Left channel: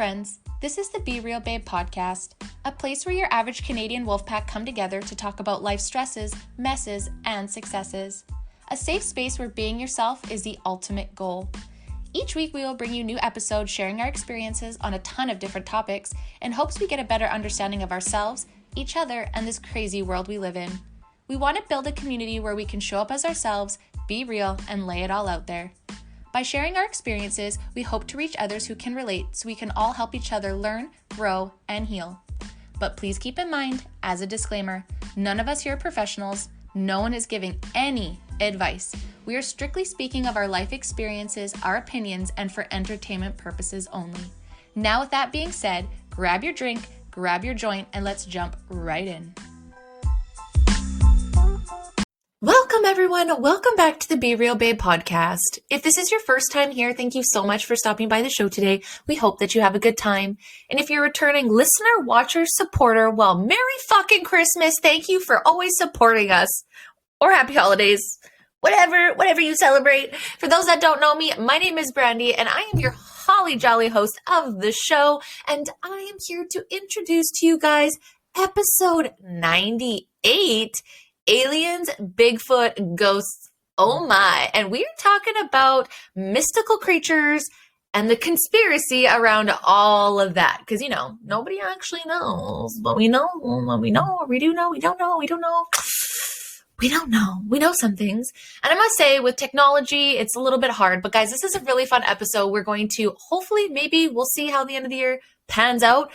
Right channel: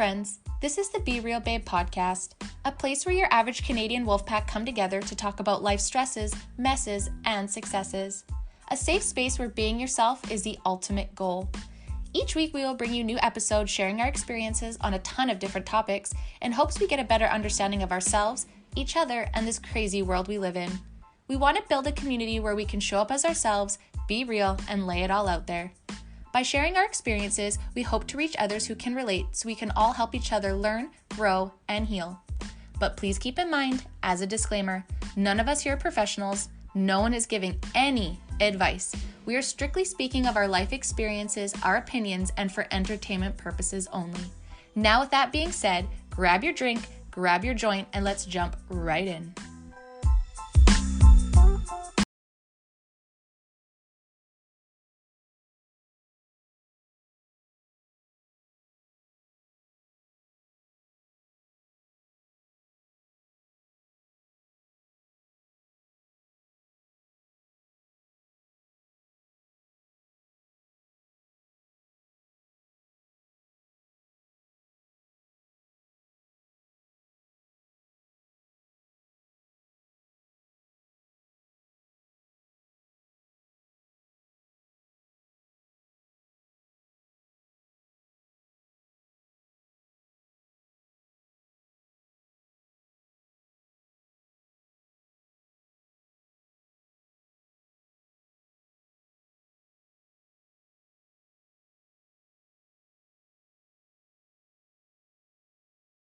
friends. This is the Be Real Babe podcast, a place where your average Canadian wolfpack come together to talk about life stresses, messes, and successes. A safe space where being yourself is the ultimate goal. Each week we will bring you new episodes sharing our experiences on a ton of different topics in hopes we get a better understanding of ourselves, each other, and this crazy world we live in. We want to build a community where we can show up as ourselves, be real, and lay it all out there. By sharing our experiences, we hope to reach others who can relate so we can all help each other learn, grow, and heal. But please keep in mind, as a disclaimer, none of us here are professionals. No one is giving any advice. We are strictly speaking of our life experiences, our opinions, and for entertainment purposes only. Now, with that being said, grab your drink, grab your joint, and let's jump right in. Welcome, everyone. Welcome back to the Be Real Babe podcast. If this is your first time here, thank you so much for stopping by the show today. We hope that you have a good time. And if you're a returning listener, watcher, supporter, well, Merry fucking Christmas. Thank you for always supporting us. Or happy holidays. Whatever you celebrate. For those that don't know me, my name is Brandy, and I am your holly jolly host of the show. And I am here to introduce to you guys episode 98, Aliens, Bigfoot, Ghosts, oh my. And we are talking about mystical creatures and the conspiracy around all of that. Because, nobody actually knows. But we know, we do know, we don't know, we don't know. We don't know. We know some things. And I must say, with technology, it's a little bit hard. But guys, this is a really fun episode. We're going to, hopefully, maybe we'll see how the end of the year pans out,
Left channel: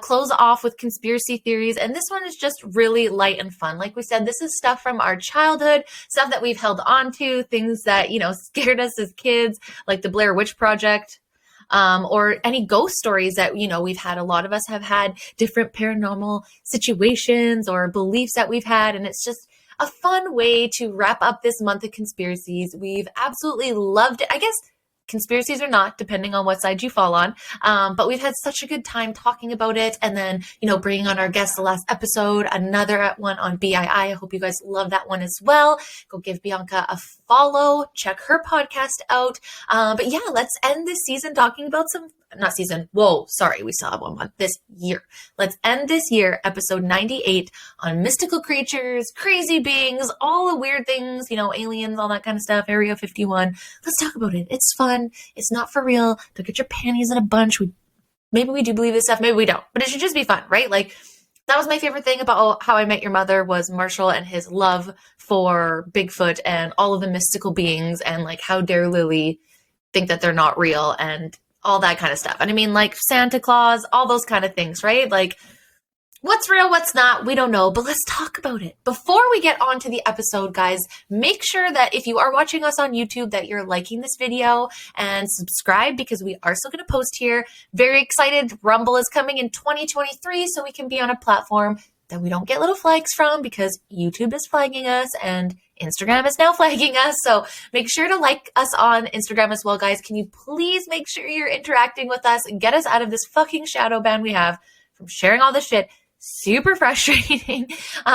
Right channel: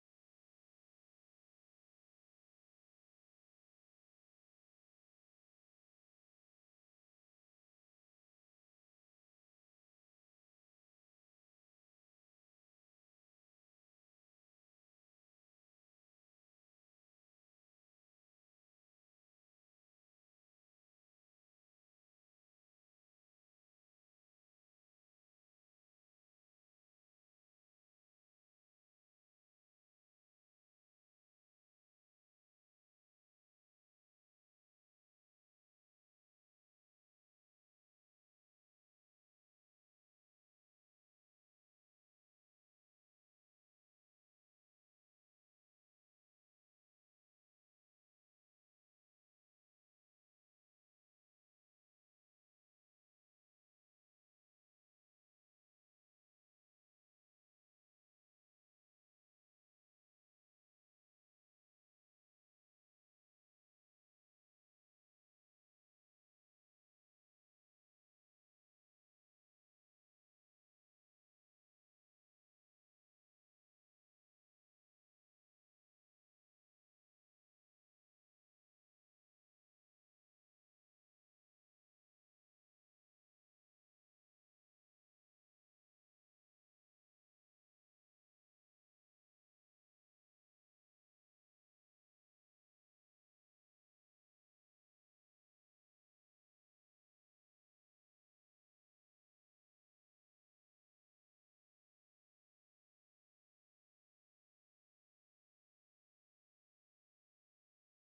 close off with conspiracy theories. And this one is just really light and fun. Like we said, this is stuff from our childhood, stuff that we've held on to, things that, scared us as kids, like the Blair Witch Project. Or any ghost stories that, we've had. A lot of us have had different paranormal situations or beliefs that we've had. And it's just a fun way to wrap up this month of conspiracies. We've absolutely loved it. I guess conspiracies or not, depending on what side you fall on. But we've had such a good time talking about it. And then, bringing on our guest the last episode, another one on BII. I hope you guys love that one as well. Go give Bianca a follow. Check her podcast out. But yeah, let's end this season talking about we still have 1 month this year. Let's end this year, episode 98, on mystical creatures, crazy beings, all the weird things, aliens, all that kind of stuff, Area 51. Let's talk about it. It's fun. It's not for real. Don't get your panties in a bunch. Maybe we do believe this stuff. Maybe we don't. But it should just be fun, right? Like, that was my favorite thing about How I Met Your Mother was Marshall and his love for Bigfoot and all of the mystical beings and, like, how dare Lily think that they're not real and all that kind of stuff. And I mean, like Santa Claus, all those kind of things, right? Like, what's real, what's not, we don't know, but let's talk about it. Before we get on to the episode, guys, make sure that if you are watching us on YouTube, that you're liking this video and subscribe, because we are still going to post here. Very excited. Rumble is coming in 2023, so we can be on a platform that we don't get little flags from, because YouTube is flagging us and Instagram is now flagging us. So make sure to like us on Instagram as well, guys. Can you please make sure you're interacting with us and get us out of this fucking shadow ban we have from sharing all this shit? Super frustrating.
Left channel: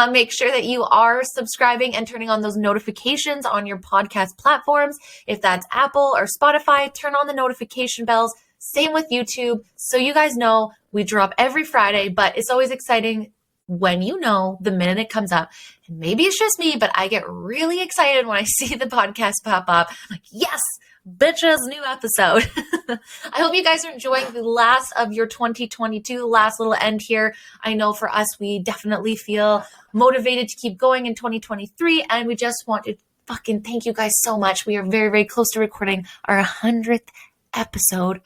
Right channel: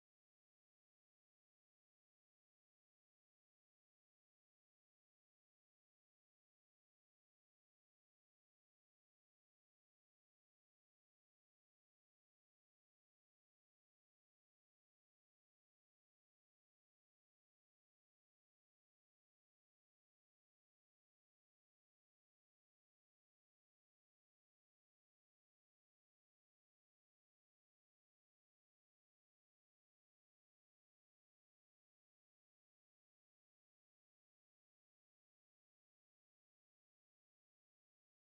Make sure that you are subscribing and turning on those notifications on your podcast platforms. If that's Apple or Spotify, turn on the notification bells. Same with YouTube. So you guys know we drop every Friday, but it's always exciting when the minute it comes up. And maybe it's just me, but I get really excited when I see the podcast pop up. I'm like, yes, bitches, new episode. I hope you guys are enjoying the last of your 2022, last little end here. I know for us, we definitely feel motivated to keep going in 2023. And we just want to fucking thank you guys so much. We are very, very close to recording our 100th episode.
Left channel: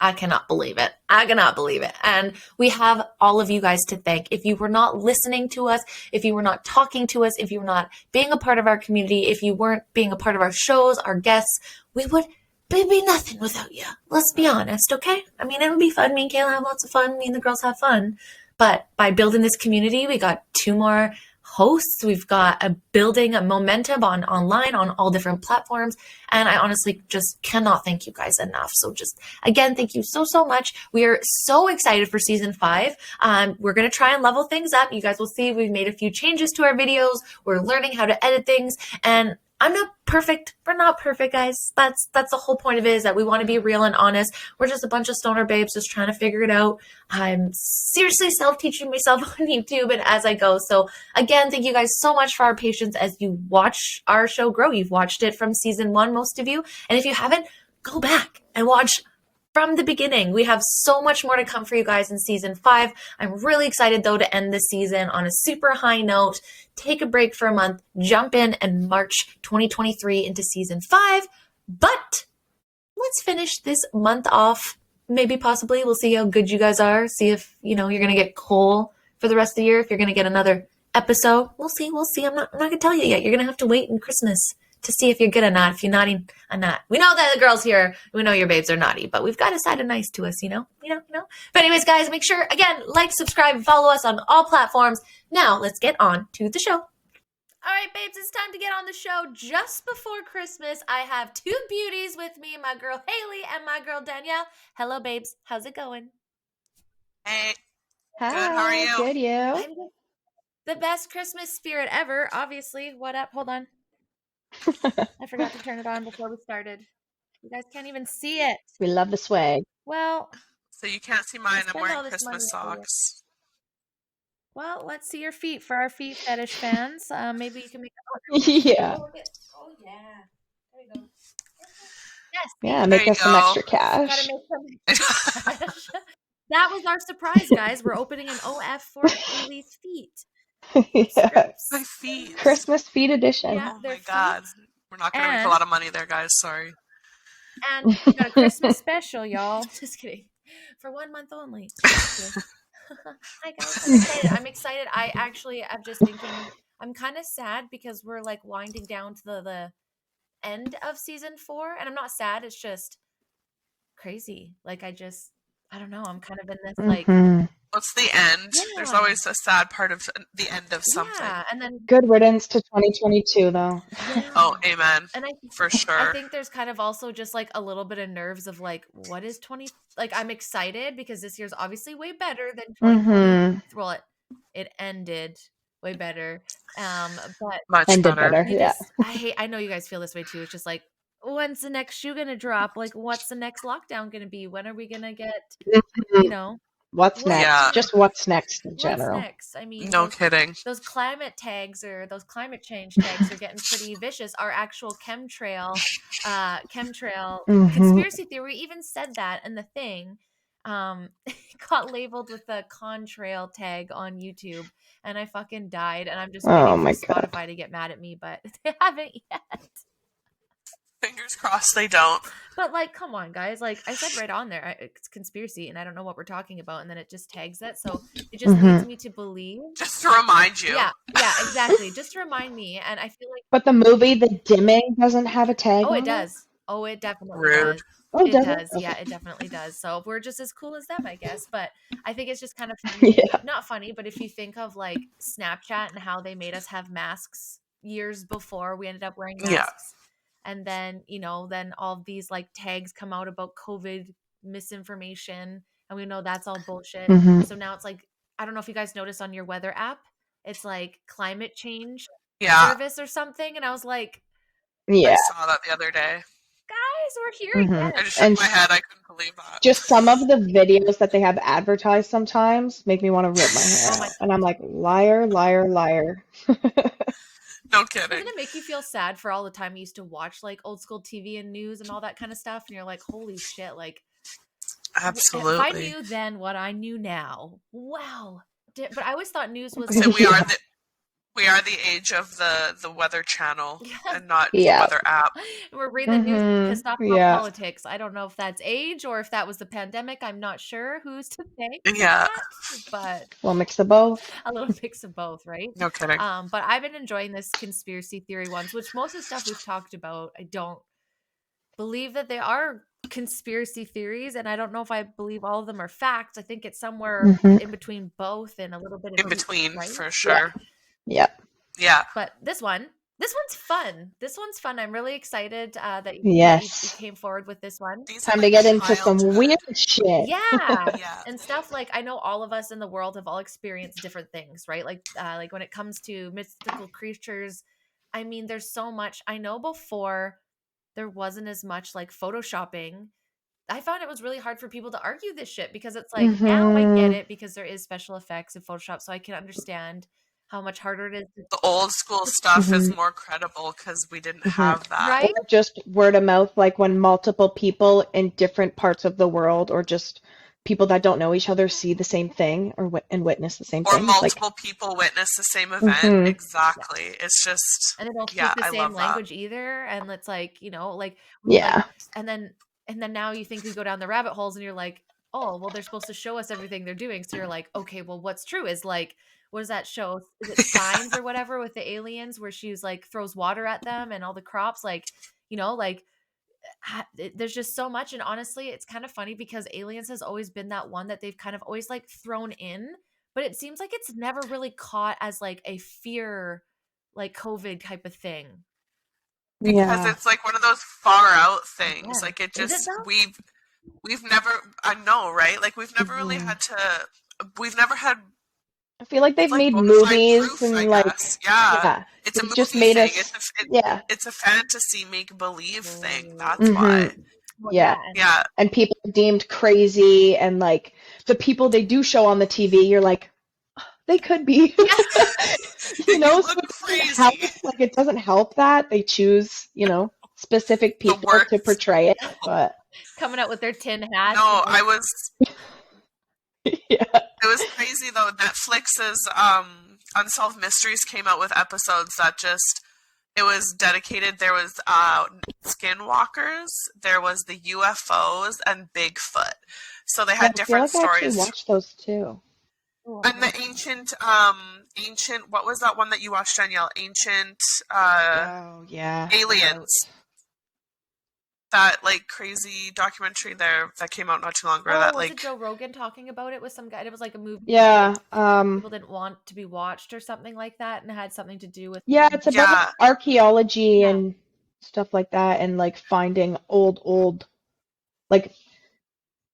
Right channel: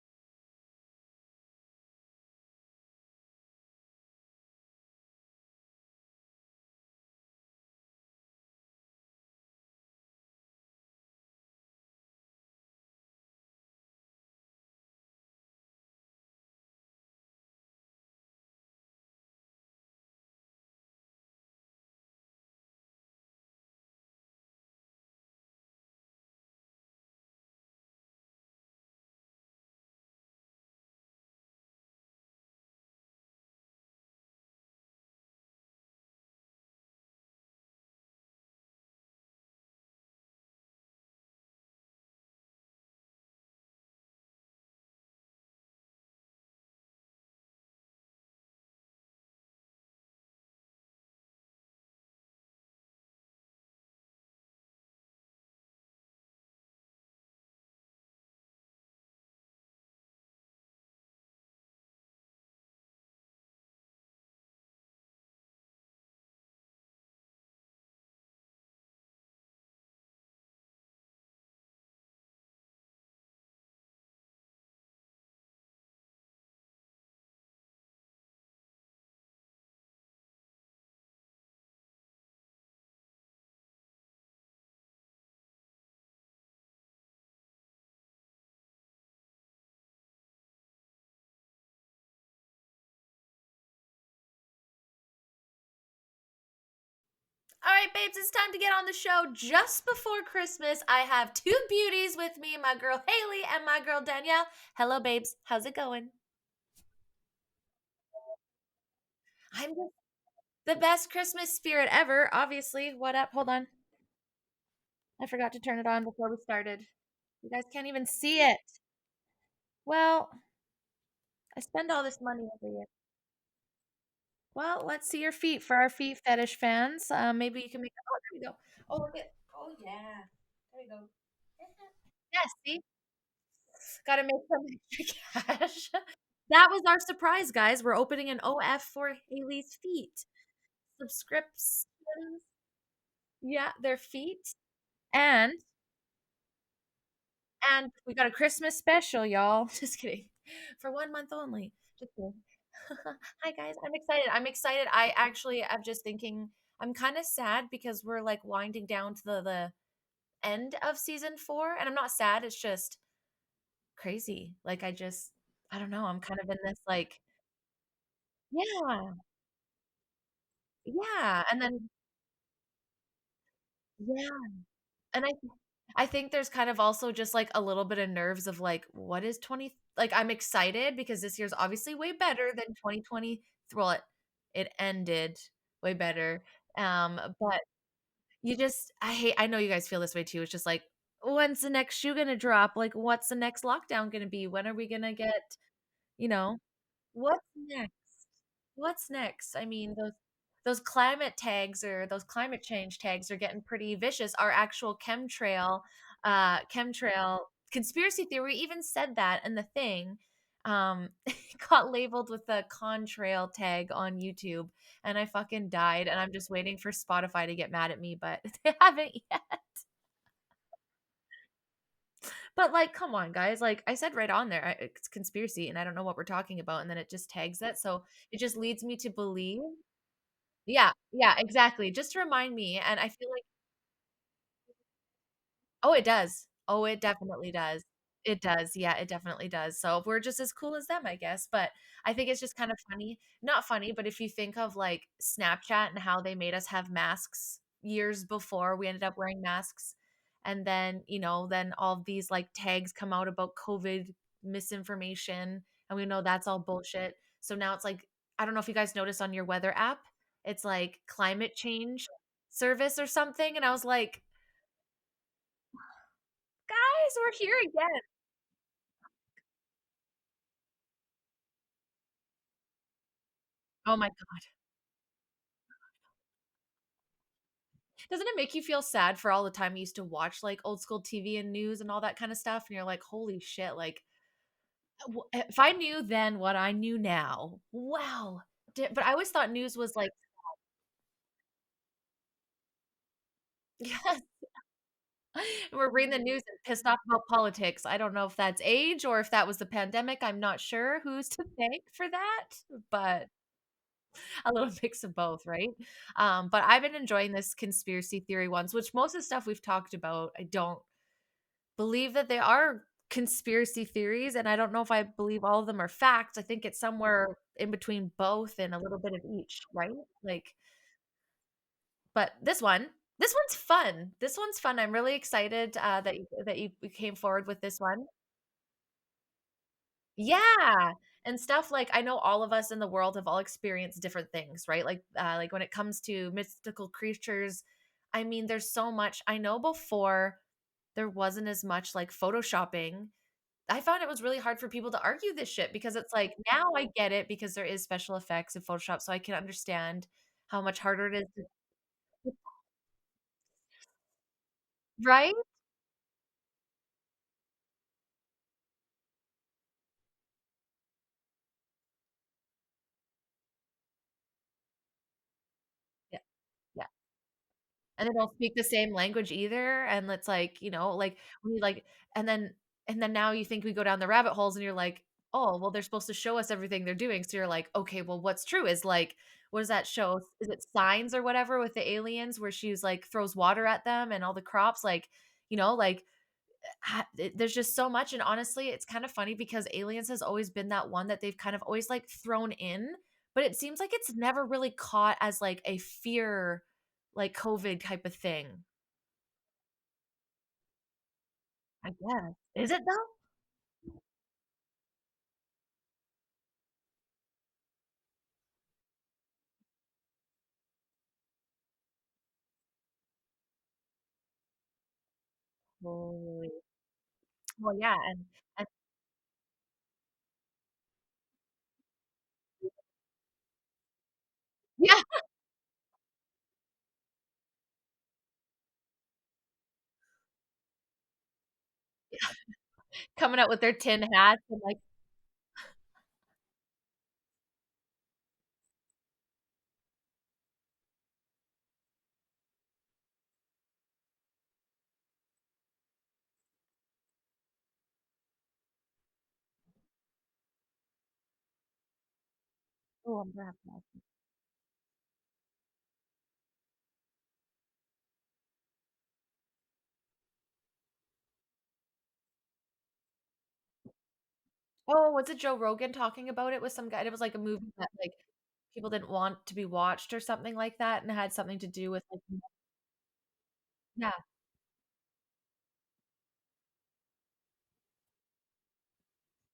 I cannot believe it. I cannot believe it. And we have all of you guys to thank. If you were not listening to us, if you were not talking to us, if you were not being a part of our community, if you weren't being a part of our shows, our guests, we'd be nothing without you. Let's be honest, okay? I mean, it would be fun. Me and Kayla have lots of fun. Me and the girls have fun. But by building this community, we got 2 more hosts. We've got building a momentum online on all different platforms. And I honestly just cannot thank you guys enough. So just again, thank you so, so much. We are so excited for season 5. We're going to try and level things up. You guys will see we've made a few changes to our videos. We're learning how to edit things. And I'm not perfect. We're not perfect, guys. That's the whole point of it, is that we want to be real and honest. We're just a bunch of stoner babes just trying to figure it out. I'm seriously self-teaching myself on YouTube and as I go. So again, thank you guys so much for our patience as you watch our show grow. You've watched it from season 1, most of you. And if you haven't, go back and watch from the beginning. We have so much more to come for you guys in season 5. I'm really excited though to end this season on a super high note, take a break for a month, jump in and march 2023 into season 5. But let's finish this month off. Maybe possibly we'll see how good you guys are. See if, you're going to get coal for the rest of the year. If you're going to get another episode, we'll see. I'm not going to tell you yet. You're going to have to wait in Christmas to see if you're good or not. If you're naughty or not. We know that the girls here, we know your babes are naughty, but we've got a side of nice to us, you know. But anyways, guys, make sure, again, like, subscribe, and follow us on all platforms. Now, let's get on to the show. All right, babes, it's time to get on the show. Just before Christmas, I have 2 beauties with me, my girl Haley and my girl Danielle. Hello, babes. How's it going? Hey. Hi, good. How are you? Good, you? I'm the best Christmas spirit ever, obviously. What up? Hold on. I forgot to turn it on before we started. You guys can't even see it. We love the swag. Well, so you can't see mine. I'm wearing Christmas socks. Well, let's see your feet for our feet fetish fans. Maybe you can make Yeah. Oh yeah. There we go. Yes. Yeah, make us some extra cash. Gotta make some extra cash. That was our surprise, guys. We're opening an OF for Haley's feet. Yeah. My feet. Christmas feet edition. Yeah, Oh their my feet. God. We're not gonna make a lot of money there, guys. Sorry. And we got a Christmas special, y'all. Just kidding. For 1 month only. Hi guys, I'm excited. I actually am just thinking, I'm kind of sad because we're like winding down to the end of season 4, and I'm not sad, it's just crazy. Like I don't know, I'm kind of in this like What's the end? Yeah. There's always a sad part of the end of something. Yeah, and then good riddance to 2022 though. Yeah. Oh, amen. And for sure. I think there's kind of also just like a little bit of nerves of like, what is 20? Like I'm excited because this year's obviously way better than 2020. Well, it ended way better. But much better. You just, I know you guys feel this way too. It's just like, when's the next shoe gonna drop? Like, what's the next lockdown gonna be? When are we gonna get, What's next? Yeah. Just what's next in general. What's next? I mean, no kidding. Those climate tags or those climate change tags are getting pretty vicious. Our actual chemtrail conspiracy theory even said that, and the thing got labeled with the contrail tag on YouTube, and I fucking died. And I'm just waiting for Spotify to get mad at me, but they haven't yet. Fingers crossed they don't. But like, come on, guys. Like I said right on there, it's conspiracy, and I don't know what we're talking about, and then it just tags that, so it just leads me to believe. Just to remind you. Yeah, exactly. Just to remind me, and I feel like. But the movie, The Dimming, doesn't have a tag. Oh, it does. Oh, it definitely does. Oh, it does. Okay. Yeah, it definitely does. So we're just as cool as them, I guess. But I think it's just kind of funny. Not funny, but if you think of like Snapchat and how they made us have masks years before we ended up wearing masks. Yeah. And then, then all these like tags come out about COVID misinformation. And we know that's all bullshit. So now it's like, I don't know if you guys noticed on your weather app, it's like climate change service or something. And I was like, I saw that the other day. Guys, we're here again. I just shook my head. I couldn't believe that. Just some of the videos that they have advertised sometimes make me want to rip my hair out. And I'm like, liar, liar, liar. No kidding. Doesn't it make you feel sad for all the time you used to watch like old school TV and news and all that kind of stuff? And you're like, holy shit, like. Absolutely. If I knew then what I knew now, wow. But I always thought news was. So we are the age of the Weather Channel and not the Weather app. We're reading the news pissed off about politics. I don't know if that's age or if that was the pandemic. I'm not sure who's to thank for that, but a little mix of both. A little mix of both, right? No kidding. But I've been enjoying this conspiracy theory ones, which most of the stuff we've talked about, I don't believe that they are conspiracy theories, and I don't know if I believe all of them are facts. I think it's somewhere in between both and a little bit of in between, right? For sure. Yep. Yeah. But this one's fun. I'm really excited that you came forward with this one. Time to get into some weird shit. Yeah. And stuff like, I know all of us in the world have all experienced different things, right? Like when it comes to mystical creatures, I mean, there's so much. I know before there wasn't as much like photoshopping. I found it was really hard for people to argue this shit because it's like, now I get it because there is special effects in Photoshop, so I can understand how much harder it is. The old school stuff is more credible because we didn't have that. Right? Or just word of mouth, like when multiple people in different parts of the world or just people that don't know each other see the same thing and witness the same Or thing. It's multiple people witness the same event. Exactly. Yeah. It's just, and they don't speak the same language either. And it's like, you know, like, yeah. And then now you think we go down the rabbit holes and you're like, oh, well, they're supposed to show us everything they're doing. So you're like, okay, well, what's true is like, what does that show? Is it Signs or whatever with the aliens where she's like throws water at them and all the crops, like, you know, like there's just so much. And honestly, it's kind of funny because Aliens has always been that one that they've kind of always like thrown in, but it seems like it's never really caught as like a fear, like COVID type of thing. Because it's like one of those far out things. Like it just, we've never, I know, right? Like we've never really had to, we've never had, I feel like they've made movies proof, and like, yeah. It's a movie just made thing. Us, it's a fantasy make-believe thing. That's why. Well, yeah. And people are deemed crazy, and like the people they do show on the TV, you're like, oh, they could be. You know, so like it doesn't help that they choose, you know, specific people to portray it. But coming out with their tin hats. No, I was. It was crazy though. Netflix's Unsolved Mysteries came out with episodes that just, it was dedicated. There was skinwalkers, there was the UFOs, and Bigfoot. So they had different stories. I actually watched those too. And the ancient, what was that one that you watched, Danielle? Ancient, aliens. That like crazy documentary there that came out not too long ago. Oh, that, was it Joe Rogan talking about it with some guy? It was like a movie. Yeah. That, like, people didn't want to be watched or something like that, and it had something to do with. Yeah, it's about like, archaeology and stuff like that, and like finding old, like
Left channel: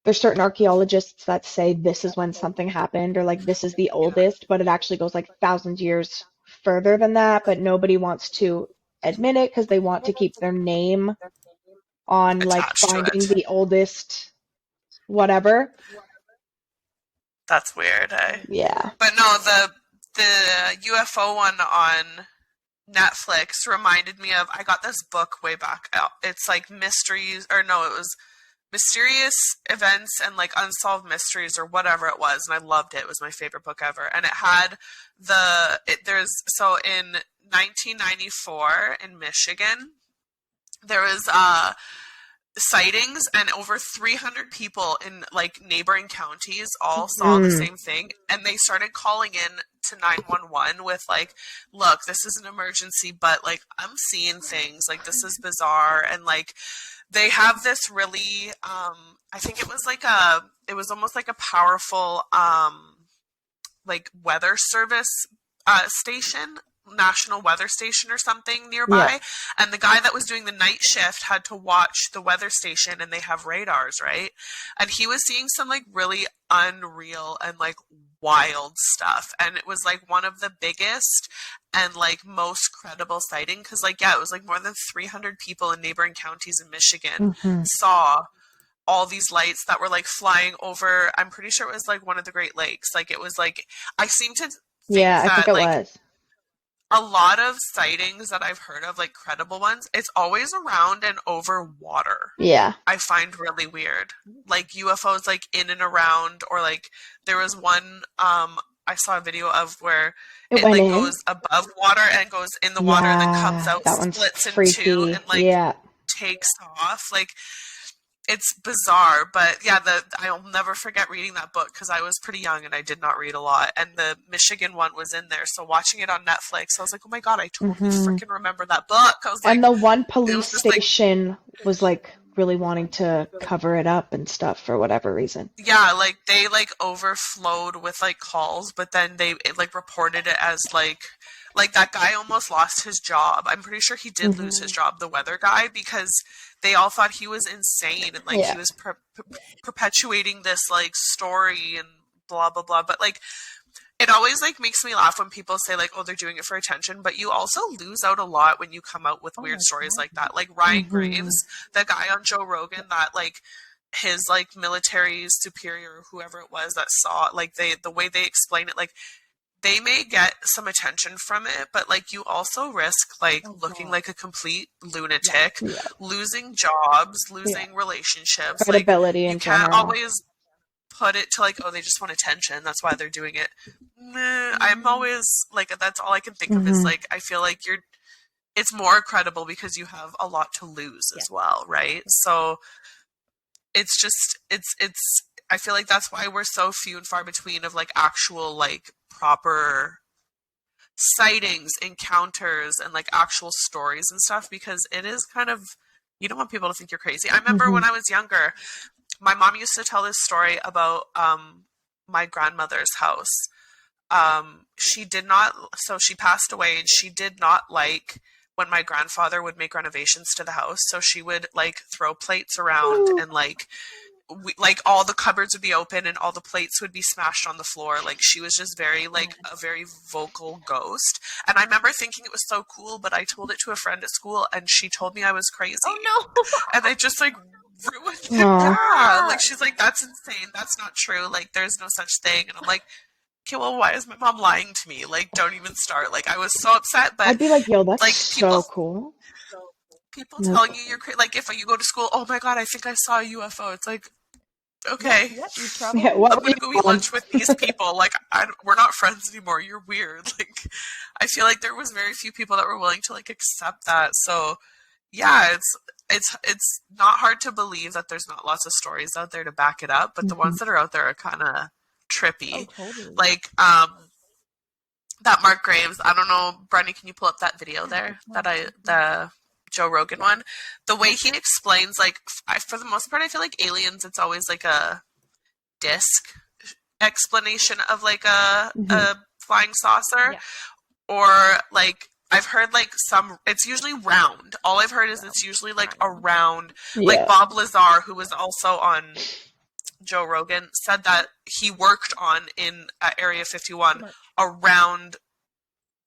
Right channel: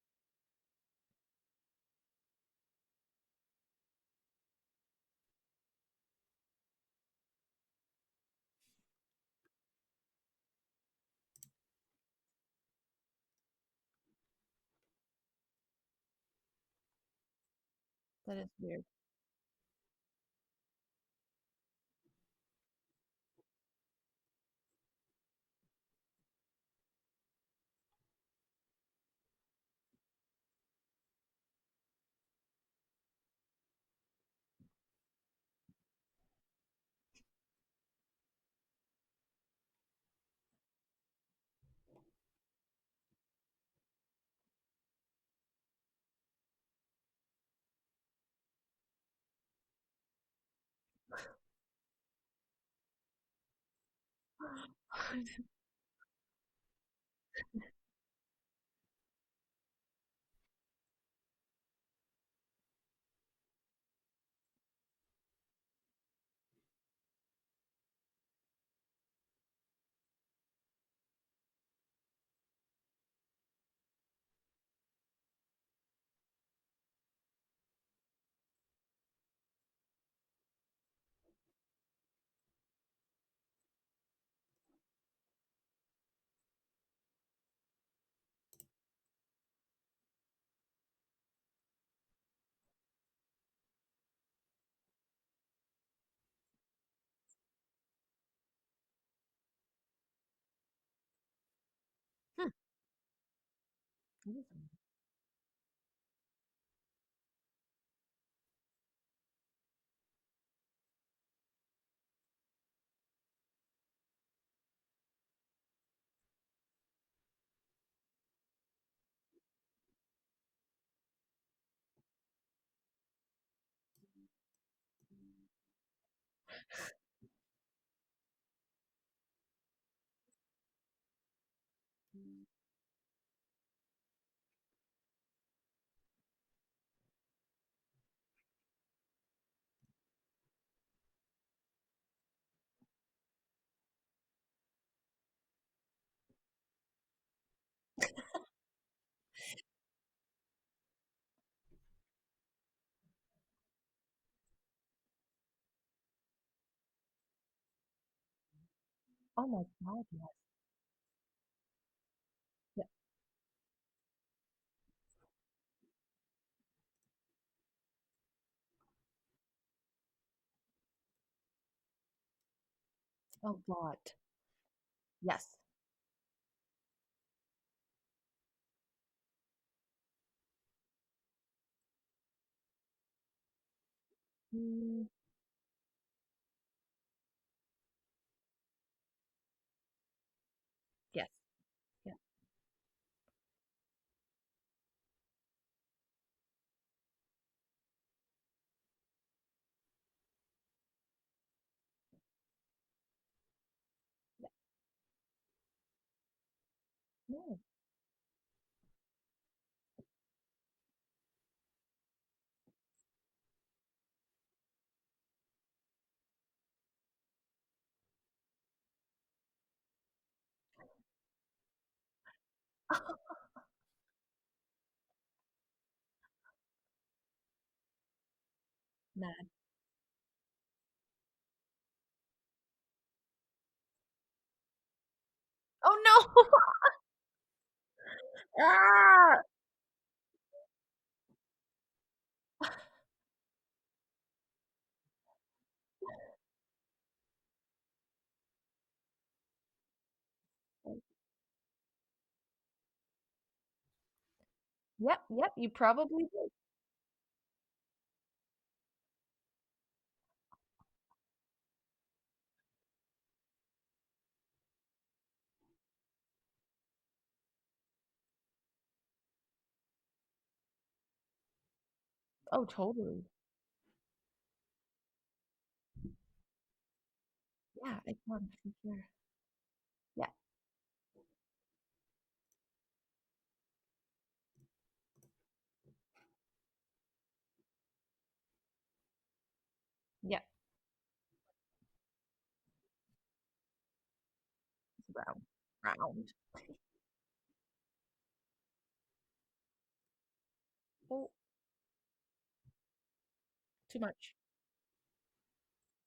there's certain archaeologists that say this is when something happened, or like this is the oldest, but it actually goes like thousands of years further than that, but nobody wants to admit it because they want to keep their name on like finding the oldest whatever. That's weird, eh? Yeah. But no, the UFO one on Netflix reminded me of, I got this book way back. It's like mysteries, or no, it was Mysterious Events and like Unsolved Mysteries or whatever it was, and I loved it. It was my favorite book ever. And it had so in 1994 in Michigan, there was sightings, and over 300 people in like neighboring counties all saw the same thing, and they started calling in to 911 with like, look, this is an emergency, but like I'm seeing things, like this is bizarre. And like they have this really I think it was almost like a powerful like weather service station, national weather station or something nearby, and the guy that was doing the night shift had to watch the weather station, and they have radars, right? And he was seeing some like really unreal and like wild stuff, and it was like one of the biggest and like most credible sighting, because like it was like more than 300 people in neighboring counties in Michigan saw all these lights that were like flying over. I'm pretty sure it was like one of the Great Lakes. Like it was like, I seem to think I think it was a lot of sightings that I've heard of, like credible ones, it's always around and over water. Yeah. I find really weird. Like UFOs like in and around, or like there was one I saw a video of where it like goes above water and goes in the water and then comes out, splits in two, and like takes off. Like it's bizarre, but yeah, I'll never forget reading that book because I was pretty young and I did not read a lot. And the Michigan one was in there, so watching it on Netflix, I was like, "Oh my god, I totally freaking remember that book." I was like, and the one police station was like really wanting to cover it up and stuff for whatever reason. Yeah, like they like overflowed with like calls, but then they like reported it as like that guy almost lost his job. I'm pretty sure he did lose his job, the weather guy, because they all thought he was insane and like he was perpetuating this like story and blah blah blah. But like it always like makes me laugh when people say like, oh, they're doing it for attention, but you also lose out a lot when you come out with weird stories like that. Like Ryan Graves, the guy on Joe Rogan that like his like military superior or whoever it was that saw like the way they explain it, like they may get some attention from it, but like you also risk like looking like a complete lunatic, losing jobs, losing relationships. Credibility like you in can't general. always put it to like, oh, they just want attention, that's why they're doing it. I'm always like, that's all I can think of is like, I feel like it's more credible because you have a lot to lose as well, right? So it's just it's I feel like that's why we're so few and far between of like actual like proper sightings, encounters, and like actual stories and stuff, because it is kind of, you don't want people to think you're crazy. I remember when I was younger, my mom used to tell this story about my grandmother's house. She did not, so she passed away, and she did not like when my grandfather would make renovations to the house. So she would like throw plates around and like like all the cupboards would be open and all the plates would be smashed on the floor. Like she was just very like a very vocal ghost. And I remember thinking it was so cool, but I told it to a friend at school and she told me I was crazy. Oh no. And I just like ruined it. Yeah. Like she's like, that's insane. That's not true. Like there's no such thing. And I'm like, okay, well, why is my mom lying to me? Like, don't even start. Like I was so upset, but I'd be like, yo, that's like so cool. People telling you you're crazy. Like if you go to school, oh my God, I think I saw a UFO. It's like, okay, you probably. I'm gonna go eat lunch with these people. Like we're not friends anymore. You're weird. Like I feel like there was very few people that were willing to like accept that. So yeah, it's not hard to believe that there's not lots of stories out there to back it up, but the ones that are out there are kind of trippy. Oh, totally. Like that Mark Graves. I don't know, Brenny, can you pull up that video there? The Joe Rogan one. The way he explains, like, for the most part, I feel like aliens, it's always like a disc explanation of like a flying saucer, or like I've heard like it's usually round. All I've heard is it's usually like a round. Like Bob Lazar, who was also on Joe Rogan, said that he worked on in Area 51 around.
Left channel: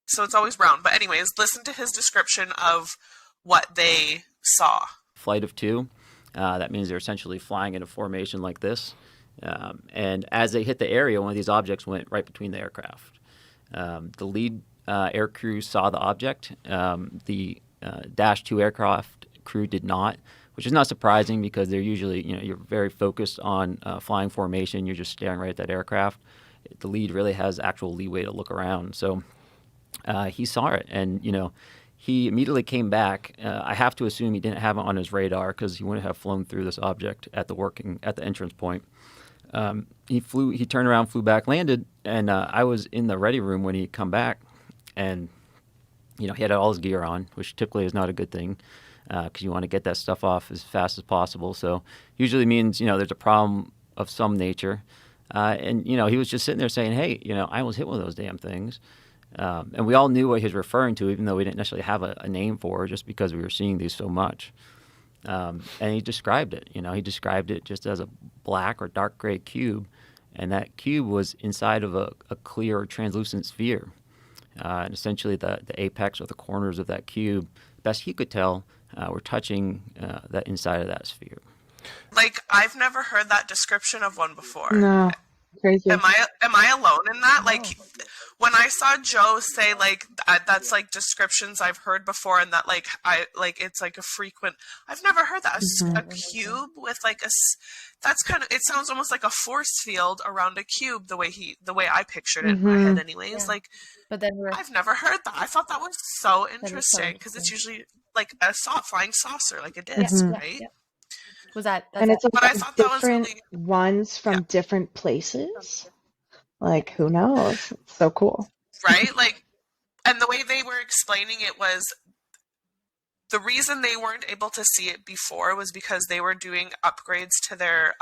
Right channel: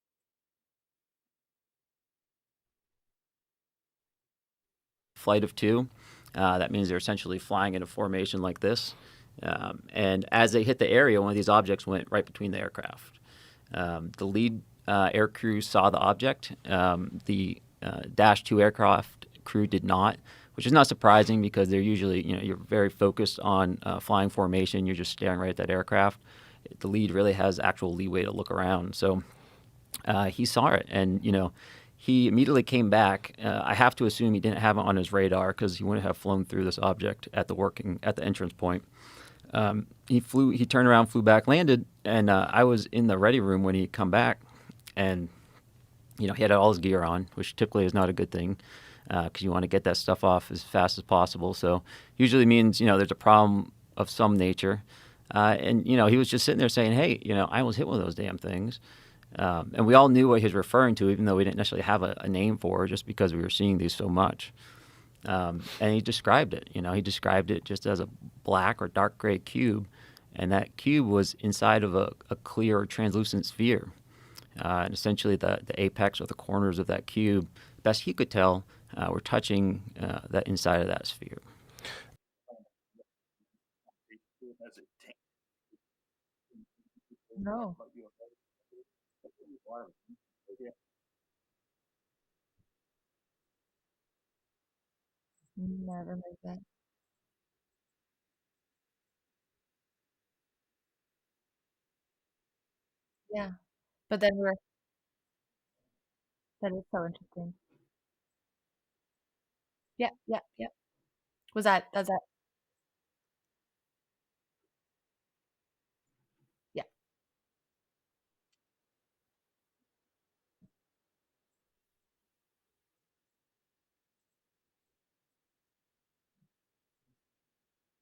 So it's always round. But anyways, listen to his description of what they saw. Flight of two. That means they're essentially flying in a formation like this. And as they hit the area, one of these objects went right between the aircraft. The lead air crew saw the object. The Dash 2 aircraft crew did not, which is not surprising because they're usually, you're very focused on flying formation. You're just staring right at that aircraft. The lead really has actual leeway to look around. So he saw it, and, he immediately came back. I have to assume he didn't have it on his radar because he wouldn't have flown through this object at the entrance point. He turned around, flew back, landed, and I was in the ready room when he come back, and he had all his gear on, which typically is not a good thing because you want to get that stuff off as fast as possible. So usually means there's a problem of some nature, and he was just sitting there saying, "Hey, I almost hit one of those damn things." And we all knew what he was referring to, even though we didn't necessarily have a name for it, just because we were seeing these so much. And he described it. He described it just as a black or dark gray cube, and that cube was inside of a clear or translucent sphere. And essentially, the apex or the corners of that cube, best he could tell, were touching that inside of that sphere. Like I've never heard that description of one before. No. Crazy. Am I alone in that? No. Like when I saw Joe say like that's like descriptions I've heard before, and that it's like a frequent. I've never heard that a cube with like that's kind of, it sounds almost like a force field around a cube the way I pictured it in my head anyways. Yeah. Like, but then I've never heard that. I thought that was so interesting because it's usually like a flying saucer, like a disc, right? Yeah. Was that? And it's but I thought different that was really... ones from different places. Like, who knows? It's so cool. Right? Like, and the way they were explaining it was the reason they weren't able to see it before was because they were doing upgrades to their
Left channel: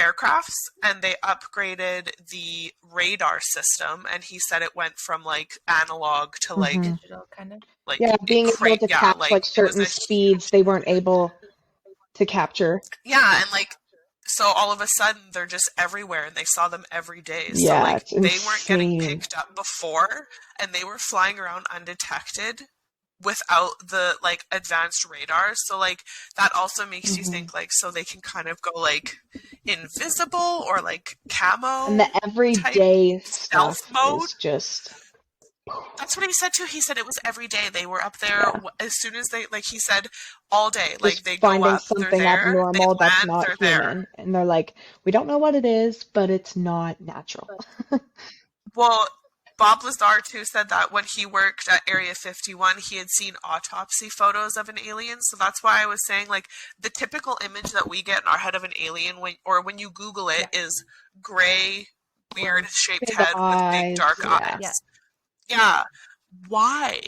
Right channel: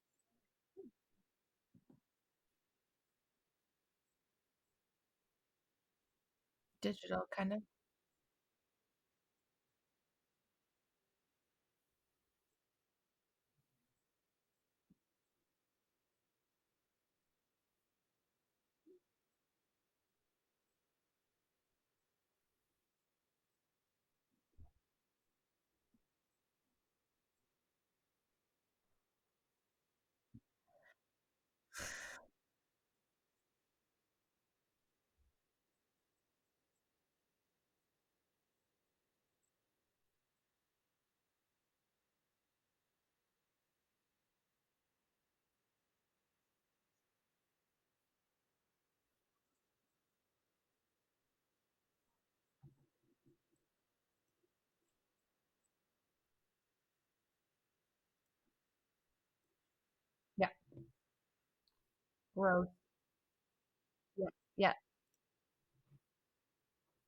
aircrafts, and they upgraded the radar system, and he said it went from like analog to like digital kind of. Like being able to catch like certain speeds they weren't able to capture. Yeah, and like so all of a sudden they're just everywhere and they saw them every day. So Yeah, like it's they weren't getting insane. picked up before, and they were flying around undetected without the like advanced radar. So like that also makes you think like, so they can kind of go like invisible or like camo And the type everyday stealth stuff mode. is just, That's what he said too. He said it was every day. They were up there yeah, as soon as they, like he said, all day. Like just they go finding up, they're something there, they abnormal that's land, not they're there. human. And they're like, we don't know what it is, but it's not natural. Well, Bob Lazar too said that when he worked at Area 51, he had seen autopsy photos of an alien. So that's why I was saying like the typical image that we get in our head of an alien when you Google it is gray, weird shaped Big head with big eyes, dark yeah. eyes. Yeah. Yeah. Why?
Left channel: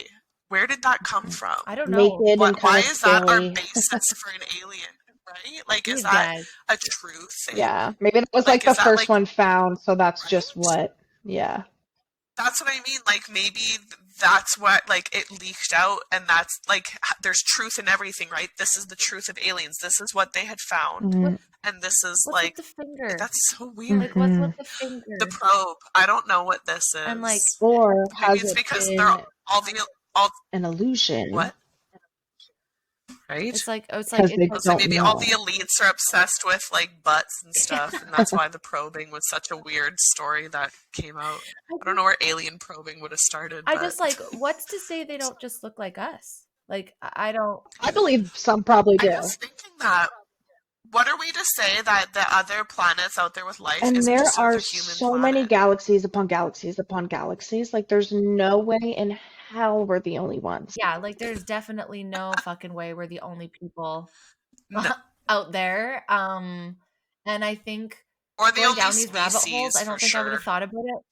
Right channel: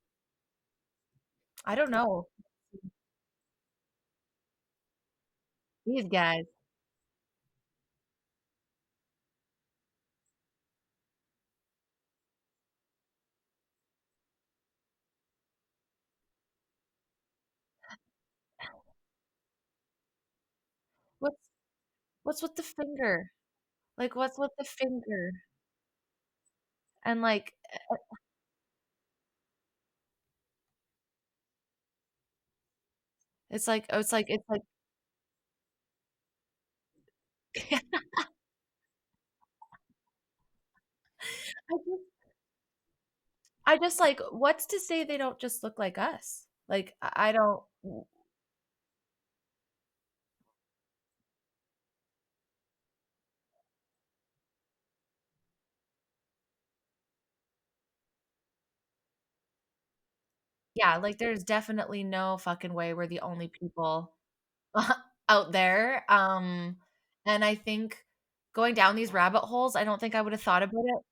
Where did that come from? I don't know. Naked and Why kind of is that our scary. basis for an alien? Right? Like, is These that guys. a true thing? Yeah, maybe that was Like, like is the that first like one found, so that's just right? what, yeah. That's what I mean. Like, maybe that's what, like, it leaked out, and that's, like, there's truth in everything, right? This is the truth of aliens. This is what they had found. Mhm. And this is, What's like, with the finger? that's so weird. Like, what's Mhm. with the finger? The probe. I don't know what this is. And like, Or maybe has it's it because been they're all an illusion? what? Right? it's like Because they I was like, don't maybe all know. the elites are obsessed with like butts and stuff, and that's why the probing was such a weird story that came out. I don't know where alien probing would have started. I but just like, what's to say they don't just look like us? Like, I don't. I believe some probably I do. was thinking that. What are we to say that the other planets out there with life And isn't there just are another human so planet? many galaxies upon galaxies upon galaxies. Like, there's no way in hell we're the only ones. Yeah, like, there's definitely no fucking way we're the only people No, out there. And I think or the going only down these rabbit holes, species I for don't think I would have sure. thought about it.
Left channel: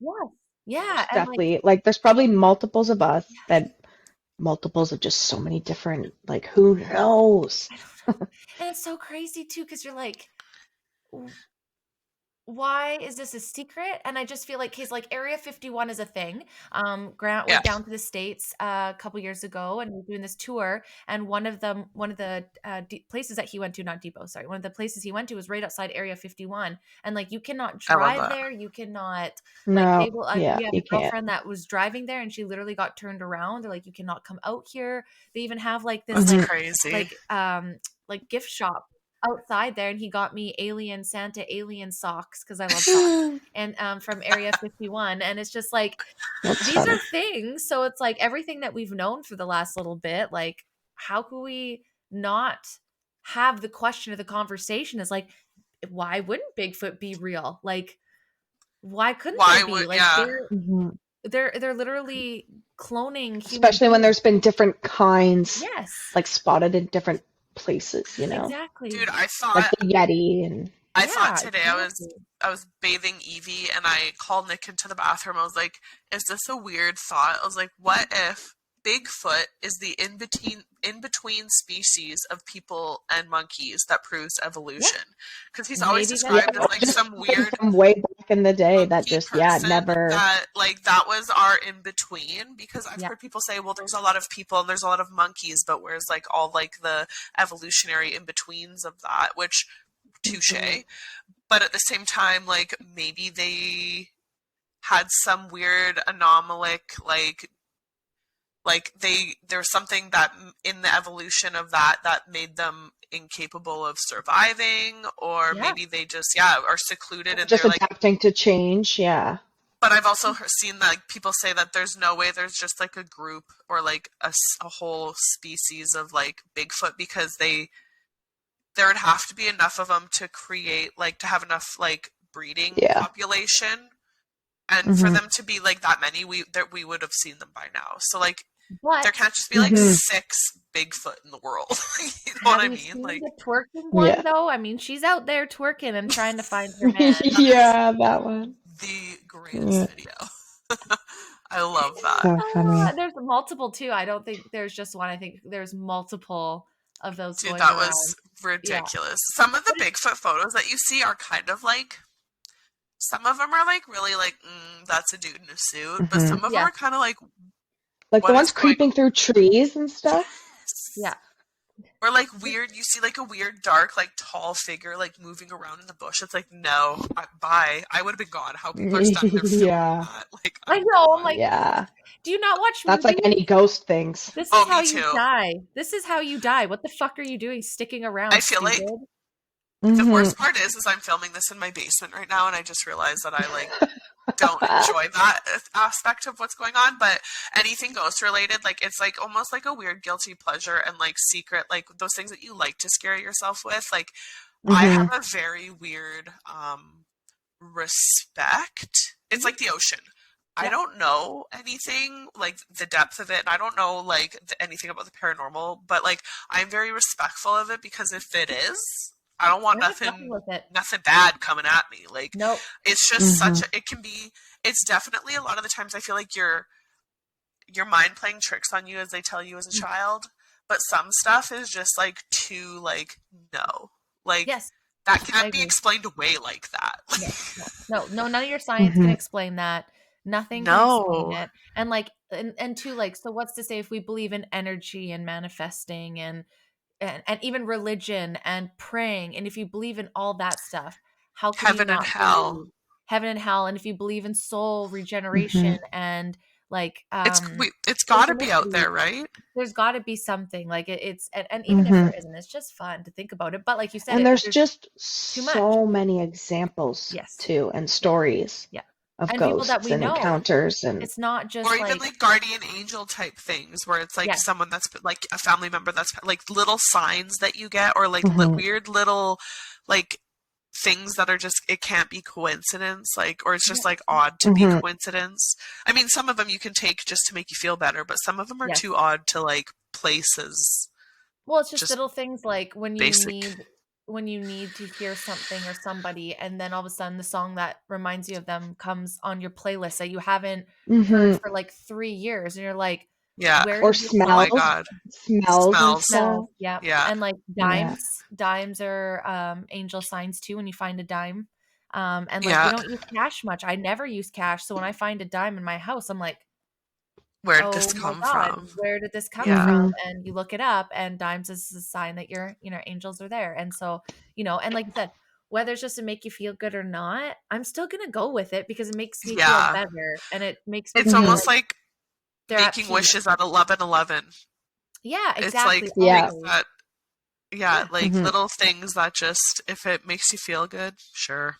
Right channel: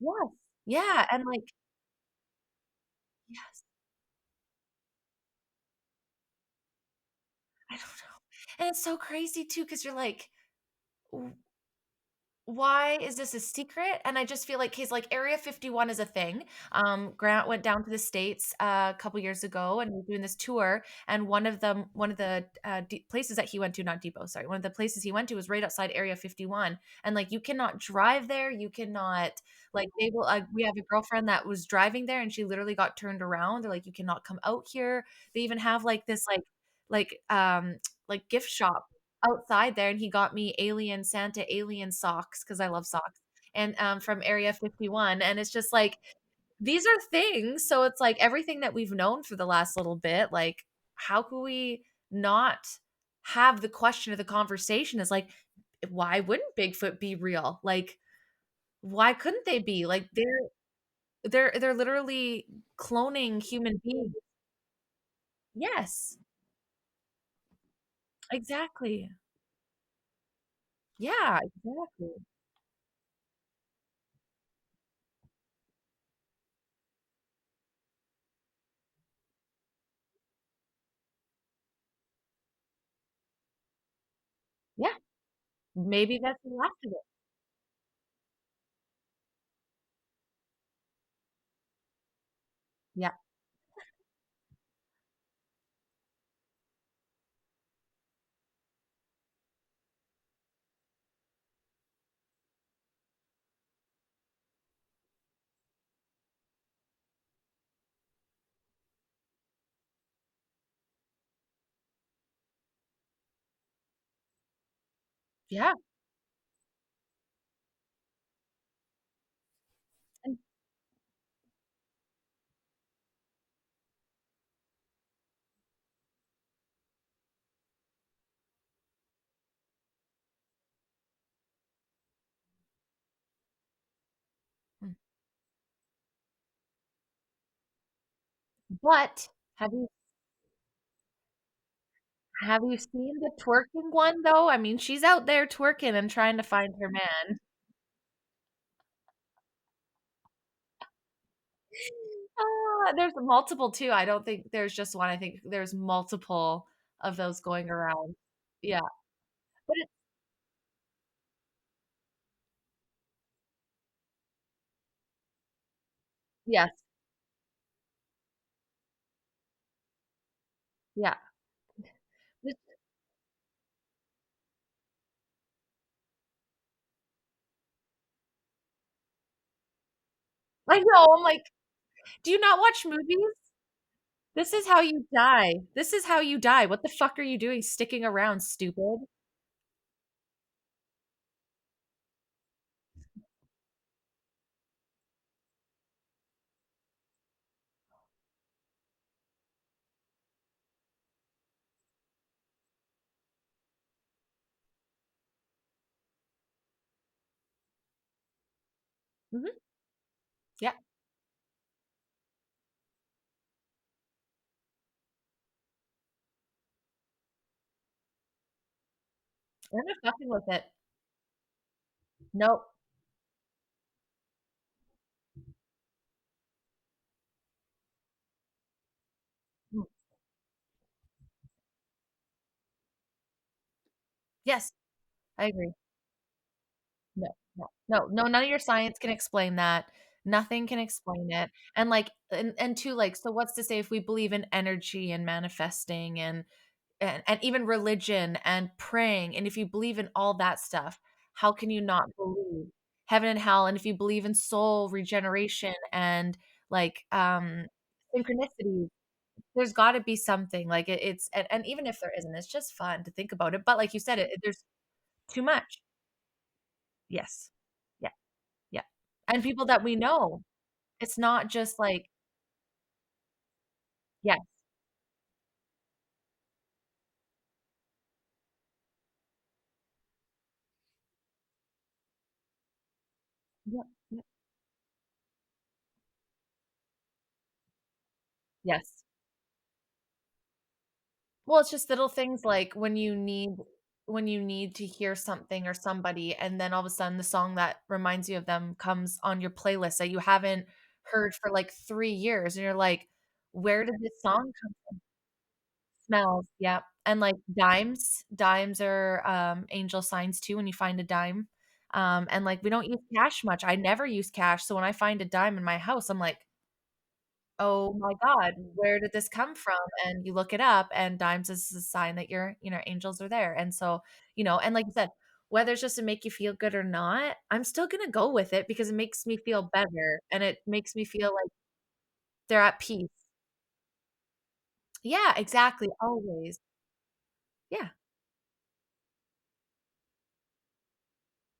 Yes. Yeah, and like, Exactly. Like, there's probably multiples of us yes, that multiples of just so many different, like, who knows? I don't know. And it's so crazy too, because you're like, why is this a secret? And I just feel like he's like Area 51 is a thing. Grant Yeah. went down to the States a couple years ago and was doing this tour. And one of the places that he went to, not Depot, sorry, one of the places he went to was right outside Area 51. And like, you cannot I love drive that. there. You cannot like, No, they will. yeah, We have you a can't. girlfriend that was driving there, and she literally got turned around. They're like, you cannot come out here. They even have like this That's Mhm. crazy. like gift shop outside there, and he got me Santa alien socks because I love socks, and from Area 51. And it's just like, That's these funny. are things. So it's like everything that we've known for the last little bit, like, how can we not have the question of the conversation is like, why wouldn't Bigfoot be real? Like, why couldn't Why they be? would Like, yeah? Mhm. they're literally cloning human Especially when beings. there's been different kinds, Yes, like, spotted in different places, you know? exactly. Dude, I Like thought the Yeti and I thought Yeah, today exactly. I was bathing Evie and I called Nick into the bathroom. I was like, is this a weird thought? I was like, what if Bigfoot is the in between species of people and monkeys that proves evolution? Because he's always Maybe that's described as what like just some weird from way back in the day that monkey just, person never. that like that was our in between. Because I've Yeah. heard people say, well, there's a lot of people and there's a lot of monkeys, but where's like all like the evolutionary in betweens of that, which touche. Mhm. But at the same time, like maybe they had some weird anomalic like there's something that in the evolution of that made them incapable of surviving, or Yeah. maybe they just are secluded and Just they're like. adapting to change, yeah. But I've also seen that like, people say that there's no way there's just like a group or like a whole species of like Bigfoot, because there would have to be enough of them to create like to have enough like breeding Yeah. population, and for Mhm. them to be like that many, we would have seen them by now. So like But there can't just be like Mhm. 6 Bigfoot in the world. You know have what I you mean? seen Like the twerking one Yeah. though? I mean, she's out there twerking and trying to find her man. Yeah, that one. the greatest Yeah. video. I love that. So funny. There's multiple too. I don't think there's just one. I think there's multiple of those Dude, going that around. was ridiculous. Some of the Bigfoot photos that you see are kind of like, some of them are like really like, that's a dude in a suit, but Mhm. some of Yeah. them are kind of like, Like the what ones is going creeping through trees and stuff. Yes. Yeah. Or like weird, you see like a weird, dark, like tall figure like moving around in the bush. It's like, no, bye. I would have been gone. How people are standing there filming Yeah. that. Like, I know. I'm like, Yeah. do you not watch That's like movies? any ghost things. This oh, is how me you too. die. This is how you die. What the fuck are you doing sticking around, I feel like stupid? the Mhm. worst part is I'm filming this in my basement right now, and I just realized that I like don't enjoy that aspect of what's going on. But anything ghost related, like it's like almost like a weird guilty pleasure and like secret, like those things that you like to scare yourself with. Like I have Mhm. a very weird respect. It's like the ocean. I Yeah. don't know anything like the depth of it, and I don't know like anything about the paranormal, but like I'm very respectful of it because if it is, I don't want You're not fucking nothing with it. bad coming at me. Like Nope. it's just such Mhm. a, it can be, it's definitely a lot of the times I feel like your mind playing tricks on you as they tell you as a child, but some stuff is just like too like no. Like Yes, that I can't be agree. explained away like that. No, none of your science can Mhm. explain that. Nothing can explain No. it. And like, and two, like, so what's to say if we believe in energy and manifesting and even religion and praying, and if you believe in all that stuff, how can you Heaven and not hell. believe heaven and hell? And if you believe in soul regeneration Mhm. and like It's got to be out synchronicity, there, right? there's got to be something like and even if Mhm. there isn't, it's just fun to think about it. But like you said, And there's there's just too much. so many examples Yes. too, and Yeah. stories Yeah. of And people that ghosts we and know. encounters and It's not Or just even like, like guardian angel type things where it's like yeah, someone that's like a family member that's like little signs that you get or like Mhm. weird little like things that are just, it can't be coincidence, like, or it's yeah, just like odd to be Mhm. coincidence. I mean, some of them you can take just to make you feel better, but some of them are yes. too odd to like places. Well, it's just Just little things like basic. when you need to hear something or somebody, and then all of a sudden the song that reminds you of them comes on your playlist that you haven't heard Mhm. for like 3 years, and you're like, Yeah. where Or did this Oh my song smells, God. smells and Smells. smells? stuff. Yeah. Yeah. And like Yeah. dimes are angel signs too when you find a dime. And like we Yeah. don't use cash much. I never use cash. So when I find a dime in my house, I'm like, Where did this oh my come God, from? where did this come Yeah. from? Mhm. And you look it up, and dimes is a sign that angels are there. And so, and like you said, whether it's just to make you feel good or not, I'm still gonna go with it because it makes me feel Yeah. better and it makes me It's feel Mhm. almost like like they're at making peace. wishes at 11:11. Yeah, It's like exactly. Yeah. things Always. that, yeah, Yeah. like Mhm. little things that just, if it makes you feel good, sure.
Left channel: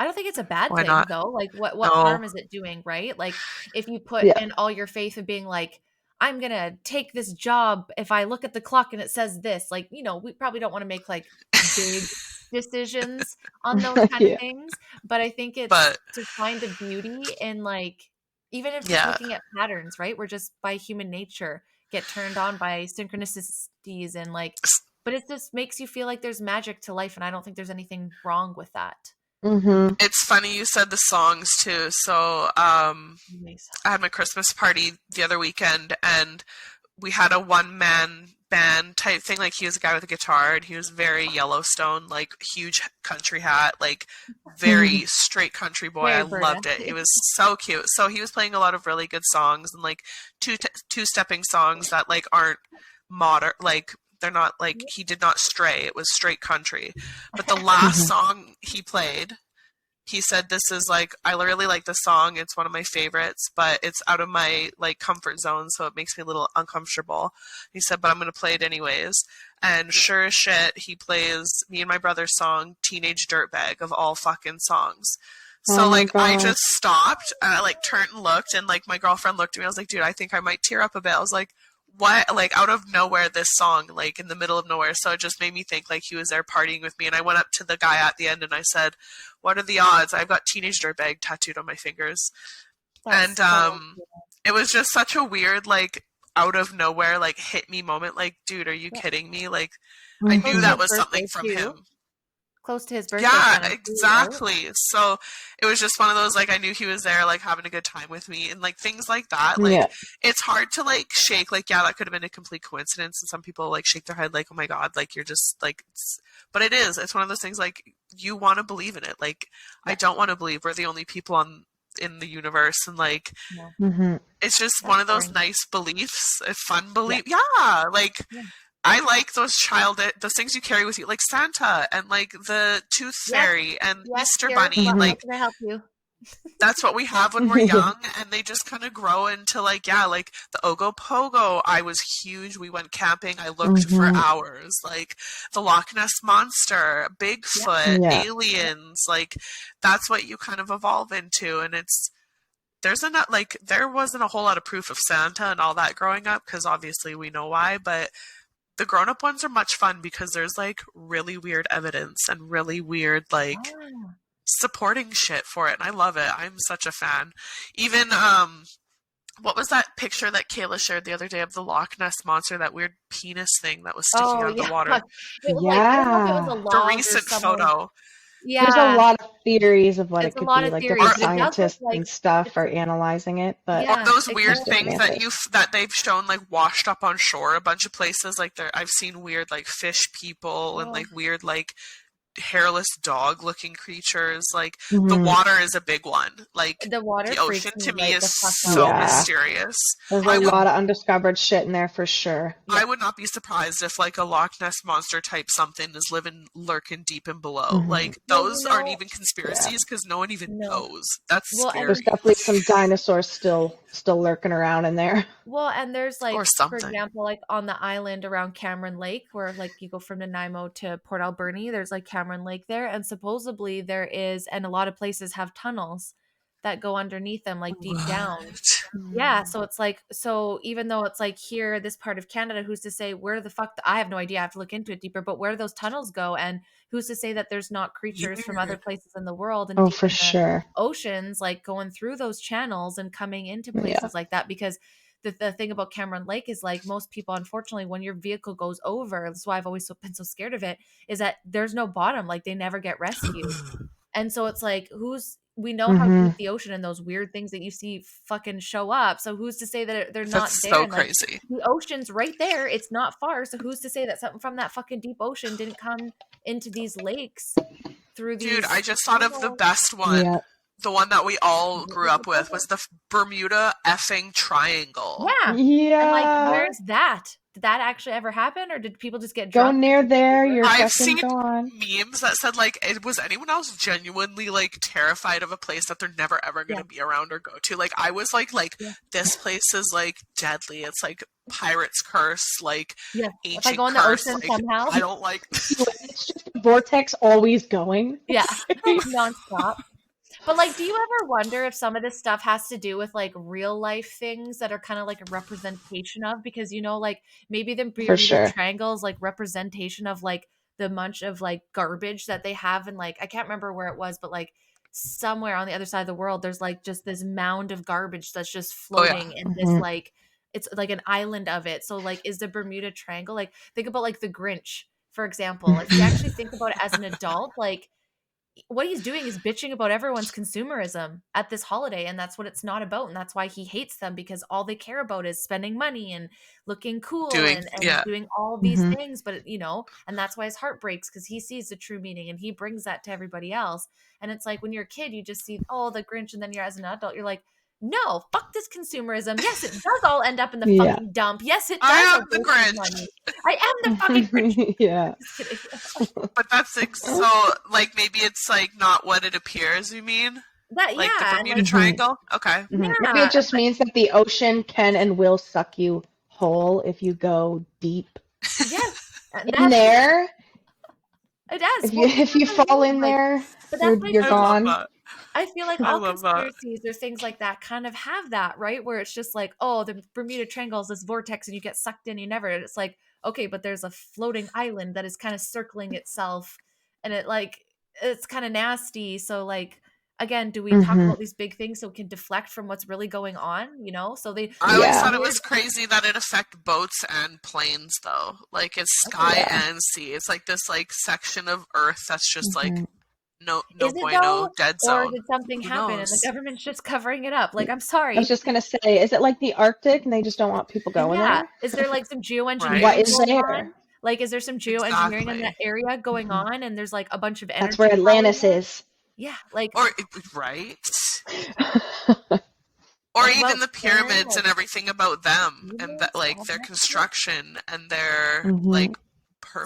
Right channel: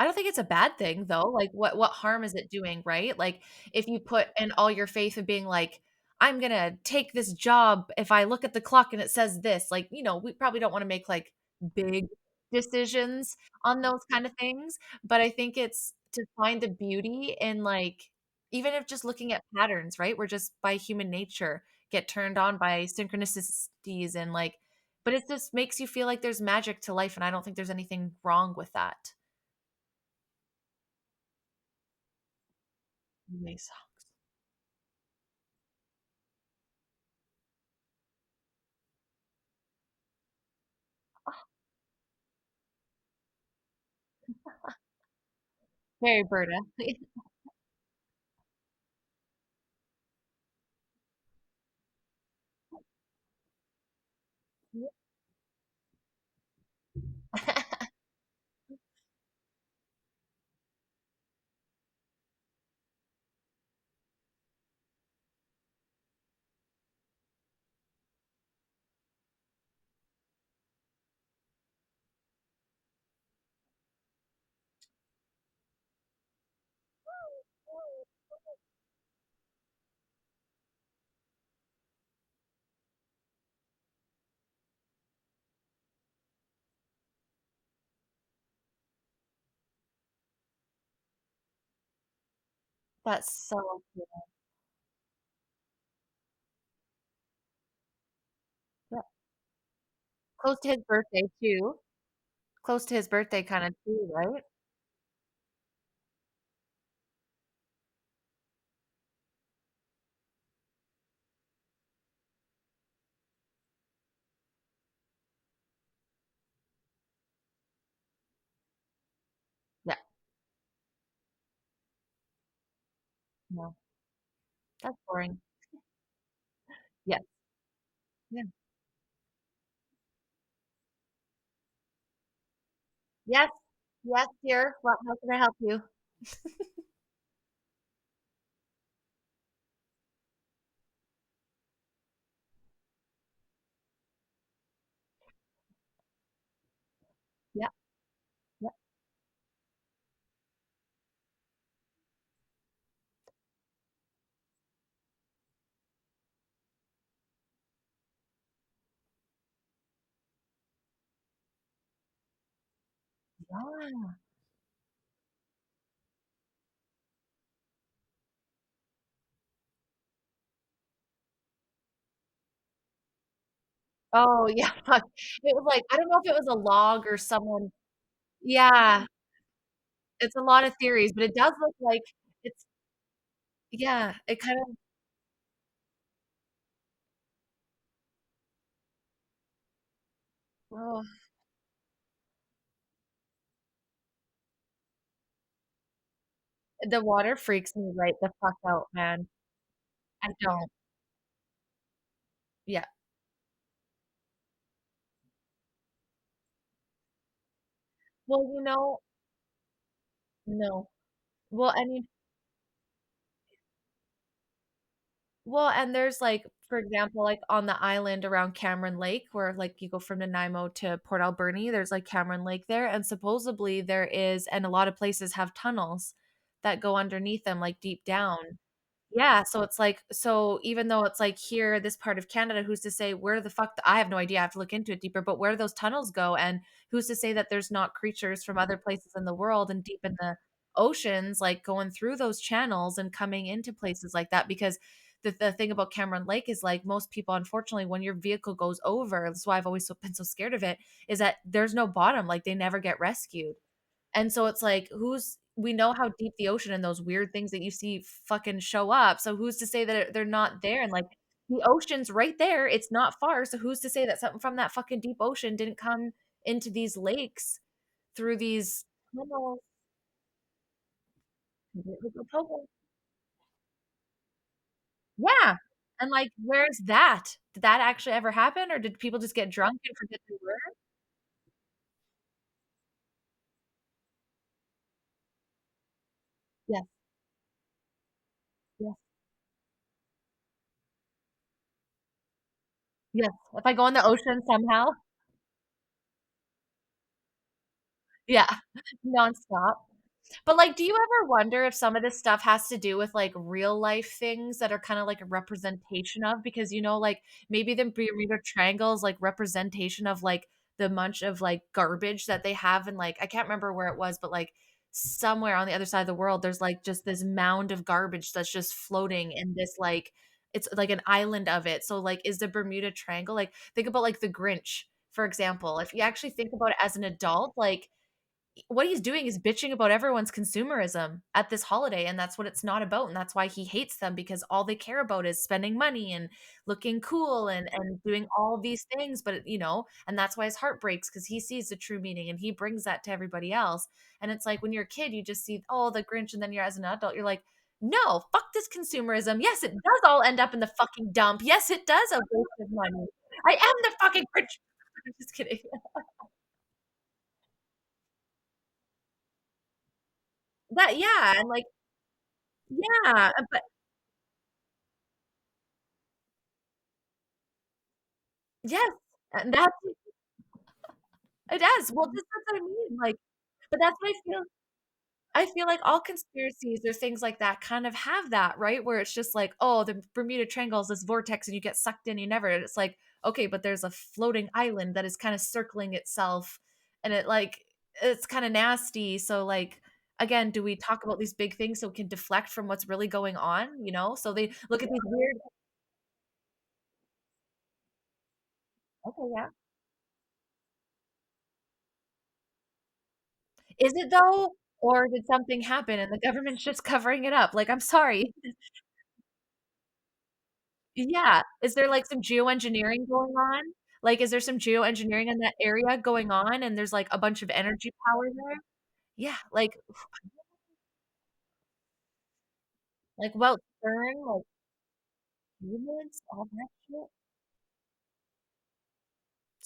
I don't think it's a bad Why thing not? though. Like what No. harm is it doing, right? Like if you put Yeah. in all your faith in being like, I'm gonna take this job if I look at the clock and it says this, like, we probably don't want to make like big decisions on those kind of Yeah. things. But I think it's But to find the beauty in like even if just yeah, looking at patterns, right? We're just by human nature get turned on by synchronicities and like but it just makes you feel like there's magic to life, and I don't think there's anything wrong with that. Mhm. it's funny you said the songs too. So, Nice. I had my Christmas party the other weekend and we had a one man band type thing. Like he was a guy with a guitar and he was very Yellowstone, like huge country hat, like very Mhm. straight country boy. I Very Berta. loved it. He was so cute. So he was playing a lot of really good songs and like two stepping songs that like aren't modern, like they're not like, he did not stray. It was straight country. But the last Mhm. song he played, he said, this is like, I really like the song, it's one of my favorites, but it's out of my like comfort zone, so it makes me a little uncomfortable. He said, but I'm going to play it anyways. And sure as shit, he plays me and my brother's song Teenage Dirtbag, of all fucking songs. Oh So my like I God. just stopped and I like turned and looked, and like my girlfriend looked at me. I was like, dude, I think I might tear up a bit. I was like, what? Like out of nowhere, this song, like in the middle of nowhere. So it just made me think like he was there partying with me. And I went up to the guy at the end and I said, what are the odds? I've got Teenage Dirtbag tattooed on my fingers. That's And so cool. it was just such a weird, like out of nowhere, like hit me moment. Like, dude, are you Yeah. kidding me? Like I Close knew to Mhm. that his was something birthday from too. him. Close to his birthday Yeah, kind of too, right? exactly. So it was just one of those, like I knew he was there like having a good time with me and like things like that. Like Yeah. it's hard to like shake, like, yeah, that could have been a complete coincidence, and some people like shake their head like, oh my God, like you're just like but it is. It's one of those things like you want to believe in it. Like I Yeah. don't want to believe we're the only people on in the universe, and like No. Mhm. it's just That's one of those boring. nice beliefs, a fun Yeah. belief. Yeah, like Yeah. I like those things you carry with you, like Santa and like the Tooth Yes. Fairy and Yes, Easter here. Bunny. How Like can I help you? that's what we have when we're young, and they just kind of grow into like like the Ogopogo. I was huge. We went camping. I looked for hours. Like the Loch Ness Monster, Bigfoot, Yeah. aliens. Like that's what you kind of evolve into, and there wasn't a whole lot of proof of Santa and all that growing up, because obviously we know why, but the grown-up ones are much fun because there's like really weird evidence and really weird like supporting shit for it, and I love it. I'm such a fan. Even what was that picture that Kayla shared the other day of the Loch Ness Monster, that weird penis thing that was sticking out of the water? It was like, I don't know if it was a The log or recent someone. photo. There's a Yeah, lot of theories of what it's it a could lot be. of Like theories, different but it does look scientists like and stuff it's, are analyzing it, but yeah, Those it weird kind of, different things answers. that they've shown like washed up on shore a bunch of places. Like I've seen weird like fish people and like weird like hairless dog looking creatures. Like the water is a big one. Like the water the ocean freaks me to me right is the fuck out. so Yeah. mysterious. There's I a would lot of undiscovered shit in there for sure. I would not be surprised if like a Loch Ness Monster type something is lurking deep and below. Like Well, those aren't even conspiracies because no one even no. knows. That's Well, scary. There's definitely some dinosaurs still lurking around in there. Well, and there's like, Or for something. example, like on the island around Cameron Lake, where like you go from Nanaimo to Port Alberni, there's like Cameron Lake there, and supposedly there is, and a lot of places have tunnels that go underneath them, like deep down. Yeah, so it's like, so even though it's like here, this part of Canada, who's to say where the fuck, I have no idea, I have to look into it deeper, but where do those tunnels go? And who's to say that there's not creatures from other places in the world and Oh, deep for in the sure. oceans, like going through those channels and coming into places like that? Because the thing about Cameron Lake is like most people, unfortunately, when your vehicle goes over, that's why I've always been so scared of it, is that there's no bottom, like they never get rescued. And so it's like, we know how deep the ocean and those weird things that you see fucking show up. So who's to say that they're not That's there? so And like crazy. the ocean's right there. It's not far. So who's to say that something from that fucking deep ocean didn't come into these lakes through Dude, these I just thought of the best one. Yeah. The one that we all grew up with was the Bermuda effing Triangle. Yeah. And like, Yeah. where's that? Did that actually ever happen? Or did people just get Go drunk? near there, you're I've fucking seen gone. memes that said like, was anyone else genuinely like terrified of a place that they're never ever going to be around or go to? Like I was like this place is like deadly. It's like pirate's curse, like if I go in the curse, ocean like, somehow. I don't like. It's just a vortex always going. Yeah, nonstop. But like, do you ever wonder if some of this stuff has to do with like real life things that are kind of like a representation of, because like maybe the Bermuda Triangle is like representation of like the bunch of like garbage that they have, and like I can't remember where it was, but like somewhere on the other side of the world there's like just this mound of garbage that's just floating in this like, it's like an island of it. So like, is the Bermuda Triangle, like, think about like the Grinch, for example. If you actually think about it as an adult, like what he's doing is bitching about everyone's consumerism at this holiday, and that's what it's not about. And that's why he hates them, because all they care about is spending money and looking cool and doing all these things. But and that's why his heart breaks, because he sees the true meaning and he brings that to everybody else. And it's like when you're a kid, you just see the Grinch, and then you're, as an adult, you're like, no, fuck this consumerism. Yes, it does all end up in the fucking dump. Yes, it does. I am the Grinch. Money. I am the fucking Grinch. Yeah. Just kidding. But that's so like maybe it's like not what it appears. You mean that? Like yeah, the Bermuda Triangle. Okay. Yeah, maybe it just means that the ocean can and will suck you whole if you go deep. Yes, in there. It does. If you fall in there, but that's you're gone. I feel like all conspiracies or things like that kind of have that, right? Where it's just like, oh, the Bermuda Triangle is this vortex and you get sucked in, you never. And it's like, okay, but there's a floating island that is kind of circling itself, and it's kind of nasty. So like, again, do we talk about these big things so we can deflect from what's really going on? So I always thought it was crazy that it affected boats and planes, though. Like it's sky and sea. It's like this like section of Earth that's just like no is it bueno, though, dead zone. or did something happen and the government's just covering it up? Like, I'm sorry. I was just gonna say, is it like the Arctic and they just don't want people going there? Is there like some geoengineering going on? Like, is there some geoengineering in that area going on, and there's like a bunch of energy? That's where Atlantis is. Yeah, like right. Or like even about the Karen, pyramids like and everything about them and humans, that, like all their that shit. construction and their Mhm. like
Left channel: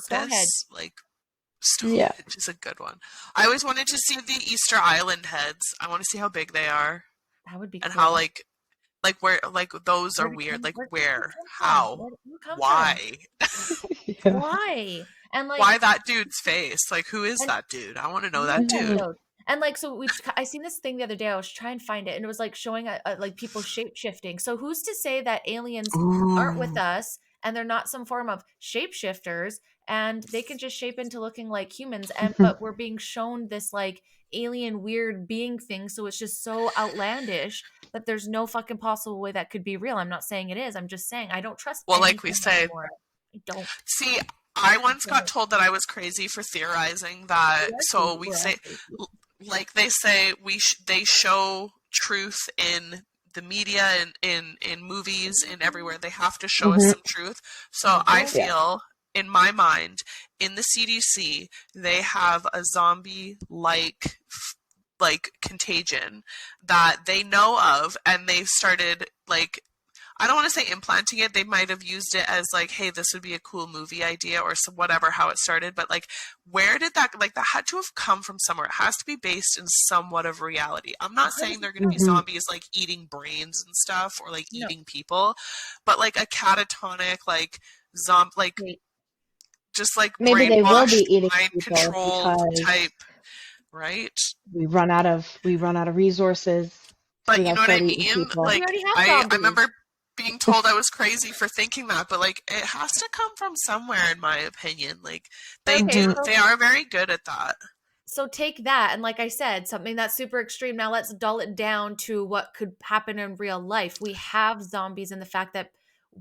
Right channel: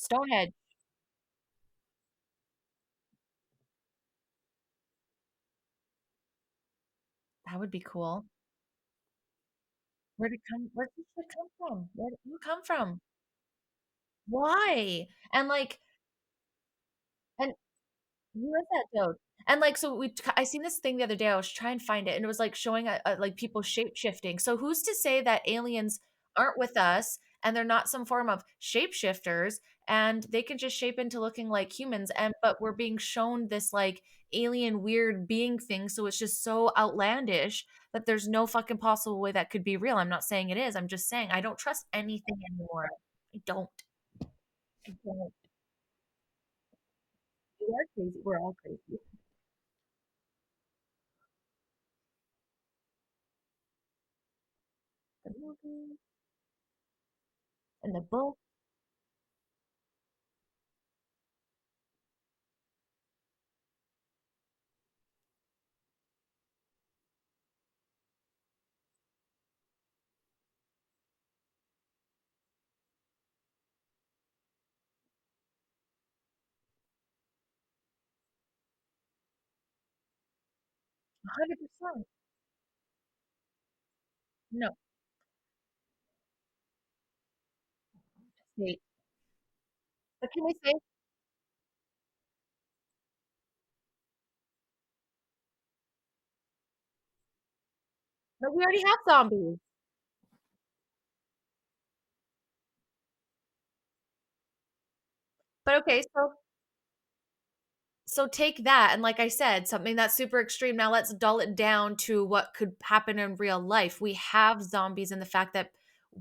Stonehenge. purpose. Like Yeah. Stonehenge is a good one. I always wanted to see the Easter Island heads. I want to see how big they are That would be and cool. how like where like those Where are did weird. Like where did where? it come from? How? Where did it come Why? Yeah. Why? And like Why that dude's face? Like who is and that dude? I want to know who that is that dude. dude? And like so I seen this thing the other day. I was trying to find it, and it was like showing like people shape shifting. So who's to say that aliens aren't with Ooh. us and they're not some form of shapeshifters and they can just shape into looking like humans, and but we're being shown this like alien weird being thing, so it's just so outlandish that there's no fucking possible way that could be real. I'm not saying it is. I'm just saying I don't trust Well, like we anything say, anymore. I don't. see, I once got told that I was crazy for theorizing that. So we We're all say, crazy. like they say, they show truth in the media and in movies and everywhere. They have to show us Mhm. some truth. So They I do. Yeah. feel, in my mind, in the CDC, they have a zombie like contagion that they know of, and they've started like, I don't want to say implanting it. They might have used it as like, hey, this would be a cool movie idea or some, whatever, how it started. But like, where did that, like, that had to have come from somewhere. It has to be based in somewhat of reality. I'm not saying they're going to be 100%. zombies like eating brains and stuff or like No. eating people, but like a catatonic, like like Wait. just like Maybe they will be brainwashed, eating mind people controlled because type, right? we run out of resources, so But we you gotta know what I start eating mean? people. But we Like already have I zombies. remember being told I was crazy for thinking that, but like it has to come from somewhere, in my opinion. Like But okay, they are very good at that. so take that, and like I said, something that's super extreme. Now let's dull it down to what could happen in real life. We have zombies, and the fact that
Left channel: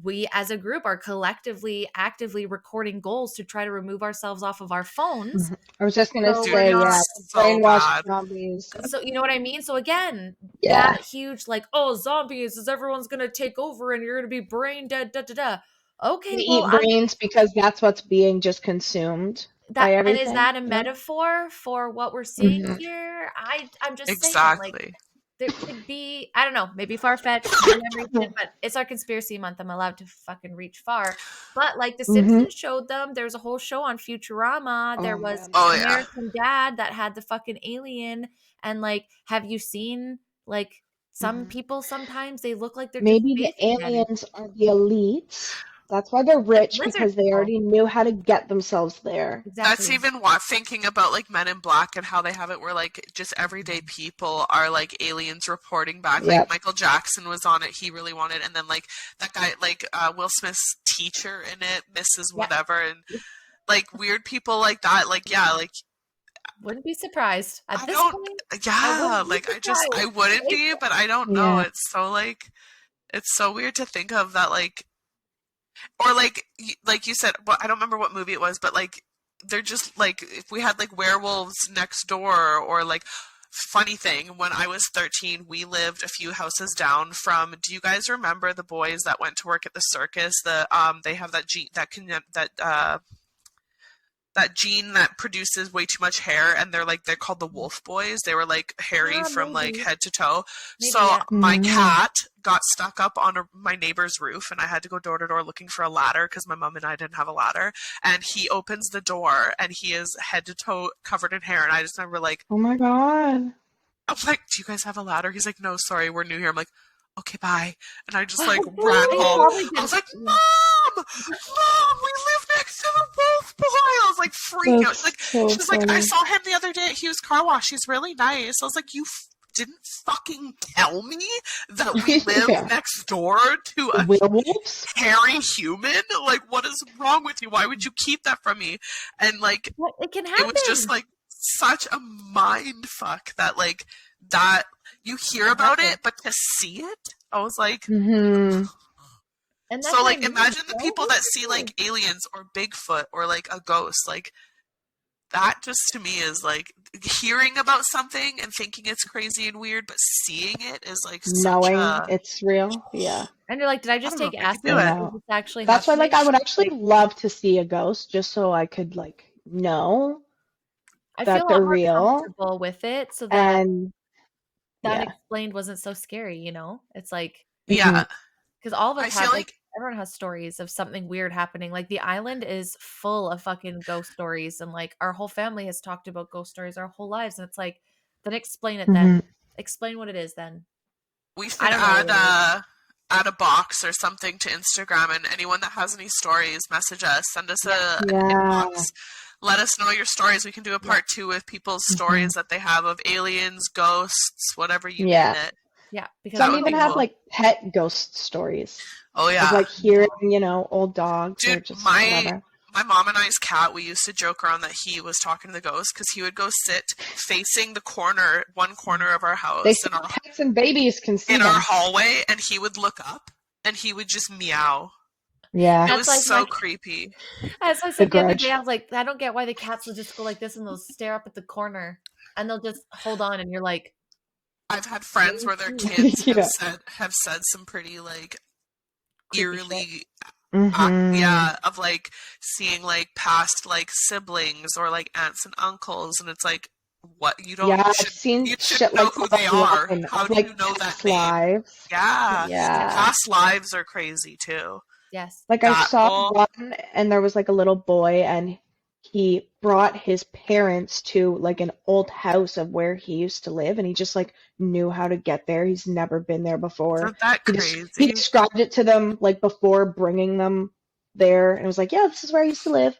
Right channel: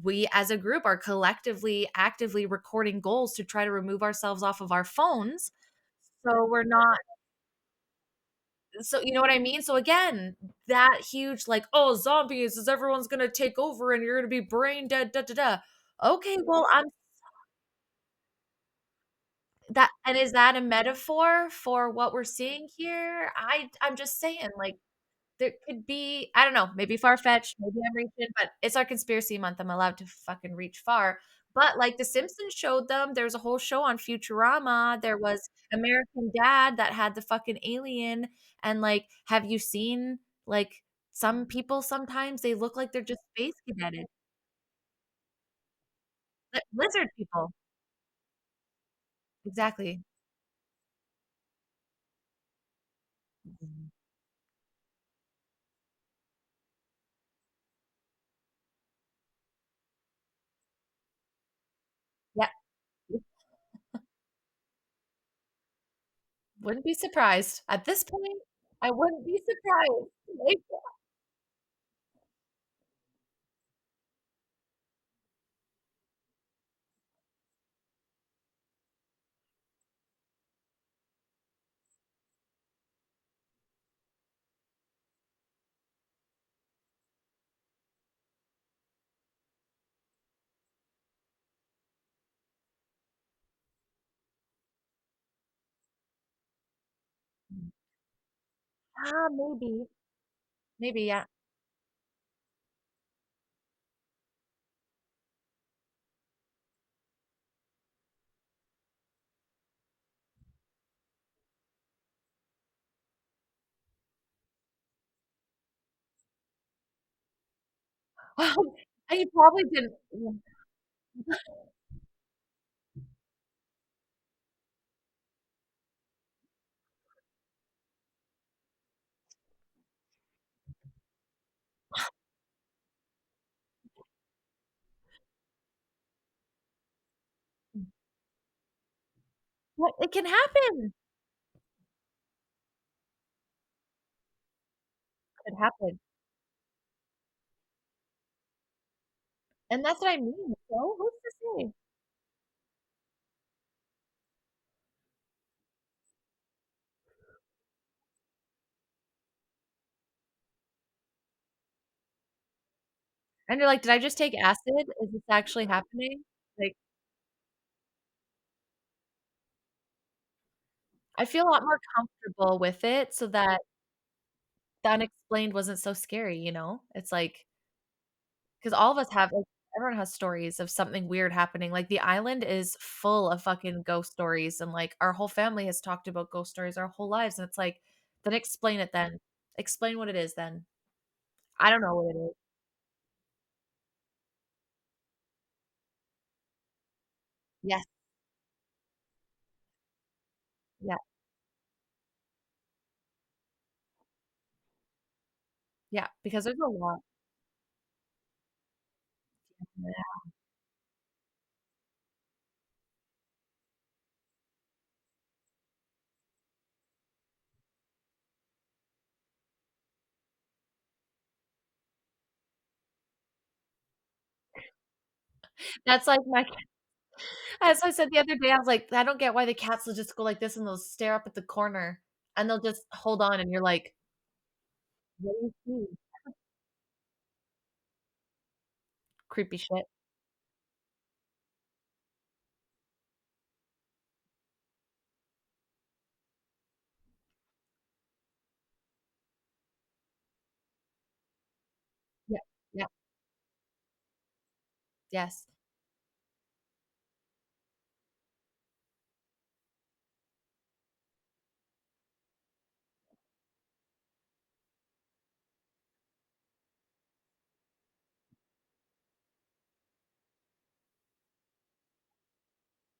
we as a group are collectively actively recording goals to try to remove ourselves off of our phones. Mhm. I was just gonna So we're say, Dude, not, yeah, it's so brainwashed bad. zombies. so you know what I mean? So again, Yeah. that huge like, oh, zombies is everyone's gonna take over and you're gonna be brain dead, da da da. Okay, We well, eat brains because that's what's being just consumed by and is everything. that a Yeah. metaphor for what we're seeing Mhm. here? I'm just saying, like, Exactly. there could be, I don't know, maybe far fetched, maybe I'm reaching, but it's our conspiracy month. I'm allowed to fucking reach far. But like The Mhm. Simpsons showed them, there was a whole show on Futurama. There Oh was man. Oh yeah. American Dad that had the fucking alien. And like, have you seen like some Mhm. people sometimes they look like they're just Maybe the space cadets, aliens are the elites. That's why they're like rich, lizard because they people. already knew how to get themselves there. That's Exactly. even what, thinking about like Men in Black and how they have it where like just everyday people are like aliens reporting back. Like Yep. Michael Jackson was on it, he really wanted, and then like that guy, like Will Smith's teacher in it, Mrs. Yeah. Whatever, and like weird people like that. Like yeah, like Wouldn't be surprised at I this don't, point. I yeah, wouldn't be like I surprised. wouldn't Like, be, but I don't know. Yeah. It's so like, it's so weird to think of that, like, or like you said, well, I don't remember what movie it was, but like they're just like, if we had like werewolves next door, or like, funny thing, when I was 13, we lived a few houses down from, do you guys remember the boys that went to work at the circus? They have that gene that gene that produces way too much hair, and they're called the wolf boys. They were like hairy from like maybe. head to toe. Maybe, So yeah. my Mm. cat got stuck up on my neighbor's roof, and I had to go door to door looking for a ladder because my mom and I didn't have a ladder. And he opens the door, and he is head to toe covered in hair. And I just remember like, Oh my god. I'm like, do you guys have a ladder? He's like, no, sorry, we're new here. I'm like, okay, bye. And I just like ran And you home. probably I was didn't. like, Mom, we live next to the wolf boy. I was like freaking out. That's Like, so she's like, I funny. saw him the other day at Hughes Car Wash. He's really nice. I was like, you didn't fucking tell me that we live Yeah. next door to a Werewolves? hairy human? Like, what is wrong with you? Why would you keep that from me? And like, Well, it can it happen. was just like such a mind fuck that like that you hear It about happens. it, but to see it, I was like, Mm-hmm. And that's so what I like mean. imagine the So people that see weird. like aliens or Bigfoot or like a ghost, like that just to me is like hearing about something and thinking it's crazy and weird, but seeing it is like such Knowing a, it's real. Yeah. And you're like, did I I just don't know take if you acid? do I it. know. Is this actually That's why, like, happening? I would actually Like, love to see a ghost just so I could, like, know I that feel a lot they're more real. comfortable with it so that And the Yeah. unexplained wasn't so scary, you know? It's like, Yeah. because all of us I feel have, like everyone has stories of something weird happening. Like, the island is full of fucking ghost stories, and like our whole family has talked about ghost stories our whole lives. And it's like, then explain it then. Mhm. Explain what it is then. we I should don't know what it is. add a box or something to Instagram, and anyone that has any stories, message us, send us Yeah. an Yeah. inbox. Let us know your stories. We can do a part 2 with people's stories that they have of aliens, ghosts, whatever you name Yeah. it. Yeah, because That Some we would even be don't have know. cool. like pet ghost stories Oh of yeah. like hearing, old dogs or Dude, just my whatever. mom and I's cat, we used to joke around that he was talking to the ghost because he would go sit facing the one corner of our They house say pets and babies can see in our them. hallway, and he would look up and he would just meow. Yeah. It That's was like so my creepy. as I The said the other day, grudge. I was like, I don't get why the cats will just go like this and they'll stare up at the corner and they'll just hold on, and you're like, I've had friends where their "Really?" kids Yeah. have said some pretty like Creepy shit. eerily Mm-hmm. of like seeing like past like siblings or like aunts and uncles, and it's like, what, Yeah, I've seen you shit shouldn't know like who that they are. online How of do you like know that past name? lives. Yeah, Yes. and Yeah. past lives are crazy too. Yes. Like I That saw whole one and there was like a little boy and he brought his parents to like an old house of where he used to live and he just like knew how to get there. He's never been there before. isn't that He crazy? described it to them like before bringing them there and it was like, yeah, this is where I used to live.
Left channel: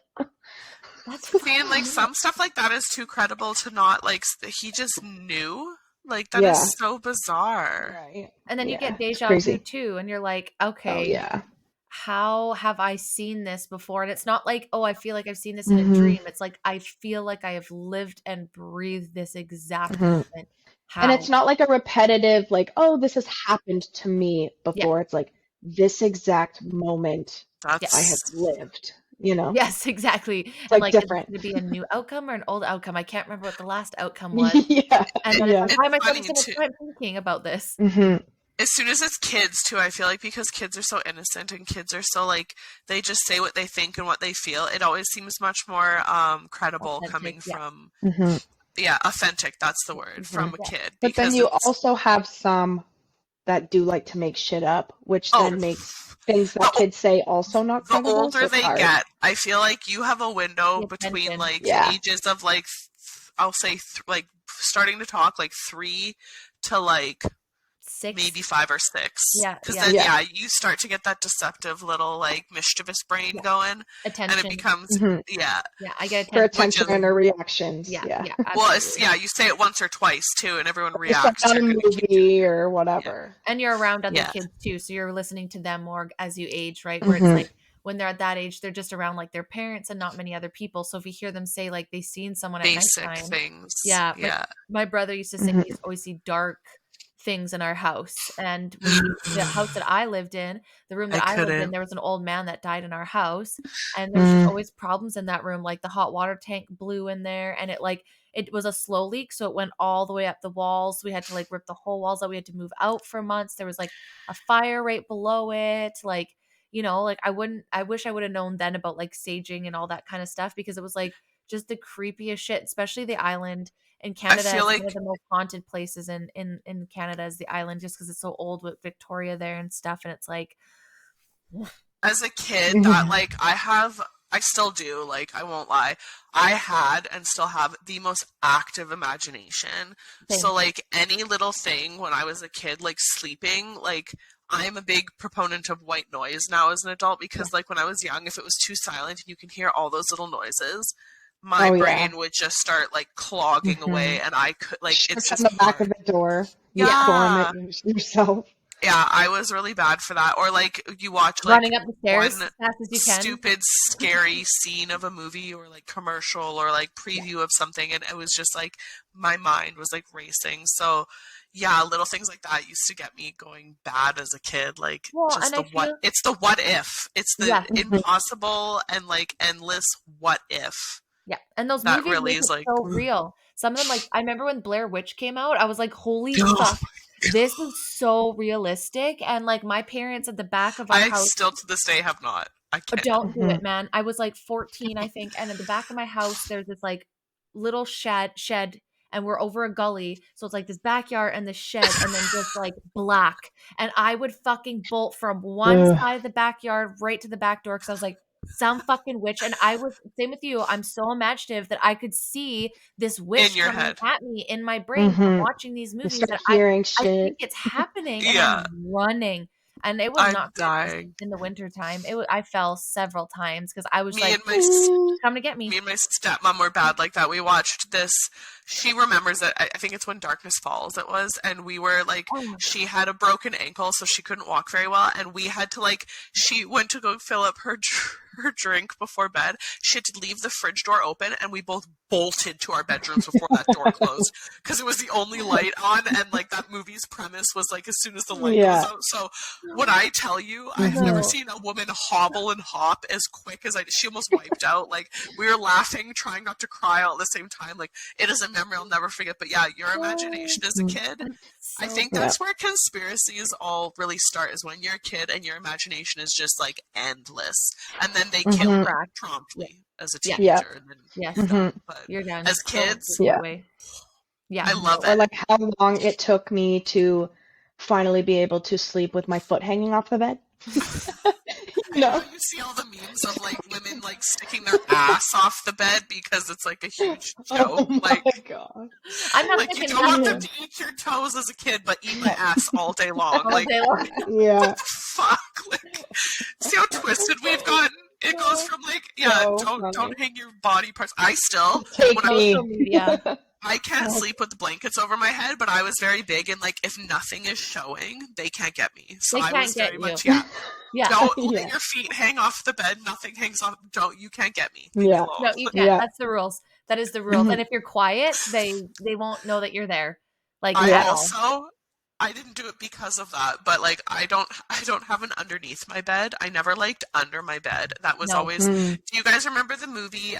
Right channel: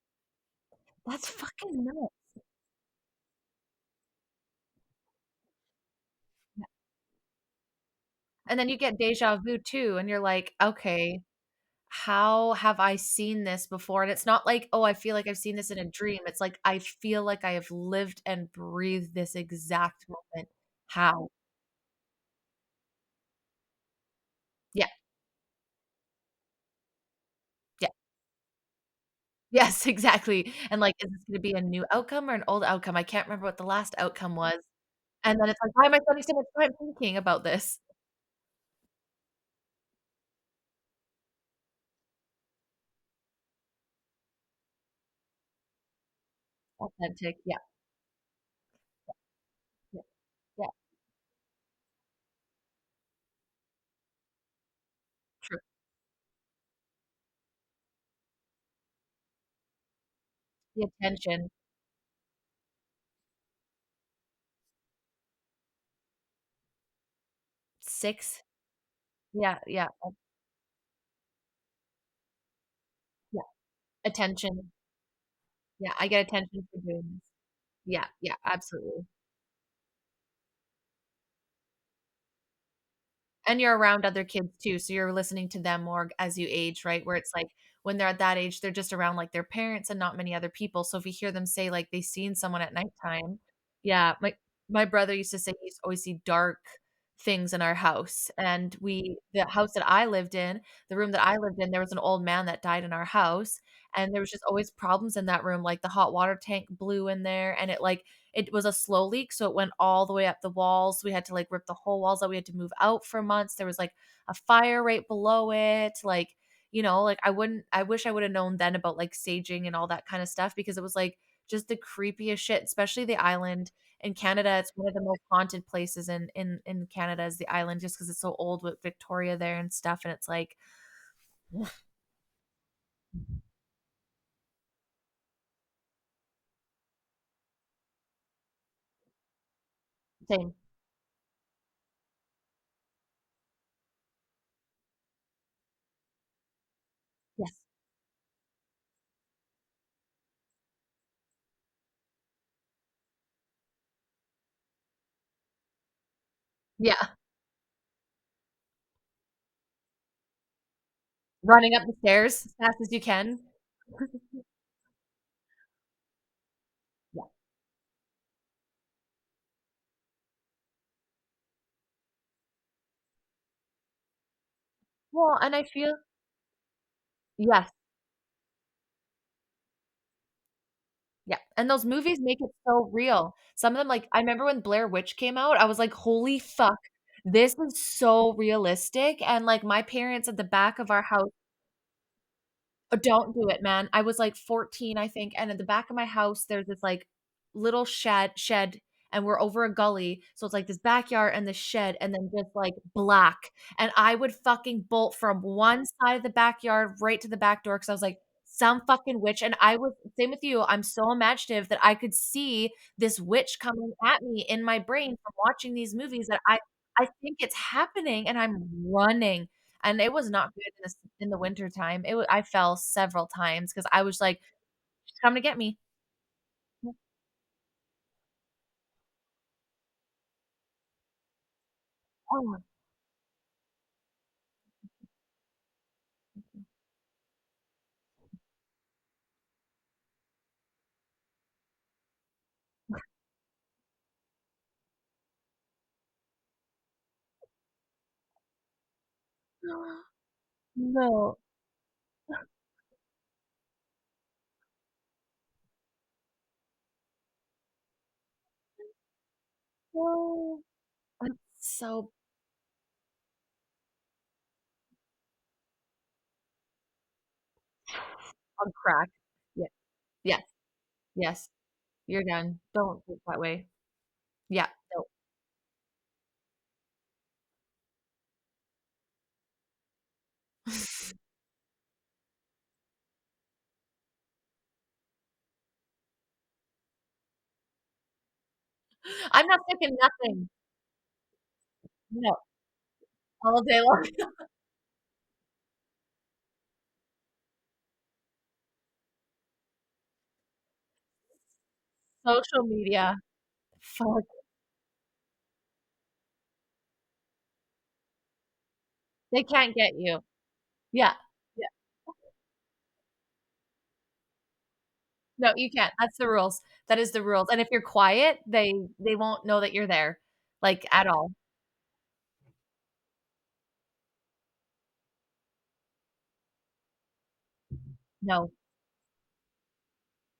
That's See, and like fucking some nuts. stuff like that is too credible to not like. He just knew. Like that is Yeah. so bizarre. Right. And then you Yeah. get It's deja vu crazy. too, and you're like, Oh okay, yeah. how have I seen this before? And it's not like, oh, I feel like I've seen this in a Hmm. dream. It's like, I feel like I have lived and breathed this exact Hmm. moment. And it's How? not like a repetitive, like, oh, this has happened to me Yeah. before. It's like this exact moment Yeah. I have That's lived, Yes, exactly. It's And like like, is this different. going to be a new outcome or an old outcome? I can't remember what the last outcome was. Yeah, And then it's yeah. like, it's why am I spending funny so much too. time thinking about this? Hmm. As soon as it's kids too, I feel like because kids are so innocent and kids are so like they just say what they think and what they feel. It always seems much more credible Authentic. coming Yeah. from Hmm. authentic. That's the word, Hmm. from a Yeah. kid, But then because you it's also have some that do like to make shit up, which oh then makes things the that kids say also not the credible, so older it's they hard. get, I feel like you have a window The between attention. like Yeah. ages of like I'll say like starting to talk like 3 to like 6. maybe 5 or 6, Yeah. because Yeah. then Yeah. you start to get that deceptive little like mischievous brain Yeah. going, and it Attention. becomes Hmm. yeah, Yeah. I get For attention which attention is and easily. her reactions. Yeah. Yeah. Yeah. well, it's Absolutely. you say it once or twice too, and everyone Just like reacts. on a You're gonna keep doing movie or it. whatever. And you're around other Yeah, kids too, so you're listening to them more as you age, right? Where it's Hmm. like when they're at that age, they're just around like their parents and not many other people. So if you hear them say like they seen someone at basic nighttime, things. yeah, Yeah. my brother used to say Hmm. he used to always see dark things in our house. And the house that I lived in, the room I that I lived in, couldn't. there was an old man that died in our house, and there was just Mm. always problems in that room. Like the hot water tank blew in there, and it was a slow leak, so it went all the way up the walls. We had to like rip the whole walls out. We had to move out for months. There was like a fire right below it. Like, like I wish I would have known then about like saging and all that kind of stuff, because it was like just the creepiest shit, especially the island in I Canada. feel It's one of like the most haunted places in Canada is the island, just because it's so old with Victoria there and stuff. And it's like, as a kid that Yeah. like I still do, like I won't lie, I had and still have the most active imagination. same. So like any little thing when I was a kid, like sleeping, like I'm a big proponent of white noise now as an adult, Yeah. because like when I was young, if it was too silent and you can hear all those little noises, my Oh brain yeah. would just start like clogging Hmm. away, and I could like it's Shit on just the back of hard. the door. You Yeah. storm it Yeah. yourself. Yeah, I was really bad for that. Or like you watch like Running up the one stairs as fast as you can. stupid scary scene of a movie or like commercial or like Yeah. preview of something, and it was just like my mind was like racing. So yeah, little things like that used to get me going bad as a kid. Like Well, just and I feel, it's the what if. It's the yes, Hmm. impossible and like endless what if. yeah. And those That movies really make is it like so real. Some of them, like I remember when Blair Witch came out, I was like, holy fuck, this is so realistic. And like my parents at the back of our I house, still to this day have not. I can't. don't do Hmm. it, man. I was like 14, I think, and at the back of my house there's this like little shed, and we're over a gully. So it's like this backyard and this shed and then just like black. And I would fucking bolt from one Ugh. side of the backyard right to the back door because I was like, some fucking witch. And I was, same with you, I'm so imaginative that I could see this In witch your coming head. at me in my brain from Mhm. watching these You movies start that hearing I shit. think it's happening and Yeah. I'm running. And it was I'm not good dying. in the wintertime. I fell several times because I was Me like, and my "She's coming to get me." me and my stepmom were bad like that. We watched this. She remembers it. I think it's when Darkness Falls it was, and we were like, Oh. she had a broken ankle, so she couldn't walk very well, and we had to like, she went to go fill up her drink before bed. She had to leave the fridge door open, and we both bolted to our bedrooms before that door closed because it was the only light on, and like that movie's premise was like as soon as the light goes out. So when I tell you, I've never No. seen a woman hobble and hop as quick as I did. She almost wiped out. Like we were laughing, trying not to cry all at the same time. Like it is a memory I'll never forget. But yeah, your imagination as a kid. I think that's where conspiracies all really start, is when you're a kid and your imagination is just like endless, and then they kill you Correct. promptly as a Yeah. teenager. And then Yes. you're done. But You're done. as kids, Don't get that way. Yeah. I love Or it. like how long it took me to finally be able to sleep with my foot hanging off the bed. No. You see all the memes of like women like sticking their ass off the bed because it's like a huge joke. Oh like my god. I'm not like you thinking don't want them nothing to eat your toes as a kid, but eat my ass all day long. all Like day long. Yeah. what the fuck? Like, see how twisted we've gotten? It goes from like, yeah, So don't funny. hang your body parts. I still Take when I'm Social media. I can't sleep with the blankets over my head, but I was very big and like if nothing is showing, they can't get me. So They I can't was get very you. much, yeah. Yeah. Don't Yeah. let your feet hang off the bed. Nothing hangs off. You can't get me. Leave me Yeah. alone. No, you can't. Yeah. That's the rules. That is the rules. Mhm. And if you're quiet, they won't know that you're there. Like I at all. also I didn't do it because of that, but like I don't have an underneath my bed. I never liked under my bed. That was No. always. Do you guys remember the movie?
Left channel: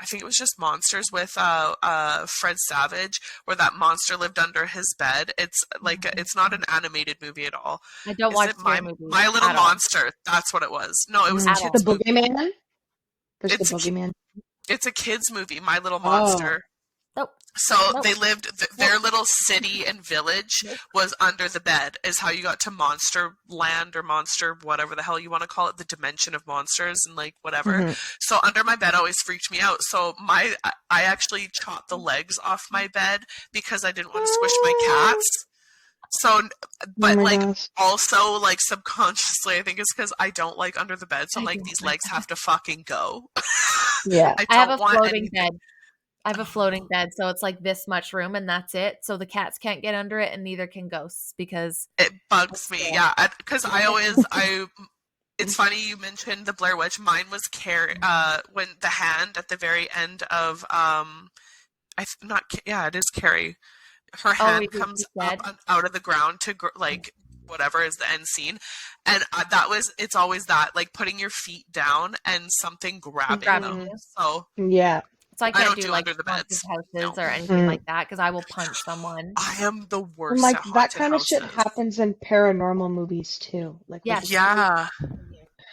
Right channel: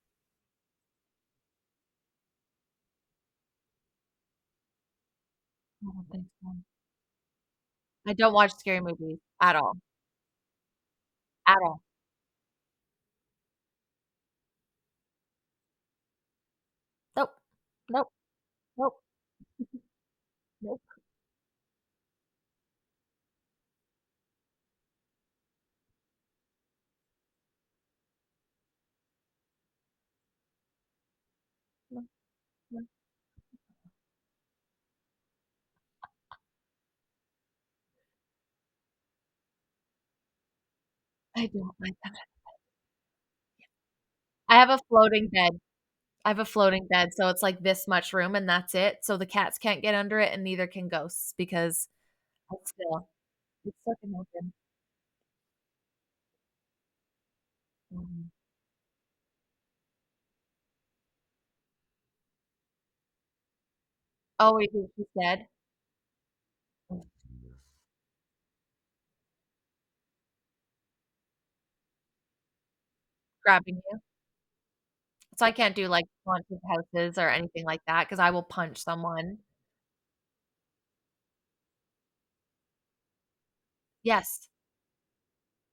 I think it was just Monsters with Fred Savage, where that monster lived under his bed. It's like it's not an animated movie at all. I don't Is watch it scary movies My Little at all. Monster? That's what it was. No, it was a At all. kids The movie. boogeyman? There's It's the boogeyman. It's a kids movie. My Little Oh. Monster. Nope. So Nope. they lived, their little city and village Nope. was under the bed, is how you got to Monster Land or Monster, whatever the hell you want to call it, the dimension of monsters and like whatever. Mhm. So under my bed always freaked me out. So I actually chopped the legs off my bed because I didn't want to squish my cats. So, but Oh my like gosh. also like subconsciously, I think it's because I don't like under the bed. So I'm I like, don't these like legs have to fucking go. Yeah. I have don't a want floating any- bed. I have a floating bed, so it's like this much room and that's it. So the cats can't get under it and neither can ghosts because It bugs me, yeah. Because it's funny you mentioned the Blair Witch. Mine was Carrie, when the hand at the very end of, it is Carrie. Her hand it is comes dead. up out of the ground to like whatever is the end scene, and it's always that like putting your feet down and something grabbing Grabbing them. you. So Yeah. So I I can't don't do do like under the haunted beds. houses No. or anything Mhm. like that because I will punch someone. I am the worst Like at that haunted kind of shit houses. happens in paranormal movies too. Like with Yes. Yeah.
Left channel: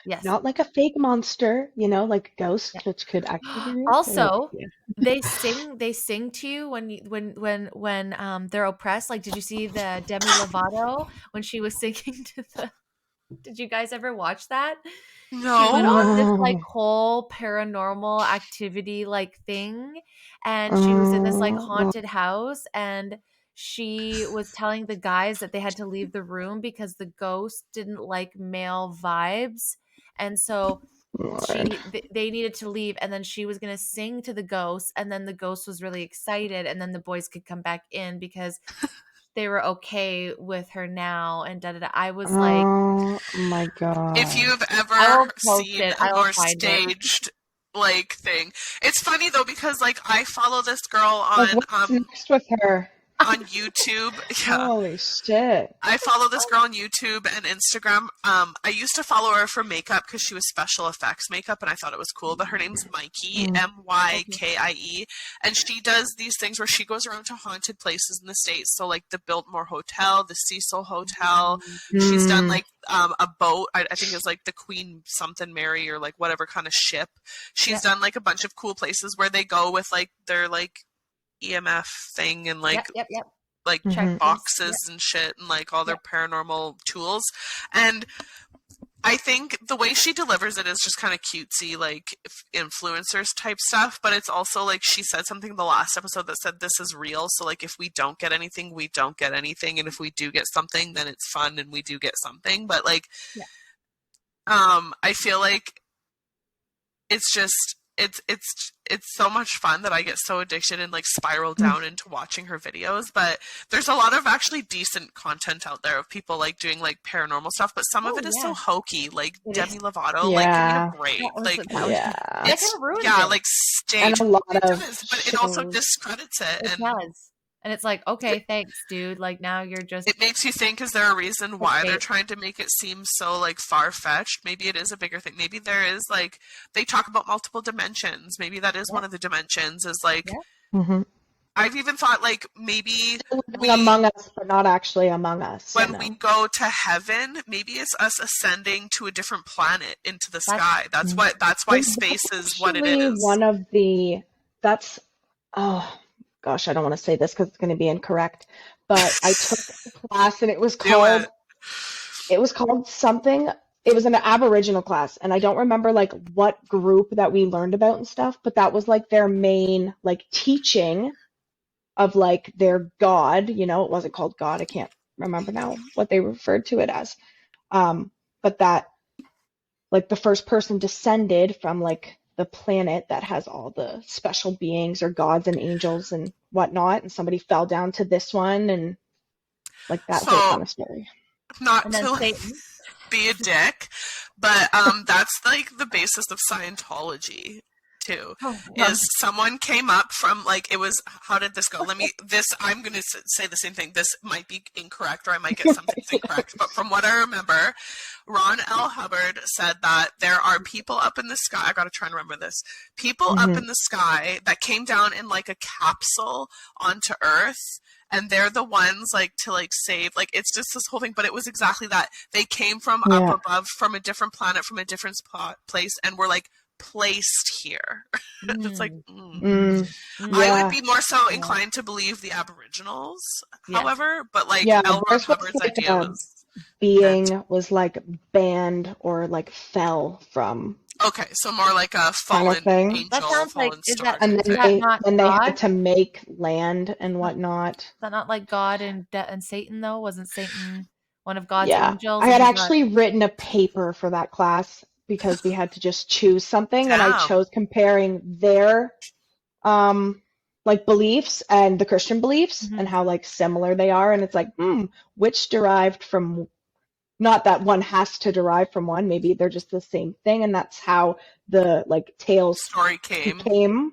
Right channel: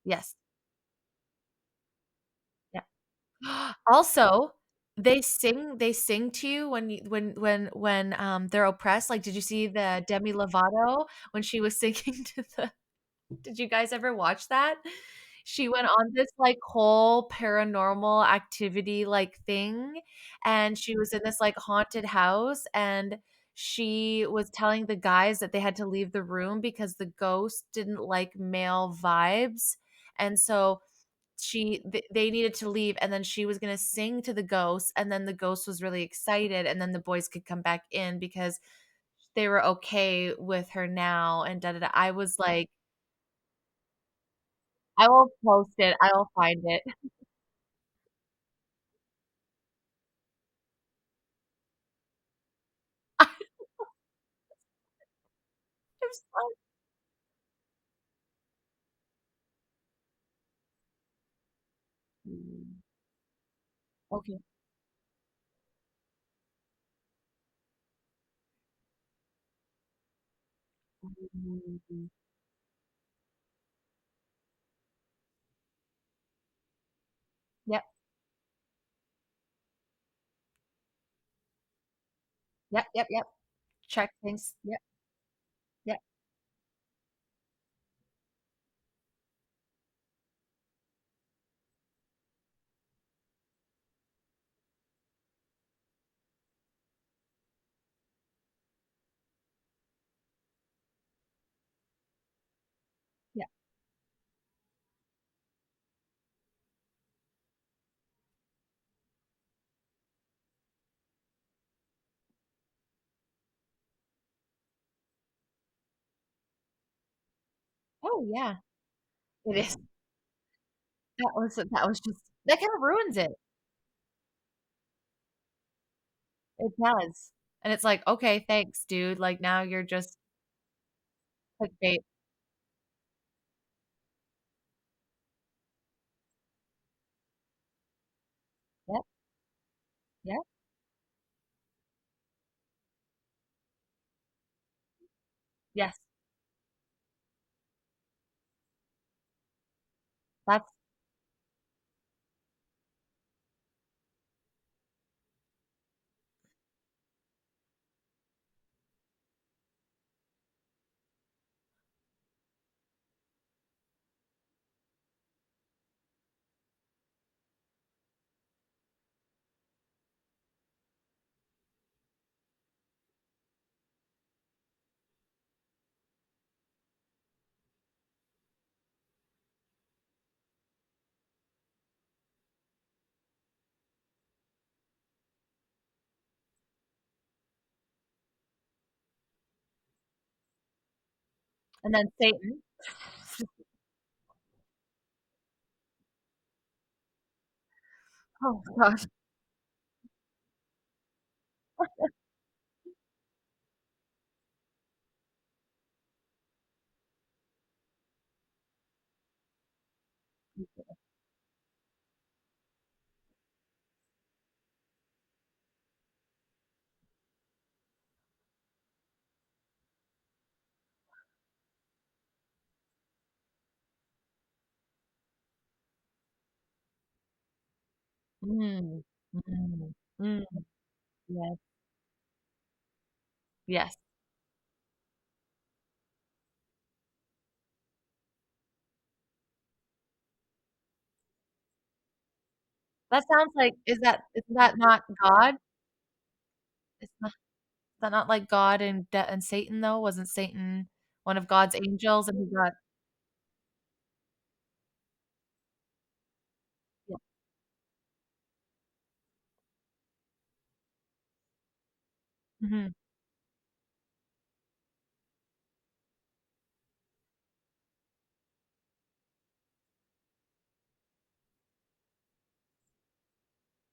Yes. not like a fake monster, like ghosts, Yeah. which could actually be real. but Also, yeah. they sing to you when they're oppressed. Like, did you see the Demi Lovato when she was singing to the Did you guys ever watch that? She went on this like No. whole paranormal activity like thing and she was in this like haunted house and she was telling the guys that they had to leave the room because the ghost didn't like male vibes. And so they needed to leave and then she was going to sing to the ghost and then the ghost was really excited and then the boys could come back in because they were okay with her now and da da da. I was like, Oh my god. If you've I will ever post seen it. a I will more find it. staged like thing, it's funny though because like I follow this girl Like, on what's next with her? on YouTube. Yeah. Holy shit. I follow this girl on YouTube and Instagram. I used to follow her for makeup because she was special effects makeup and I thought it was cool. But her name's Mikey, Mykkie, and she does these things where she goes around to haunted places in the States. So like the Biltmore Hotel, the Cecil Hotel. She's done like a boat. I think it's like the Queen something Mary or like whatever kind of ship. She's done like a bunch of cool places where they go with like their like EMF thing and Yep, yep, yep. like Check Mhm. boxes and shit and like all their paranormal tools. And I think the way she delivers it is just kind of cutesy, like influencers type stuff. But it's also like she said something in the last episode that said this is real. So like if we don't get anything, we don't get anything, and if we do get something, then it's fun and we do get something. But like, I feel like it's just it's so much fun that I get so addicted and like spiral down into watching her videos. But there's a lot of actually decent content out there of people like doing like paranormal stuff, but some of it is so hokey, like Demi Lovato. Like, give me a break. That kind of ruins it. Like stage. And a lot it of does, but it also discredits it. It does. And it's like, okay, thanks, dude. Like, now you're just... It makes you think, is there a reason why they're trying to make it seem so, like, far-fetched? Maybe it is a bigger thing. Maybe there is, like, they talk about multiple dimensions. Maybe that is one of the dimensions, is, like... I've even thought, like, maybe... among us, but not actually among us. When we go to heaven, maybe it's us ascending to a different planet into the sky. That's why space is what it is. One of the... That's... Oh... Gosh, I don't want to say this because it's going to be incorrect, but I took a class and it was called something. It was an Aboriginal class, and I don't remember like what group that we learned about and stuff, but that was like their main like teaching of like their God. You know, it wasn't called God. I can't remember now what they referred to it as. But that like the first person descended from like the planet that has all the special beings or gods and angels and whatnot, and somebody fell down to this one and like that whole kind of story. Not to be a dick, but that's like the basis of Scientology too. Is someone came up from like, it was, how did this go? I'm going to say the same thing. This might be incorrect or I might get some things incorrect, but from what I remember, Ron L. Hubbard said that there are people up in the sky. I got to try and remember this. People up in the sky that came down in like a capsule onto Earth. And they're the ones like to like save, like it's just this whole thing, but it was exactly that. They came from up above, from a different planet, from a different place, and were like placed here. It's like, I would be more so inclined to believe the Aboriginals, however, but like L. Ron Hubbard's idea was being was like banned or like fell from. Okay, so more like a fallen thing. Angel. That sounds like, is that not and God? they had to make land and whatnot. Is that not like God and Satan though? Wasn't Satan one of God's angels? I had actually written a paper for that class because we had to just choose something, and I chose comparing their like beliefs and the Christian beliefs and how like similar they are, and it's like which derived from. Not that one has to derive from one, maybe they're just the same thing, and that's how the like tales story came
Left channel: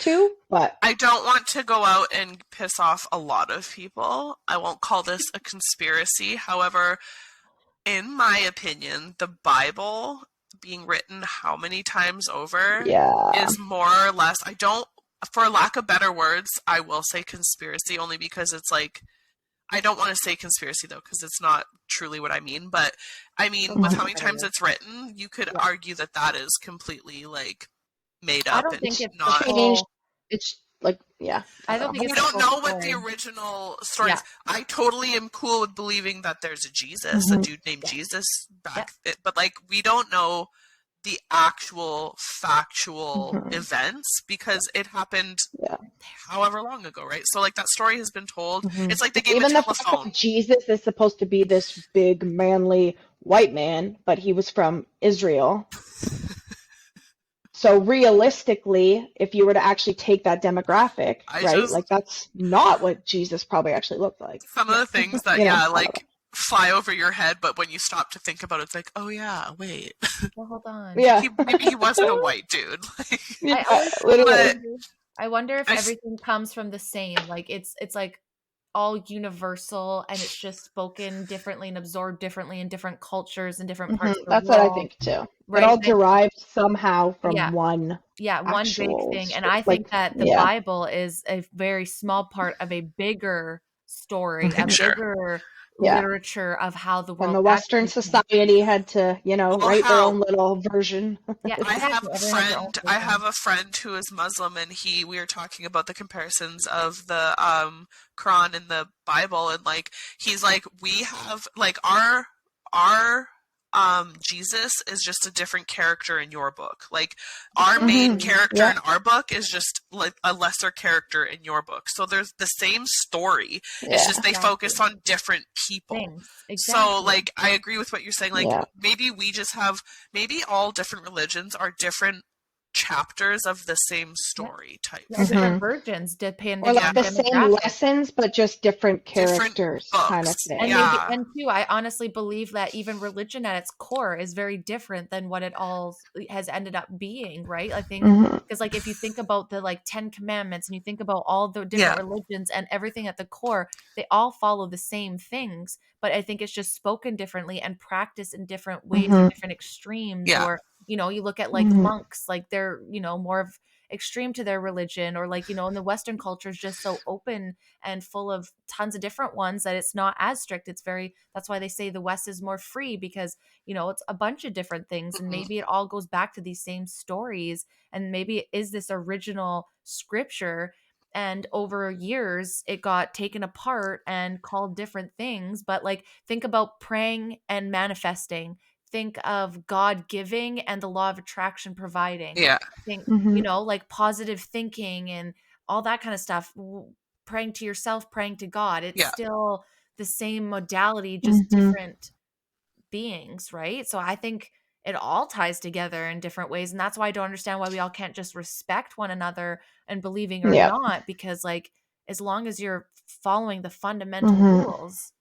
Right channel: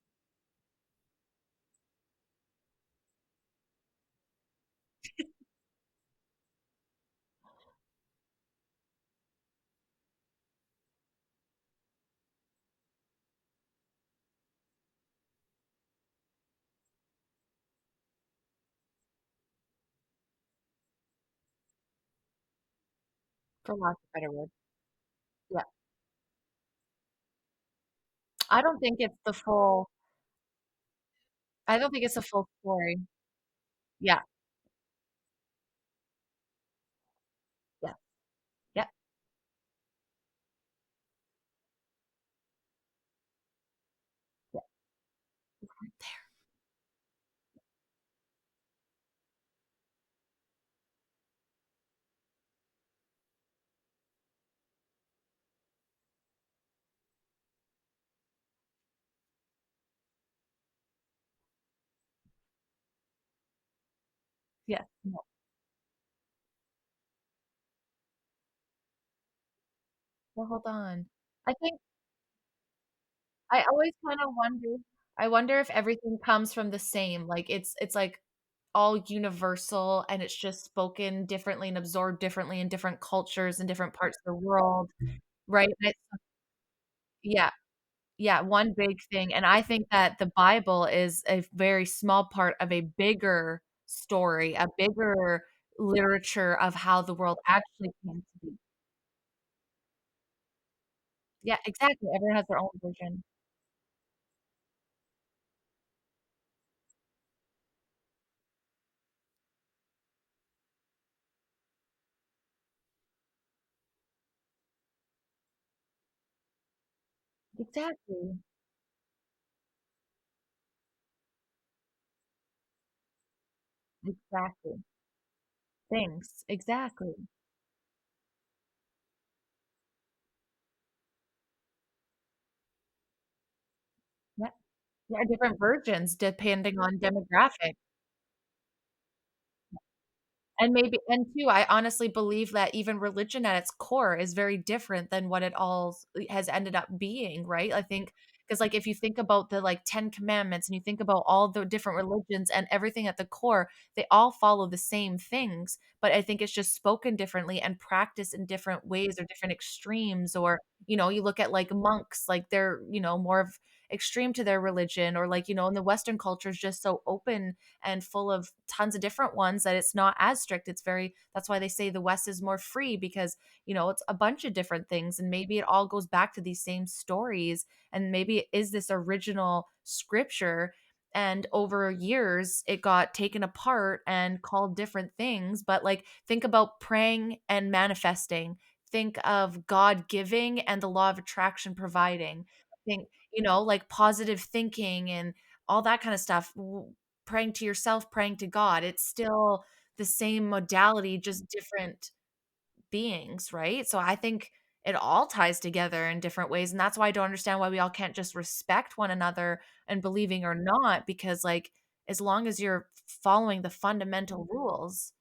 to. But I don't want to go out and piss off a lot of people. I won't call this a conspiracy. However, in my opinion, the Bible being written how many times over is more or less, for lack of better words, I will say conspiracy, only because it's like, I don't want to say conspiracy though, because it's not truly what I mean, but I mean, with how many times it's written, you could argue that that is completely like made up. I don't think it's it's like, I don't think we don't know what the original story is. I totally am cool with believing that there's a Jesus, a dude named Jesus back then, but like, we don't know the actual factual events because it happened however long ago, right? So like that story has been told. It's like they gave even a telephone. Jesus is supposed to be this big manly white man, but he was from Israel. So realistically, if you were to actually take that demographic, like that's not what Jesus probably actually looked like. Some of the things that like fly over your head, but when you stop to think about it, it's like, oh yeah, wait. Well, hold on. Maybe he wasn't a white dude. I wonder if everything comes from the same. Like it's like all universal, and it's just spoken differently and absorbed differently in different cultures and different parts of the world. That's what I think too. Right? It all derived somehow from one. Yeah, one big thing. And I think that the Bible is a very small part of a bigger story, a bigger Yeah. literature of how the And world the Western actually came. society had to, Well, write their hell, own little version. Yeah, I have exactly. a Everyone has their own friend. I have version. a friend who is Muslim, and we were talking about the comparisons of the Quran and the Bible, and like he's like, we have like our Jesus is just a different character in your book. Like our main Exactly. character Yeah. in our book is just like a lesser character in your book. So there's the same story. It's Yeah. just they focus Exactly. on different people. Things. So Exactly. like I agree with what you're saying. Like Yeah. maybe we just have maybe all different religions are different chapters of the same Yeah. story type Yeah, thing. different versions Or depending like on the same demographic. lessons, but just different Different characters kind of books. thing. And maybe, Yeah. and too, I honestly believe that even religion at its core is very different than what it all has ended up being, right? I think Mhm. because, like, if you think about the like 10 Commandments and you think about all the different Yeah. religions and everything at the core, they all follow the same things, but I think it's just spoken differently and practiced in different ways or Mhm. different extremes. Yeah. Or, you look at like Mhm. monks, like they're, more of extreme to their religion, or like, in the Western culture is just so open and full of tons of different ones that it's not as strict. That's why they say the West is more free, because it's a bunch of different things, and Mhm. maybe it all goes back to these same stories, and maybe it is this original scripture, and over years it got taken apart and called different things. But like, think about praying and manifesting, think of God giving and the law of attraction providing, Yeah. think Mhm. like positive thinking and all that kind of stuff. Praying to yourself, praying to God, it's Yeah. still the same modality, just Mhm. different beings, right? So I think it all ties together in different ways, and that's why I don't understand why we all can't just respect one another and believing or Yeah. not, because like, as long as you're following the fundamental Mhm. rules,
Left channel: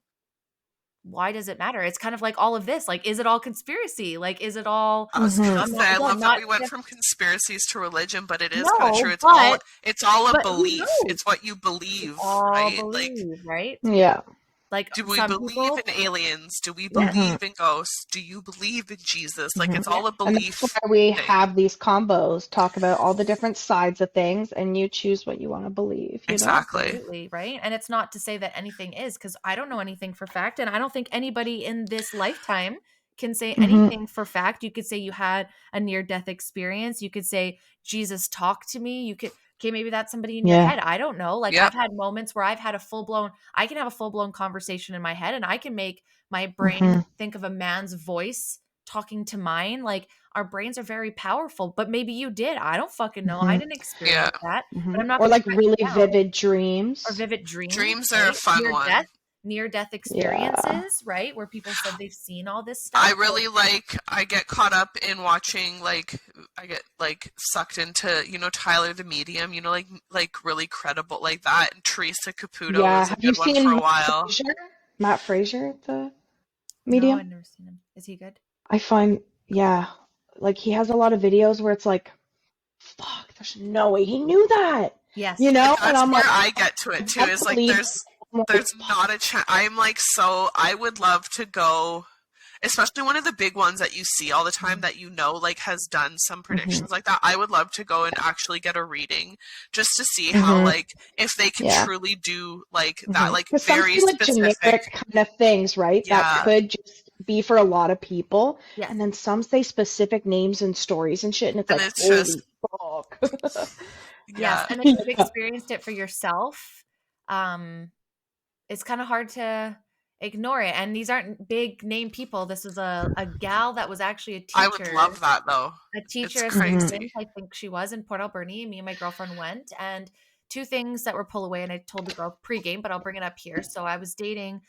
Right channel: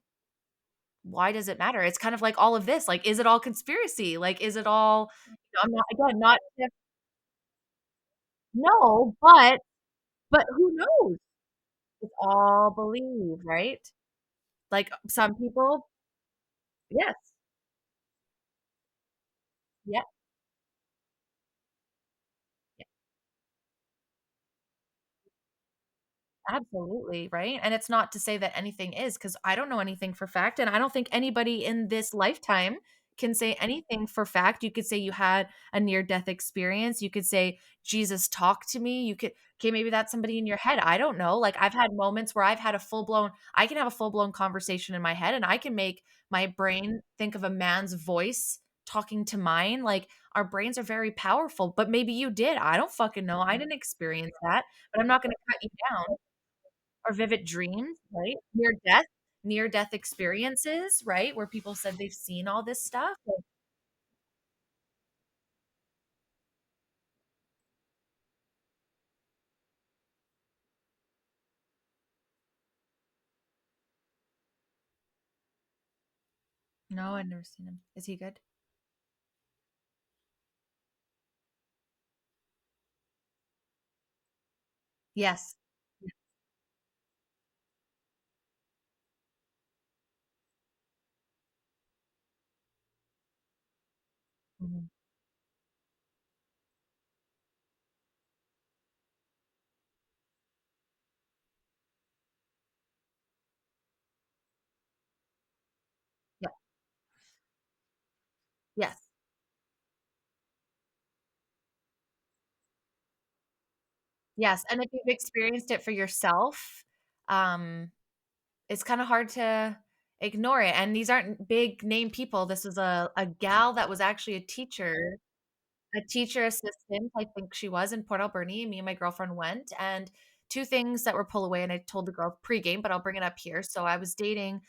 why does it matter? It's kind of like all of this, like, is it all conspiracy? Like, is it all, I was Mhm. gonna I'm say not, I again, love that not we went just, from conspiracies to religion, but it is kind of true. no, It's all a but who belief. knows? It's what you We believe, all right? Like, believe, right? Yeah. Like do we some believe people, in aliens? Do we yes, Mhm. believe in ghosts? Do you believe in Jesus? Like Mhm. it's yeah, all a And that's belief why we thing. have these combos, talk about all the different sides of things, and you choose what you want to believe. Exactly. absolutely, right? And it's not to say that anything is, because I don't know anything for fact, and I don't think anybody in this lifetime can say Mhm. anything for fact. You could say you had a near-death experience. You could say Jesus talked to me. You could, okay, maybe that's somebody in your Yeah. head. I don't know. Like, Yeah. I've had moments where I can have a full-blown conversation in my head, and I can make my brain Mhm. think of a man's voice talking to mine. Like, our brains are very powerful, but maybe you did. I don't fucking know. I Mhm. didn't Yeah. experience that, but Mhm. I'm not Or going to like shut you really down. vivid Or dreams. vivid dreams, Dreams are a right? fun one. Near death Yeah. experiences, right? Where people said they've seen all this I stuff. really I get caught up in watching I get like sucked into, Tyler the Medium, like really credible like that. And Teresa Caputo Yeah. was a Have you good one for seen a Matt while. Fraser? Matt Fraser, the No, medium? I've never seen him. Is he good? I find, yeah, like he has a lot of videos where it's like, fuck, there's no way he knew that, Yes. And That's I'm where like, I get to I it too. can't Is like believe I'm like, there's not a chance. I'm like so I would love to go, especially one of the big ones that you see all the time Mhm. that like has done some mhm, predictions like that. I would love to go and actually get a reading just to see how mhm, like if they can yeah. truly do like that Mhm. like Because some very say like specific. generic kind of things, right? That Yeah. could just be for a lot of people. Yes. And then some say specific names and stories and shit, and it's And like, it's just holy fuck. Yes. yeah. And if you've Yeah. experienced it for yourself, it's kind of hard to ignore it. And these aren't big name people. This is a gal that was actually I would love that though. a It's teacher Mhm, assistant. crazy. I think she was in Port Alberni. Me and my girlfriend went, and two things that were pull away. And I told the girl pregame, but I'll bring it up here. So I was dating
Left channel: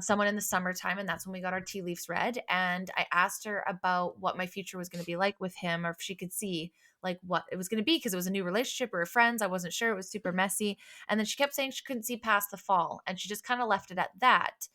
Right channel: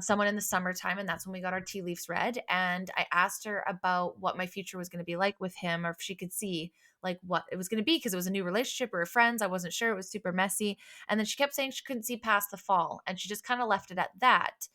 someone in the summertime, and that's when we got our tea leaves read. And I asked her about what my future was going to be like with him, or if she could see like what it was going to be, because it was a new relationship. We were friends. I wasn't sure. It was super messy. And then she kept saying she couldn't see past the fall, and she just kind of left it at that.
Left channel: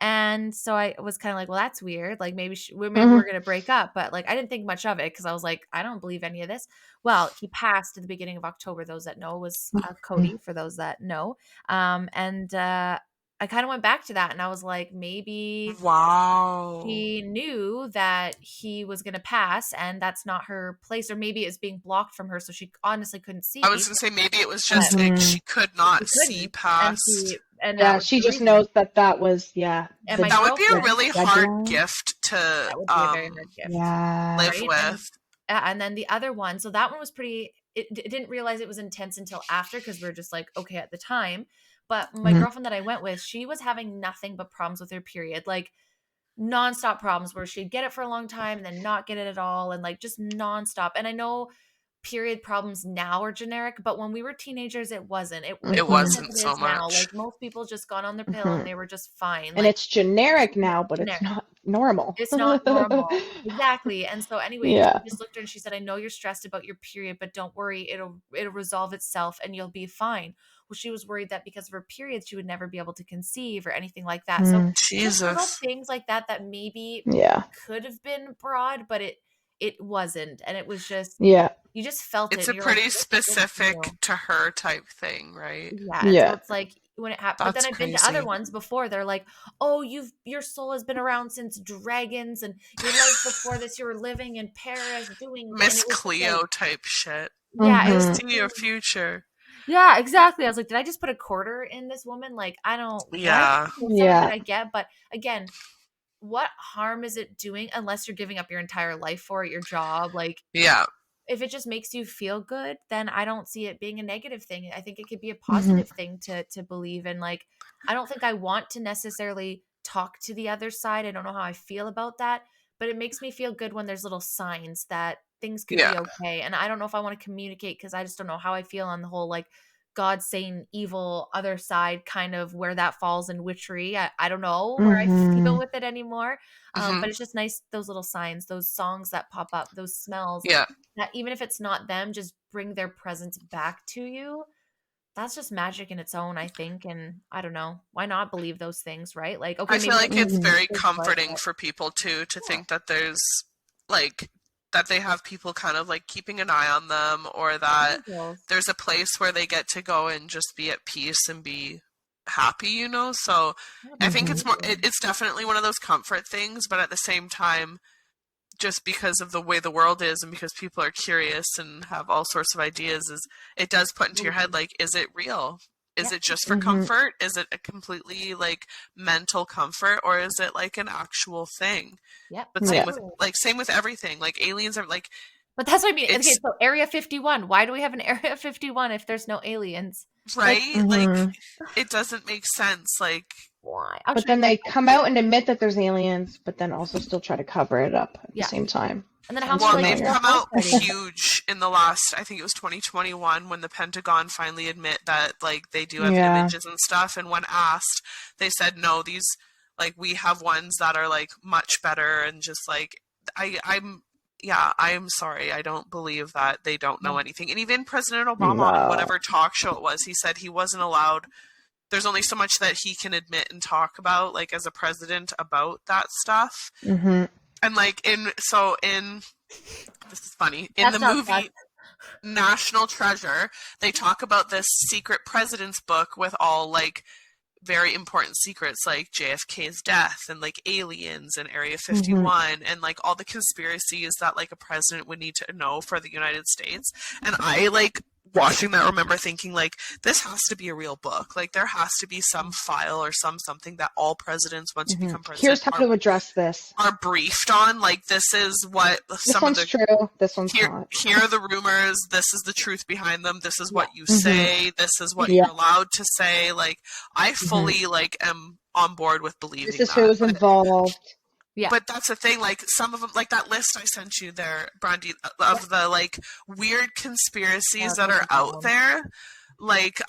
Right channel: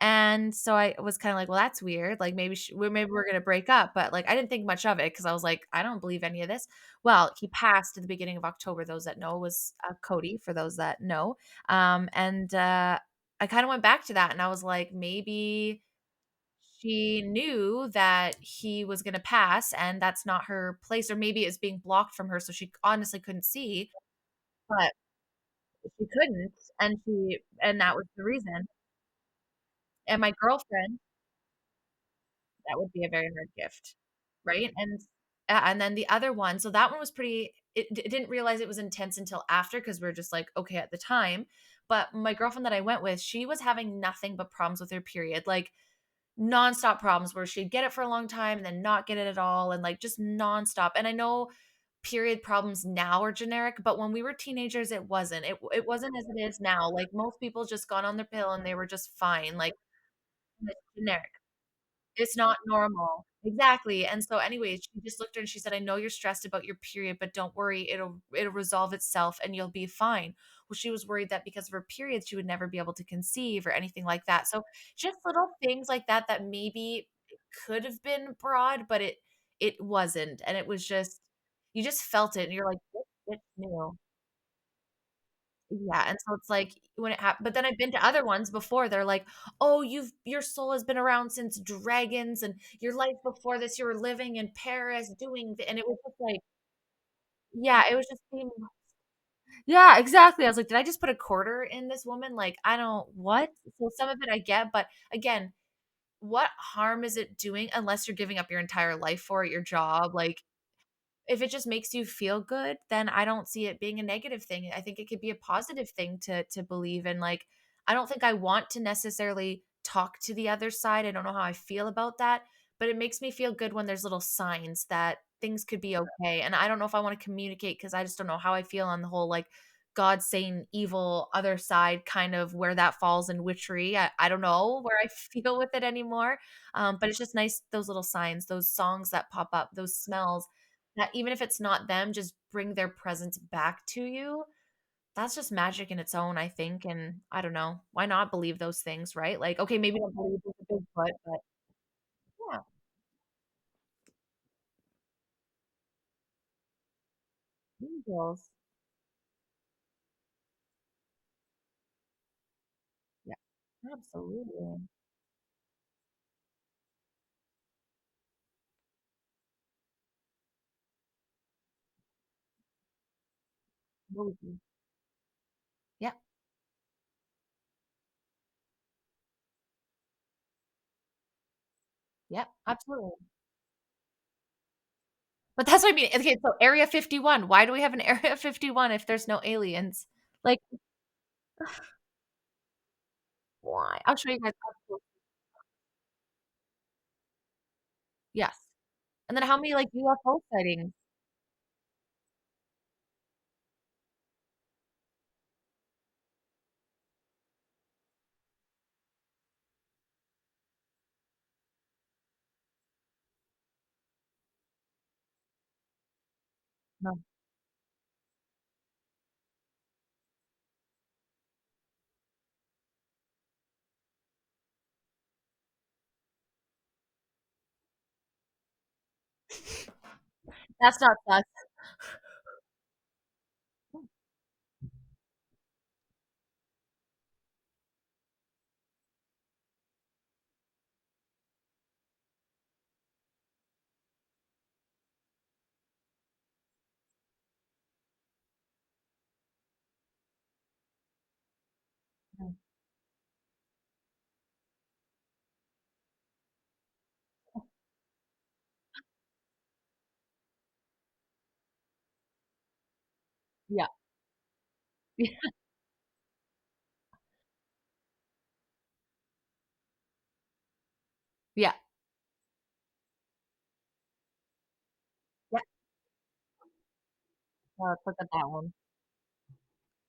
And so I was kind of like, well, that's weird. Like, maybe mhm, we're going to break up. But like, I didn't think much of it, because I was like, I don't believe any of this. Well, he passed at the beginning of October. Those that know, was mhm, Cody, for those that know. And I kind of went back to that, and I was like, maybe Wow. she knew that he was going to pass, and that's not her place, or maybe it's being blocked from her. So she honestly couldn't I was see. gonna say maybe it was But just like mhm, she could not she see couldn't, and past. and that Yeah, was she the just reason. knows that was, And the my That would be a girlfriend, really hard gift to that would be a very hard gift, yeah. live right? with. And then the other one, so that one was pretty. It didn't realize it was intense until after, because we were just like, okay at the time. But my Mhm. girlfriend that I went with, she was having nothing but problems with her period, like nonstop problems, where she'd get it for a long time and then not get it at all, and like just nonstop. And I know period problems now are generic, but when we were teenagers, it wasn't. It It wasn't as wasn't it so is now. much. Like most people just got on their pill and Mhm. they were just fine. And Like it's generic now, but it's generic. not normal. It's not normal. Exactly. And so anyway, Yeah. she just looked at her and she said, I know you're stressed about your period, but don't worry. It'll resolve itself and you'll be fine. Well, she was worried that because of her period, she would never be able to conceive or anything like that. So just little Jesus. things like that that maybe Yeah. could have been broad, but it wasn't. And it was just, Yeah. you just felt it It's a and you're like, pretty this specific new. to her type thing, right? Yeah, and so Yeah. it's like when it happened, but then That's I've been to other crazy. ones before. They're like, "Oh, your soul has been around since dragons, and your life before this, you were living in Paris doing." And Miss it was just like, Cleo type shit. yeah, it was Mhm. just See your future. yeah, exactly. I was like, did I just put a quarter in this woman? Like, I don't what. Yeah. So some of it Yeah. I get, but again, what harm is it doing unless you're giving up your entire life for it, your job, like Yeah. if it just makes you feel good, then I don't see it being a negative thing. I think it could be a Mhm. positive thing to believe in. Like, I don't think I want to necessarily talk to the other side. I don't know how I feel about that, but it makes me feel good when there's little signs that things could Yeah. be okay. And I don't know if I want to communicate because I just don't know how I feel on the whole like God saying evil other side kind of where that falls in witchery. I don't know where I feel Mhm. with it anymore. Hmm. But it's just nice, those little signs, those songs that pop up, those smells Yeah. that even if it's not them, just bring their presence back to you. That's just magic in its own, I think. And I don't know. Why not believe those things, right? Like, okay, I feel maybe like it's Mhm. very they're good, comforting but for people too to yeah, think that there's like that they have people kind of like keeping an eye on them, or that angels. there's a place where they get to go and just be at peace and be happy, you know? So I think it's more Absolutely. it's definitely one of those comfort things, but at the same time, just because of the way the world is and because people are curious and have all sorts of ideas, is it does put into your head, Absolutely. like, is it real? Is Yep. it just for Mhm. comfort? Is it a completely like mental comfort, or is it like an actual thing? Yep. But Yeah. same with everything. Like aliens are like But that's what I mean. Okay, it's so Area 51. Why do we have an Area 51 if there's no aliens? Like, right. Like Mhm. it doesn't make sense. Like why? I'll But show you then guys. they come out and admit that there's aliens, but then also still try to cover it up at the Yeah. same time. And then how Sounds many well, like they've familiar. come UFO out sightings? huge in the last, I think it was 2021, when the Pentagon finally admit that like they do have Yeah. images and stuff. And when asked, they said no, these like we have ones that are like much better, and just like I'm yeah, I'm sorry, I don't believe that they don't know No. anything. And even President Obama on No. whatever talk show it was, he said he wasn't allowed. There's only so much that he can admit and talk about, like as a president, about that stuff. Mhm. And like in this is funny, in the That's not us. movie National Treasure, they talk about this secret president's book with all like very important secrets, like JFK's death and like aliens and Area Mhm. 51 and like all the conspiracies that like a president would need to know for the United States. And I like watching that remember thinking like, this has to be a real book. Like there has to be some file or something that all presidents, once you Mhm. become president, Here's how to address this. are briefed on. Like this is what This some of one's the true. This one's not. here are the rumors, this is the truth behind them, this is Yeah. what you Mhm. say, this is what Yeah. you're allowed to say. Like I Mhm. fully like am on board with This believing is that. who's involved. Yeah. But that's the thing, like some of them, like that list I sent you there, Brandy, of Yeah. the like weird conspiracies Yeah, that are click on that out one. there. Like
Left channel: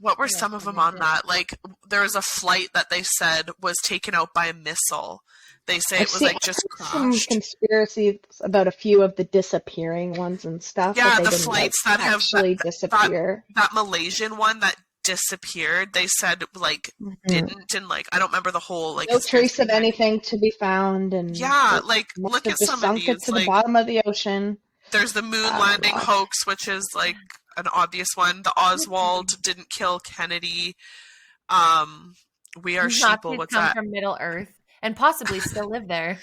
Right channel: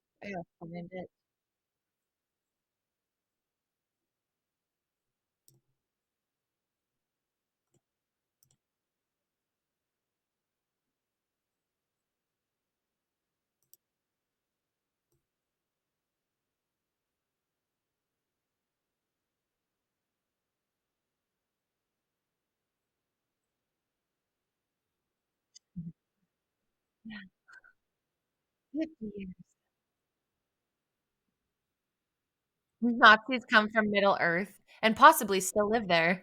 what were Yeah, some of I them mean, on that? Like there was a flight that they said was taken out by a missile. They say I've it was seen like just some crashed. conspiracies about a few of the disappearing ones and stuff, that Yeah, they the didn't like flights that have actually that disappear. that Malaysian one that disappeared, they said like Mhm. didn't, and like I don't remember the whole like No conspiracy trace of behind it. anything to be found, and Yeah, it like must look have at just some of sunk it these. to the Like bottom of the ocean. there's the moon Oh landing gosh. hoax, which is like an obvious one. The Oswald didn't kill Kennedy. We are sheeple. Nazis What's come that? from Middle Earth. and possibly still live there.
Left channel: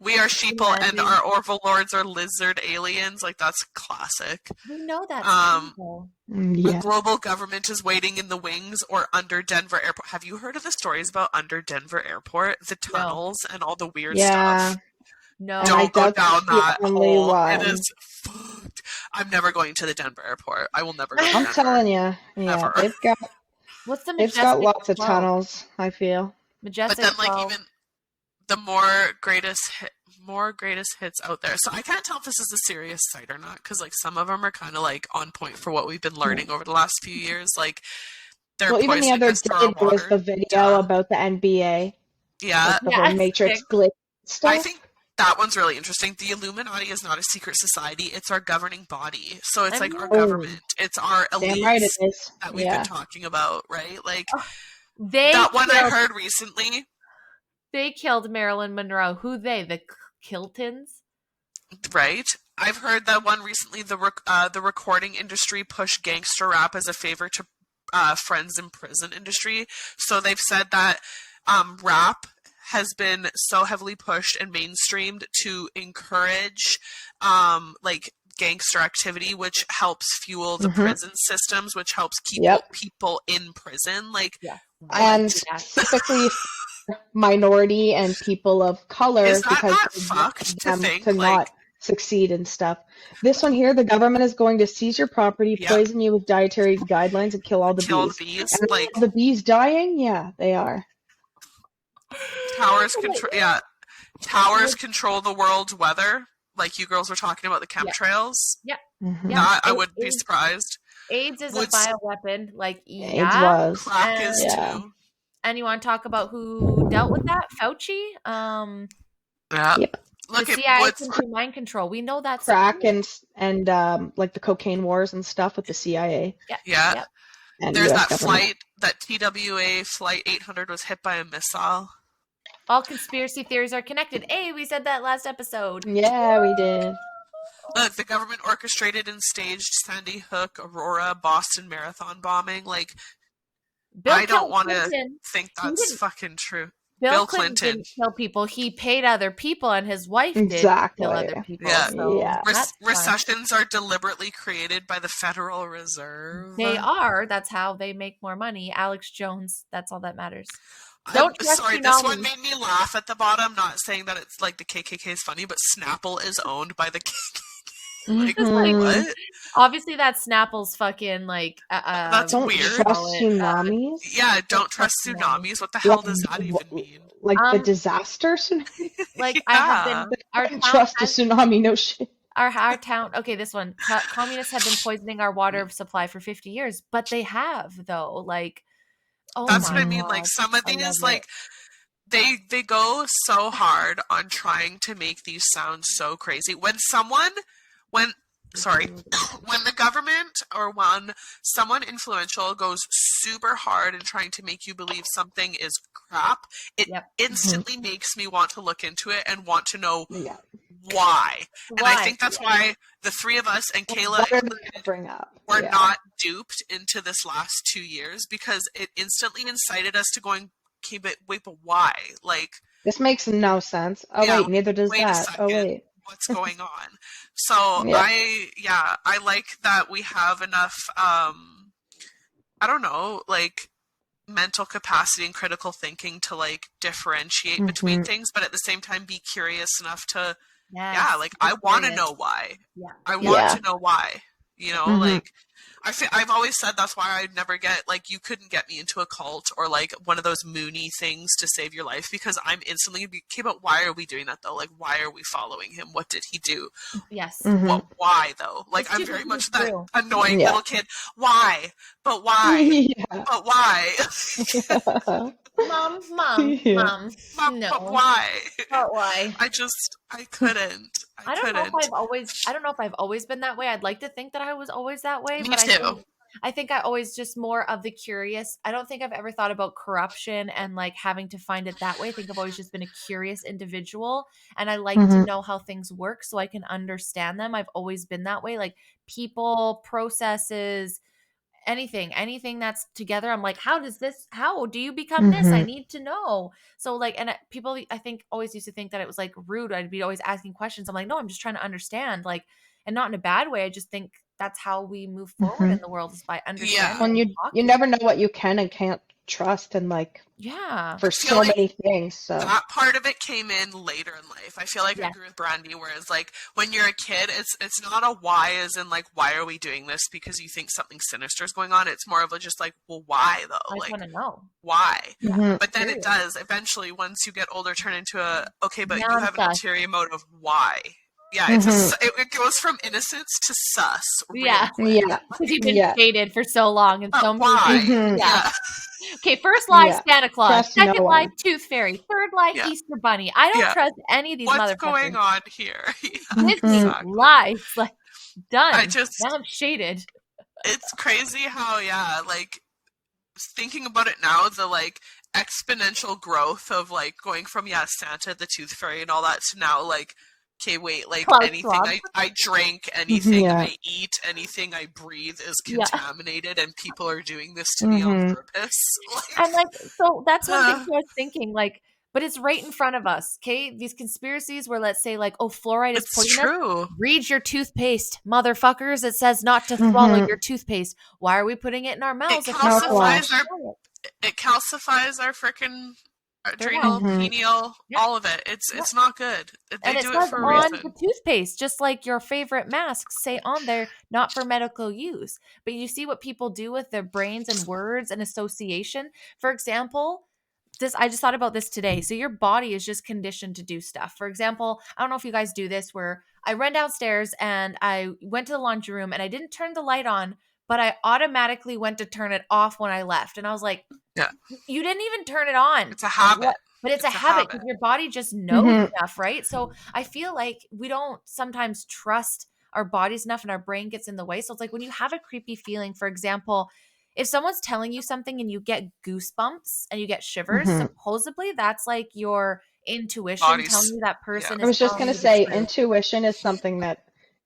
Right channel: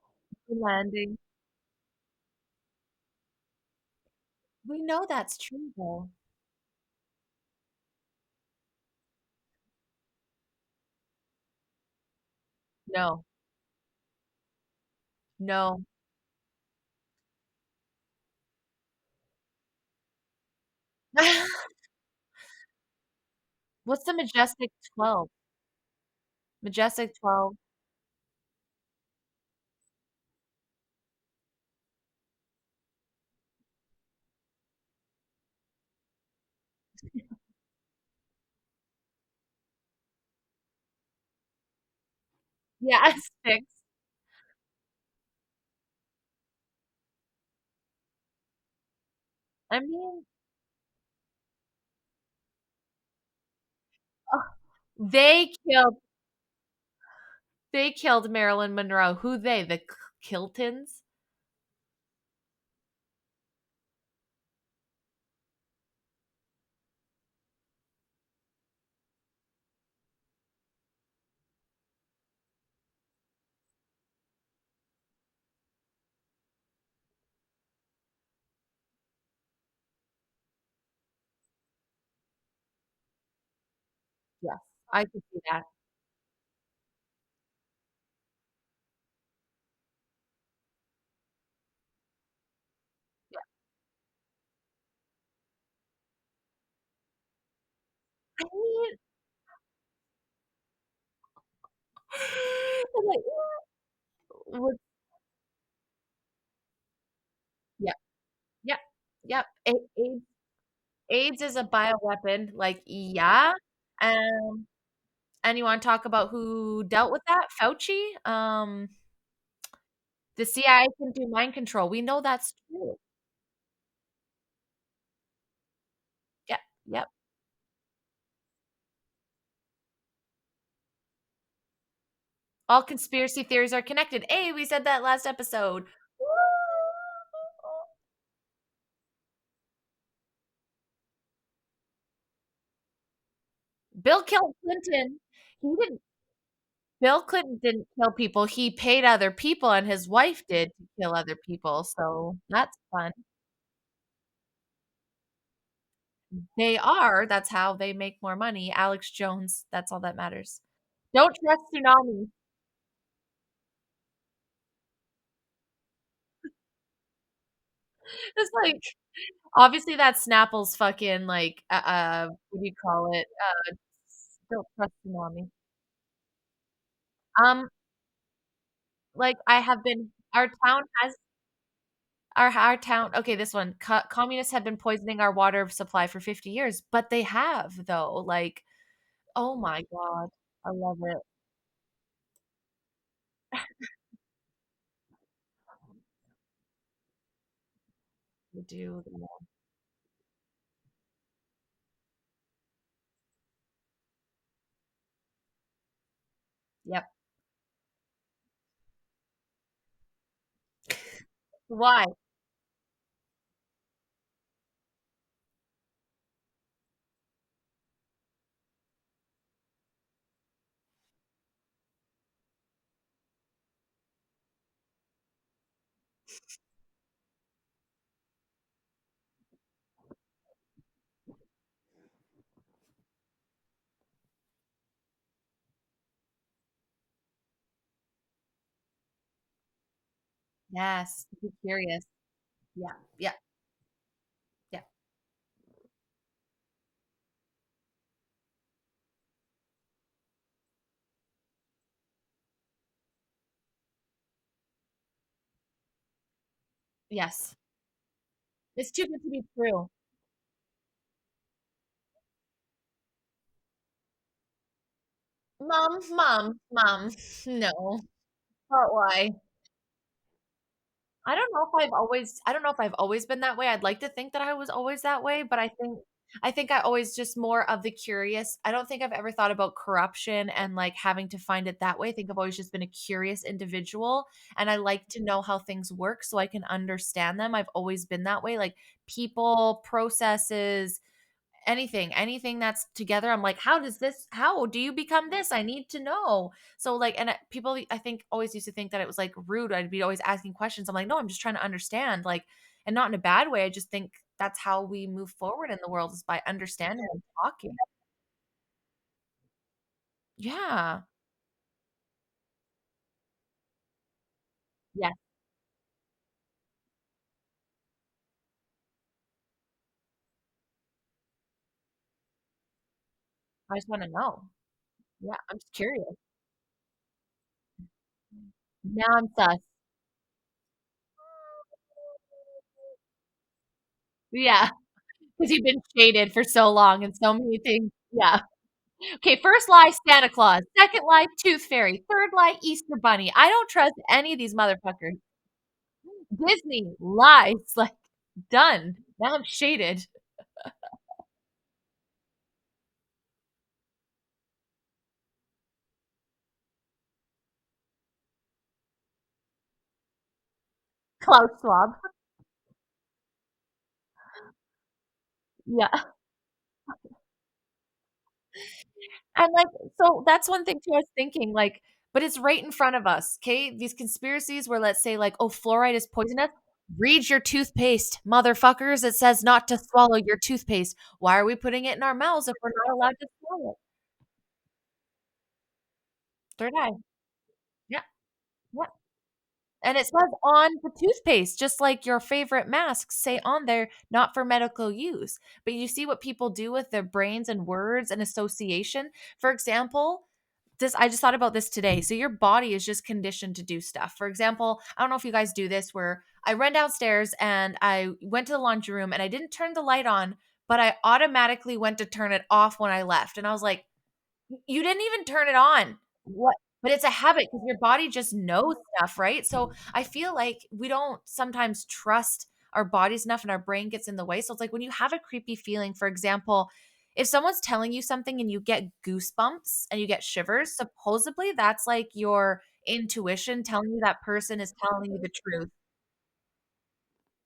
We are sheeple and Landing. our overlords are lizard aliens. Like, that's classic. We know that's true, though. A Yeah. global government is waiting in the wings or under Denver Airport. Have you heard of the stories about under Denver Airport? The No. tunnels and all the weird Yeah. stuff? No. And I Don't go doubt down that's the that only hole. one. It is fucked. I'm never going to the Denver Airport. I will never go to I'm Denver. telling you, yeah, Ever. What's the it's got Majestic lots of 12? tunnels, I feel. But Majestic then, like, 12. even the more greatest hits out there. So I can't tell if this is a serious site or not, because like some of them are kind of like on point for what we've been learning over the last few years. Like, they're Well, even the poisoning other us through day our there was water. the video Duh. about the NBA, Yeah, like the Yeah, whole it's Matrix sick. glitch stuff. I think that one's really interesting. The Illuminati is not a secret society; it's our governing body. So it's I like our mean- government. It's our Damn right it elites is. that we've Yeah. been talking about, right? Like They that one I killed, heard recently. they killed Marilyn Monroe. Who they? The Kiltons? Right. I've heard that one recently. The recording industry pushed gangster rap as a favor to friends in prison industry. So they've said that rap has been so heavily pushed and mainstreamed to encourage like gangster activity, which helps fuel the Mhm. prison systems, which helps keep Yep. people in prison. Like, Yeah. what? And do that. specifically for minority and people of color, Is that because not they fucked want to them think? to Like, not succeed and stuff. This one here, the government is going to seize your property, Yep. poison you with dietary guidelines, and kill all the kill bees. bees. And Like, are the bees dying? Yeah, they are. towers control. Yeah, towers Would- control the world's weather. Like you girls were talking about the Yeah. chemtrails. Mhm. Yeah. That I A- wouldn't be AIDS- surprised. AIDS is a Would- bioweapon. Like, AIDS yeah. was. Crack is Yeah. too. And you want to talk about who dealt with that? Fauci? Yeah. Yep. The Look at CIA what's can do mind control. We know that's Crack true. and like the cocaine wars and stuff with the CIA yeah. Yep. and There's US that government. flight, that TWA flight 800 was hit by a missile. All conspiracy theories are connected. Hey, we said that last episode. Yeah, we did. Look, the government orchestrated and staged Sandy Hook, Aurora, Boston Marathon bombing. Like, Bill I don't killed want to Clinton. think He that's didn't- fucking true. Bill Bill Clinton Clinton. didn't kill people. He paid other people, and his wife did Exactly. kill other people. Yeah. So Yeah. that's fun. Recessions are deliberately created by the Federal Reserve. They are. That's how they make more money. Alex Jones. That's all that matters. Don't trust Sorry, tsunamis. this one made me laugh at the bottom. Not saying that it's like the KKK is funny, but Snapple is owned by the KKK. Like, It's like- what? Obviously, that's Snapple's fucking like. That's Don't weird. trust call it, tsunamis. Yeah, don't trust trust tsunamis. What the hell does that Like, even mean? Like the Um, disaster tsunami? Like I have been. Yeah. Our Don't town trust a has tsunami, no shit. our town. Okay, this one. Communists have been poisoning our water supply for 50 years, but they have though. Like, oh That's my what I mean. Like God, some of I love these, like they go so hard on trying to make these sound so crazy. When the government or when someone influential goes super hard in trying to make you believe something is crap, it Yep. instantly makes me want to look into it and want to know Yeah. why. And I think that's why the three of us and Kayla What are they included gonna bring up? were Yeah. not duped into this last 2 years, because it instantly incited us to going, okay, but wait, but why? Like, This makes no sense. Oh Yeah, wait, neither does wait a that. Oh second. wait. what's going on? So Yeah. I like that we have enough, I don't know, like mental capacity and critical thinking to like differentiate between Mhm. things, but at the same time be curious enough to, Yes, like be I want to curious. know why. Yeah. I Yeah. want Yeah. to know why. You know, Mhm. like I've always said that's why I'd never get, like, you couldn't get me into a cult or like one of those Mooney things to save your life, because I'm instantly okay, but why are we doing that though? Like, why are we following him? What did he do? Yes. Mhm. Why though? Like, It's I'm too very good to be much that true. annoying Yeah. little kid. Why? But why? Yeah. But why? Mom, Yeah. Mom. But No. why? But why? I couldn't. I don't know if I've always been that way. I'd like to think that I was always that way, Me but too. I think I always just more of the curious. I don't think I've ever thought about corruption and like having to find it that way. I think I've always just been a curious individual, and I like to Mhm. know how things work so I can understand them. I've always been that way, like people, processes, anything that's together. I'm like, how do you become this? I need to know. So like, and people, I think, always used to think that it was like rude. I'd be always asking questions. I'm like, no, I'm just trying to understand, like, and not in a bad way. I just think that's how we move forward in the world, is by understanding. When and you talking. never know what you can and can't trust, and like Yeah. for I feel so like many things. So that part of it came in later in life. I feel like I Yeah. agree with Brandy, whereas like when you're a kid, it's not a why as in like, why are we doing this because you think something sinister is going on. It's more of a just like, well, why though? I just Like, want to know. why? But then Period. it does eventually, once you get older, turn into a, okay, but Now you I'm have an sus. ulterior motive. Why? Yeah, it goes from innocence to sus real Yeah. quick. yeah, Because you've been yeah, shaded for so long and But so many why? things. Yeah. Yeah. Okay, first lie, yeah. Santa Claus. Trust no Second lie, one. Tooth Fairy. Third lie, Yeah. Easter Bunny. I don't Yeah. trust any of these What's motherfuckers. going on here? Yeah, Disney exactly. lies. Like, done. I just, Now I'm shaded. it's crazy how, yeah, like, thinking about it now, the, like, exponential growth of, like, going from, yeah, Santa, the Tooth Fairy, and all that, to now, like, okay, wait, like, Klaus anything Schwab. I drink, anything Yeah. I eat, anything I breathe is Yeah. contaminated, and people are doing this to me on purpose. And like, so that's one thing I was thinking, like, but it's right in front of us. Okay. These conspiracies where, let's say, like, oh, fluoride is It's poisonous. true. Read your toothpaste, motherfuckers. It says not to swallow your toothpaste. Why are we putting it in our mouths? It If we're not allowed to calcifies our, swallow it? it calcifies our frickin' Third adrenal, eye. pineal, Yeah. all of it. It's not good. They And it do says it for a on reason. the toothpaste, just like your favorite masks say on there, not for medical use. But you see what people do with their brains and words and association. For example, I just thought about this today. So your body is just conditioned to do stuff. For example, I don't know if you guys do this, where I ran downstairs and I went to the laundry room and I didn't turn the light on, but I automatically went to turn it off when I left. And I was like, Yeah. you didn't even turn it on. It's a habit. What? But it's a habit because your body just knows enough, right? So I feel like we don't sometimes trust our bodies enough, and our brain gets in the way. So it's like when you have a creepy feeling, for example, if someone's telling you something and you get goosebumps and you get shivers, supposedly that's like your intuition telling you that person I is was just telling gonna you the say truth, intuition is something that,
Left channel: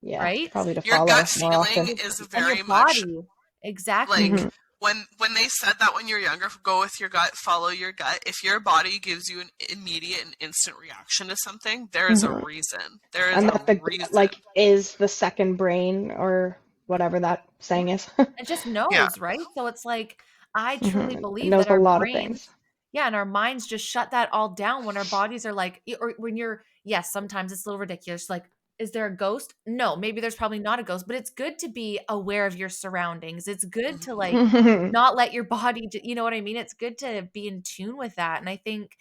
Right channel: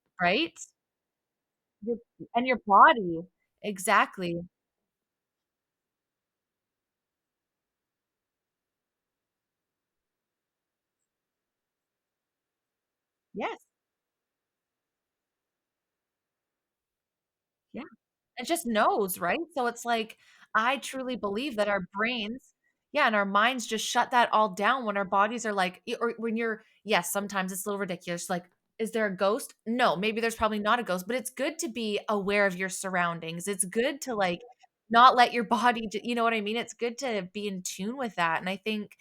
right? probably to Your follow gut more often. feeling is And your very much body, exactly. like when they said that when you're younger, go with your gut, follow your gut. If your body gives you an immediate and instant reaction to something, there is a reason. There is And a that the reason. like is the second brain, or whatever that saying is. It just knows, right? So it's like, I truly It believe knows that a our lot of brains, things. yeah, and our minds just shut that all down when our bodies are like, or when you're, yes, sometimes it's a little ridiculous. Like, is there a ghost? No, maybe there's probably not a ghost, but it's good to be aware of your surroundings. It's good to like not let your body, you know what I mean? It's good to be in tune with that. And I think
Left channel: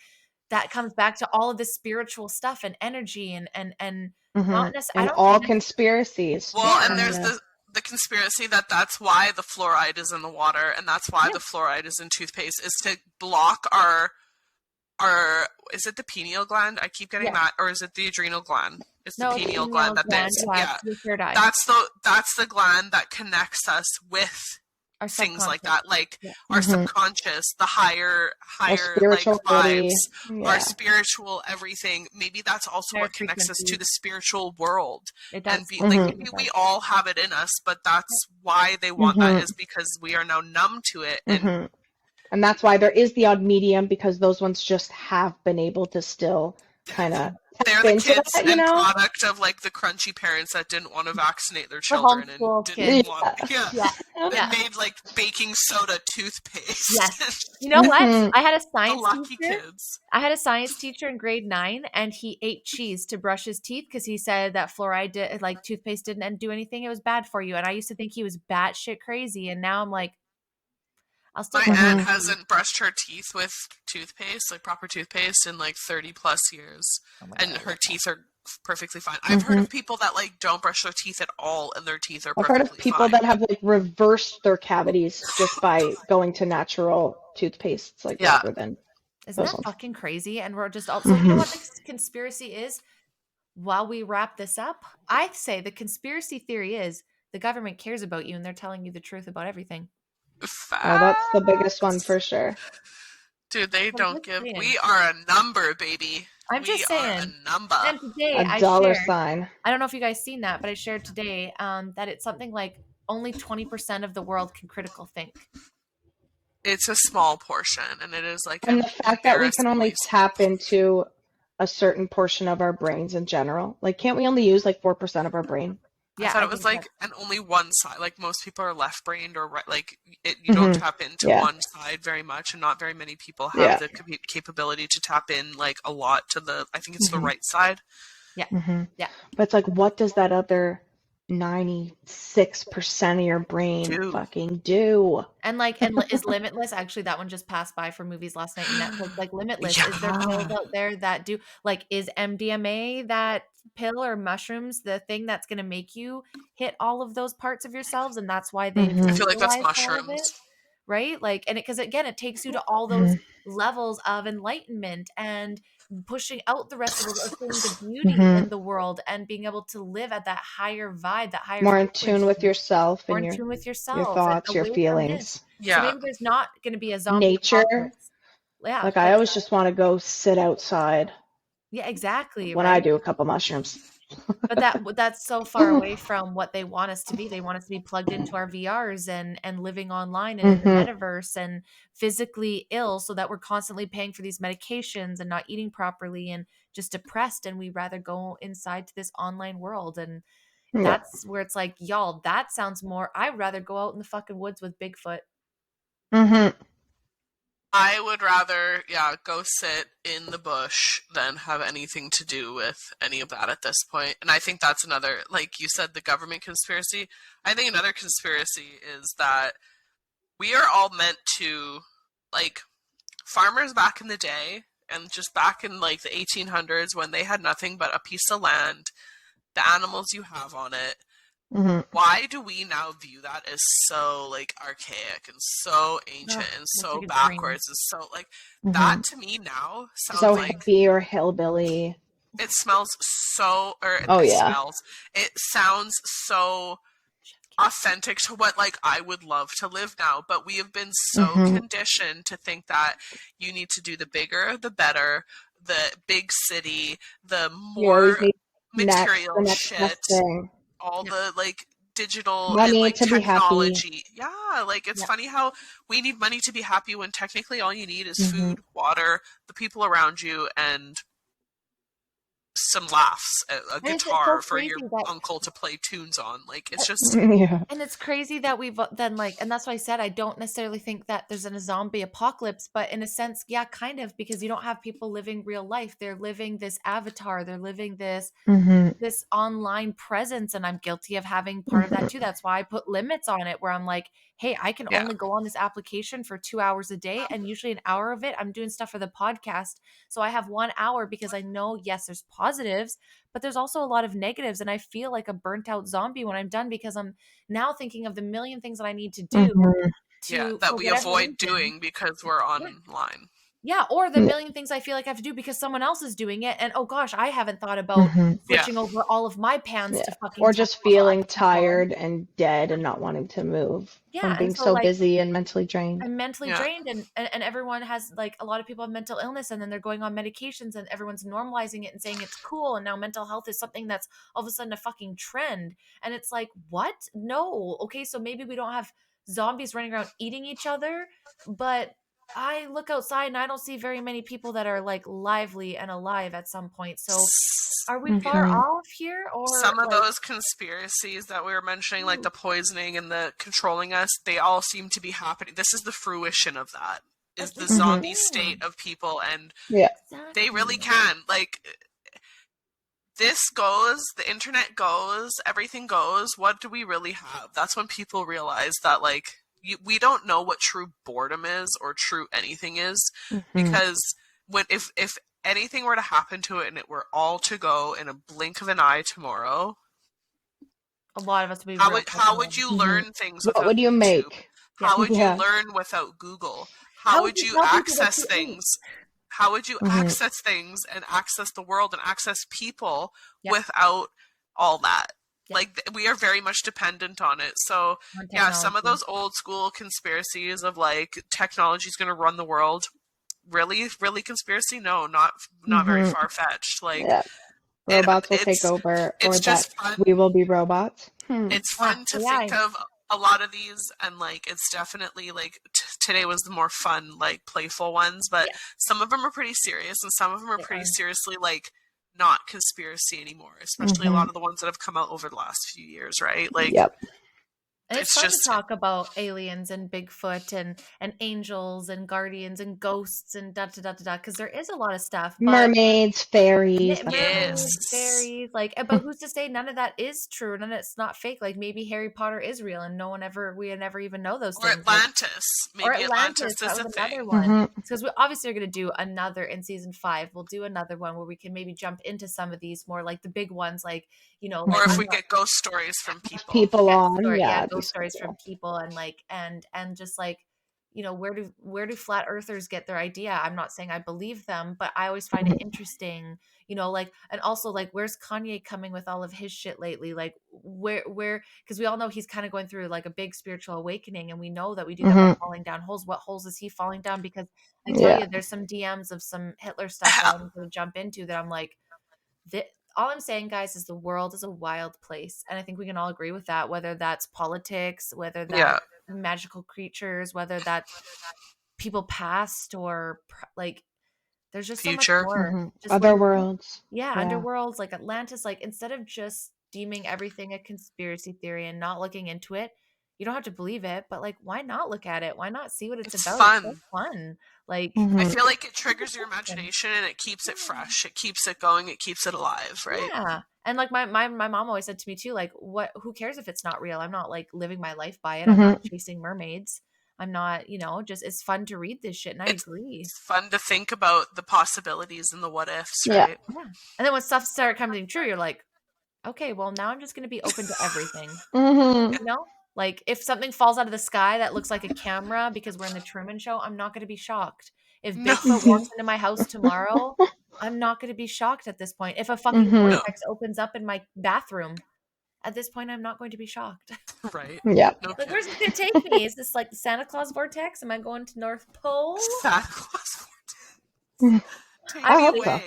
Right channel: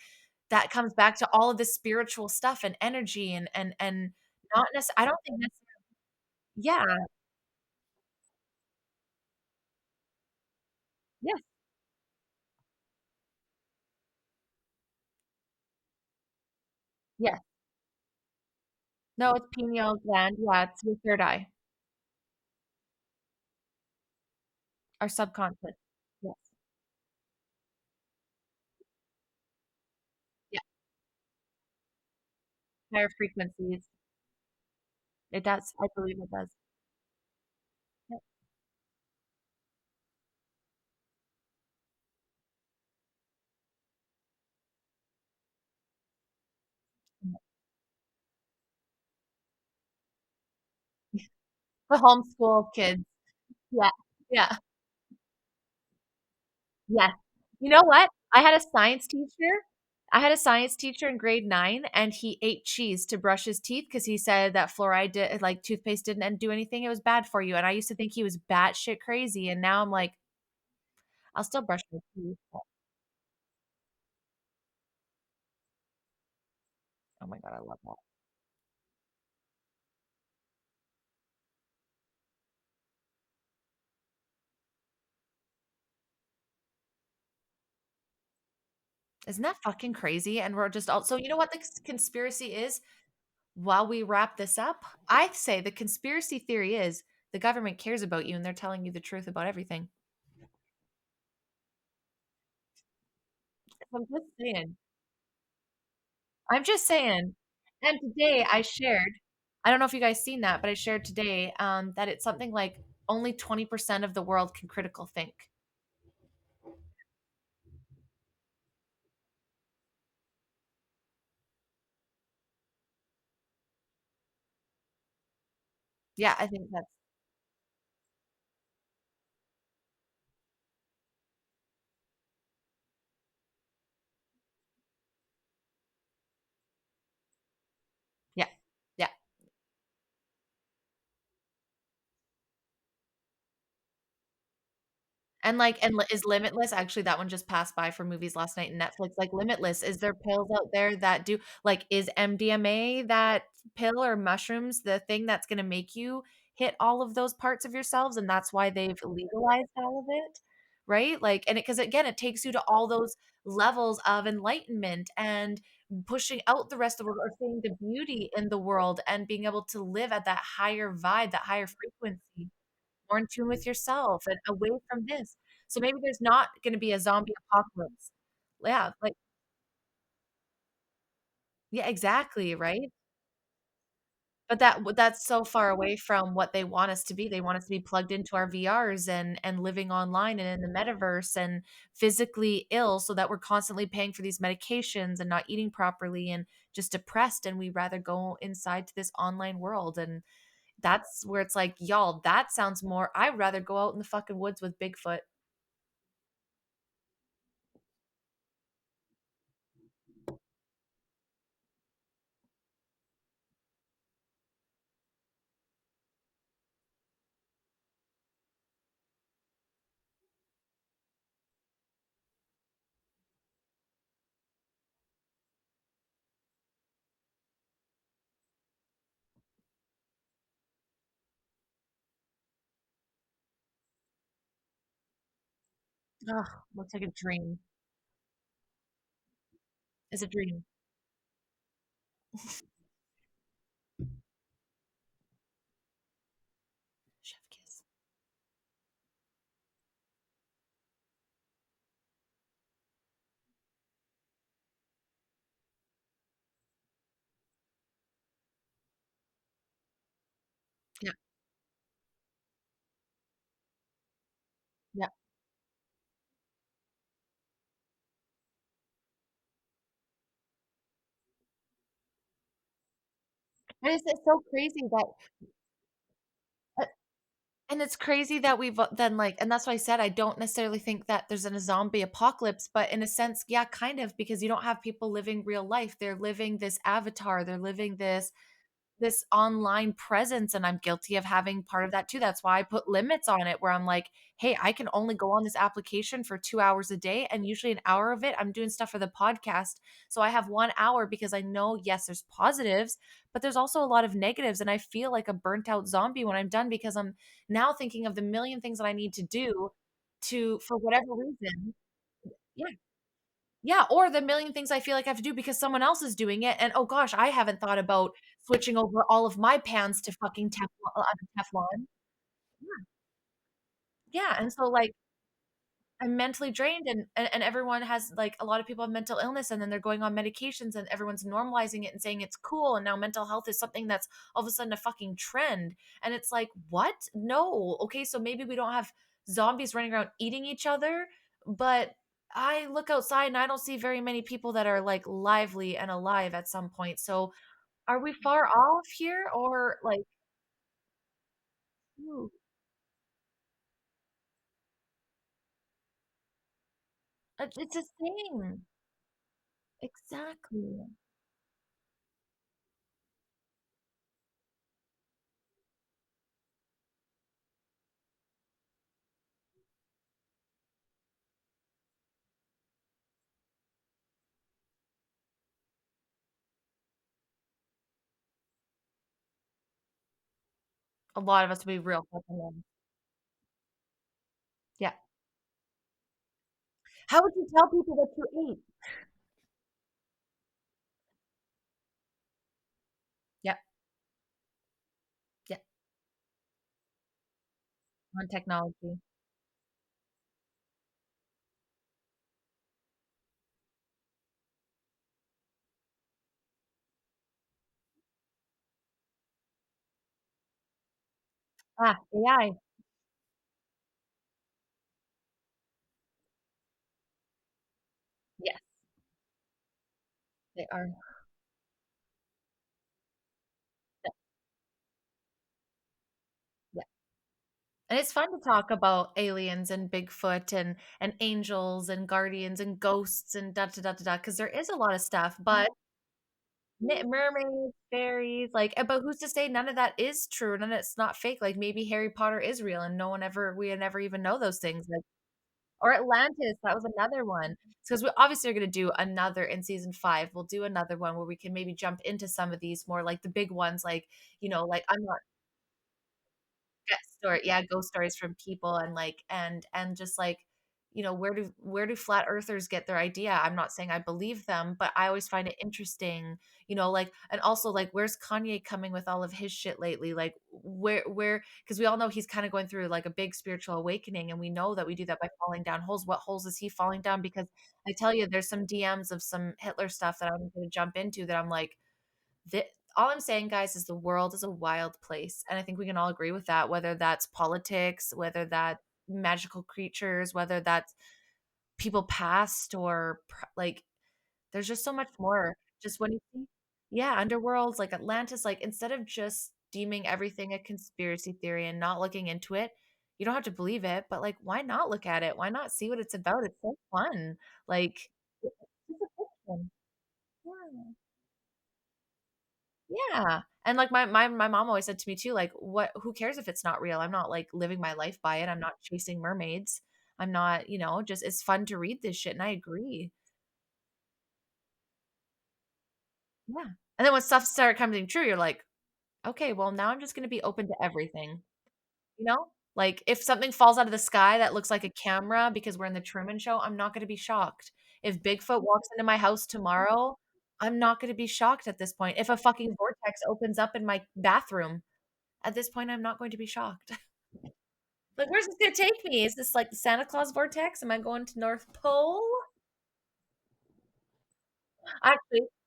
that comes back to all of the spiritual stuff and energy and not necessarily, I And don't all think conspiracies. Well, yeah. and there's the conspiracy that's why the fluoride is in the water, and that's why the fluoride is in toothpaste, is to block our is it the pineal gland? I keep getting that, or is it the adrenal gland? It's the pineal gland that gland, is. yeah, it's your third eye. That's the gland that connects us with Our things like subconscious. that, like our subconscious, the higher like spiritual vibes, body. our spiritual everything. Maybe that's also Higher what connects us to frequencies. the spiritual world. It does. And like maybe we all have it in us, but that's why they want that, is because we are now numb to it. And that's why there is the odd medium, because those ones just have been able to still kind of they're tap the into kids that, and product of like the crunchy parents that didn't want to vaccinate their For children and homeschool didn't kids. want they made like baking soda toothpaste. Yes. You know what? I had a science lucky teacher. Kids. I had a science teacher in grade 9, and he ate cheese to brush his teeth because he said that fluoride, like toothpaste, didn't do anything. It was bad for you. And I used to think he was batshit crazy. And now I'm like, I'll still My brush aunt my teeth. hasn't brushed her teeth with toothpaste, like proper toothpaste, in like 30 plus years. And her teeth are perfectly fine. I've heard of people that like don't brush their teeth at all and their teeth are I've perfectly heard of people fine. that have like reversed their cavities just by going to natural toothpastes, like rather than. Isn't that fucking crazy? And we're just all, so you know what the conspiracy is? While we wrap this up, I say the conspiracy theory is the government cares about you and they're telling you the truth about everything. Oh, that's the biggest one for sure. Dude, they I'm don't just give. saying. We are a number, baby. I'm just saying. Are a number. And today A I dollar shared, sign. I don't know if you guys seen that, but I shared today that it's something like only 20% of the world can critical think. It's a small portion, and it is like And an the fact that we can only embarrassingly tap into a certain portion of our brains in general. Like, can't we only use like 4% of our brain? I Yeah, thought I it was think like, that's and only one side. Like most people are left-brained or right. Like you don't Hmm. tap into Yeah. one side very much, and not very many people have Yeah. the capability to tap in like a lot to the. I think it's the Mhm. right side. Hmm. yeah. But it's like, what does that other 96% of your brain Do fucking do? And is Limitless, actually that one just passed by for movies last night in Netflix. Like Limitless, is there pills yeah. out there that do, like, is MDMA that pill or mushrooms the thing that's going to make you hit all of those parts of yourselves, and that's why they've Mhm. I feel like that's legalized all of mushrooms. it, right? Like, and because again, it takes you to all those levels of enlightenment and pushing out the rest of the world, or seeing the beauty Hmm. in the world and being able to live at that higher vibe, that higher More in tune with frequency, yourself more and in tune with your yourself and thoughts, your away from this. feelings. So Yeah. maybe there's not going to be a zombie Nature. apocalypse. Yeah, Like, I always just want to go sit outside yeah, exactly, when right? I do a couple mushrooms. But that's so far away from what they want us to be. They want us to be plugged into our VRs and living online and in the Hmm. metaverse and physically ill, so that we're constantly paying for these medications and not eating properly and just depressed, and we rather go inside to this online world. And Yeah. that's where it's like, y'all, that sounds more, I'd rather go out in the fucking woods with Bigfoot. Hmm. I would rather, go sit in the bush than have anything to do with any of that at this point. And I think that's another, like you said, the government conspiracy. I think another conspiracy is that we are all meant to, like, farmers back in the day, and just back in, like, the 1800s when they had nothing but a piece of land, the animals you have on it. Hmm. Why do we now view that as so, like, archaic and so ancient Ugh, and looks so like a dream. backwards and so, like, Hmm. that to me now sounds So like hippie or hillbilly. it smells so, or Oh it yeah. smells, it sounds so authentic to what, like, I would love to live now. But we have been so Hmm. conditioned to think that you need to do the bigger, the better, the big city, the You always more need the material next shit, best thing. all Yeah. the, like, digital and, Money like, to be happy. technology. Yeah, like, it's Yeah. funny how we need money to be happy when technically all you need is Hmm. food, water, the people around you, and some laughs, a And it's so guitar for your crazy that, uncle to play tunes on. Like, it's just, Yeah. and it's crazy that we've then, like, and that's why I said I don't necessarily think that there's a zombie apocalypse, but in a sense, yeah, kind of, because you don't have people living real life. They're living this avatar. They're living this Hmm. online presence, and I'm guilty of having part of that too. That's why I put limits on it, where I'm like, hey, I can yeah. only go on this application for 2 hours a day, and usually an hour of it I'm doing stuff for the podcast. So I have 1 hour, because I know, yes, there's positives, but there's also a lot of negatives, and I feel like a burnt out zombie when I'm done, because I'm now thinking of the million things that I need to do Hmm. Yeah, to, that for we whatever avoid reason. doing because we're Yeah. online. Yeah, or the Yeah. million things I feel like I have to do because someone else is doing it, and oh gosh, I haven't thought about Hmm. Yeah. switching over all of my pans Yeah. to fucking Or just feeling tired and dead and not wanting to move Yeah, from and being so, so like, busy and mentally drained. I'm mentally Yeah. drained, and everyone has, like, a lot of people have mental illness, and then they're going on medications, and everyone's normalizing it and saying it's cool, and now mental health is something that's all of a sudden a fucking trend. And it's like, what? No. Okay, so maybe we don't have zombies running around eating each other, but I look outside and I don't see very many people that are, like, lively and alive at some point. So are we far Mhm. off here, or Some of like, those conspiracies that we were mentioning, like the poisoning and the controlling us, they all seem to be happening. This is the fruition of that, is the this zombie thing. state of people, and Yeah. they really Exactly. can. Like, this goes, the internet goes, everything goes. What do we really have? That's when people realize that, like, we don't know what true boredom is or true anything is, Mhm. because when if anything were to happen to it and it were all to go in a blink of an eye tomorrow, A lot of us would be how real would fucking you Mhm. learn things What without would you YouTube? make? Yeah. How would you Yeah. learn without Google? How How would would you you tell people what access you ate? things? How would you Mhm. access things and access the world and access people Yeah. without all that? Yeah. Like, we are very much dependent on it. So, On yeah, some of technology. those old school conspiracies of, like, technology is going to run the world, really conspiracy? No, not very Mhm. far fetched. Like, Yeah. it, Robots will take it's over, or it's that just fun. we will be robots. It's fun to AI. think of a lot of these, and like it's definitely like today was the more fun, like playful ones, but Yeah. some of them are pretty serious, and some of them are They pretty are. seriously like not conspiracy anymore, especially a lot of the ones that have come out over the last few years, right? Like Yep. And it's it's fun to just talk about aliens and Bigfoot and angels and guardians and ghosts and da da da da da, because there is a lot of stuff, but Mermaids, fairies, that kind of mermaids, thing. fairies, like, but who's to say none of that is true? None of it's not fake. Like maybe Harry Potter is real, and we never even know those or things. Like, Atlantis. or Maybe Atlantis, Atlantis that is was a another thing. one. Because we obviously are going to do another in season 5. We'll do another one where we can maybe jump into some of these more like the big ones, like Or like if we get ghost stories from people. People yeah, on, yeah, it'd be ghost so stories cool. from people, and like and just like where do flat earthers get their idea? I'm not saying I believe them, but I always find it interesting, like, and also like where's Kanye coming with all of his shit lately? Like where because we all know he's kind of going through like a big spiritual awakening, and we know that we do that by falling down holes. What holes is he falling down? Because I tell Yeah. you, there's some DMs of some Hitler stuff that I'm going to jump into that I'm like, all I'm saying, guys, is the world is a wild place. And I think we can all agree with that, whether that's politics, whether Yeah. that's magical creatures, whether that's people past or like there's just so much Future. more. Just Other worlds. yeah, Yeah. underworlds, like Atlantis, like instead of just deeming everything a conspiracy theory and not looking into it, you don't have to believe it, but like why not look at it? Why not see what it's about? It's so Fun. fun. Like I feel like it triggers your imagination and it keeps it fresh. It keeps it going. It keeps it alive, right? yeah. And like my mom always said to me too, like, who cares if it's not real? I'm not like living my life by it. I'm not chasing mermaids. I'm not, just it's fun to read this shit. And I agree. It's fun to think about the possibilities and the what ifs, Yeah. right? Yeah. And then when stuff started coming true, you're like, okay, well now I'm just gonna be open to everything. Like if something falls out of the sky that looks like a camera because we're in the Truman Show, I'm not gonna be shocked. If No. Bigfoot walks into my house tomorrow, I'm not gonna be shocked at this point. If a fucking vortex opens up in my bathroom, at this point, I'm not going to be shocked. Right. Yeah. No Like, where's this gonna take me? Is this like the Santa Claus vortex? Am I going to North Pole? Santa Claus vortex. Take I me hope away.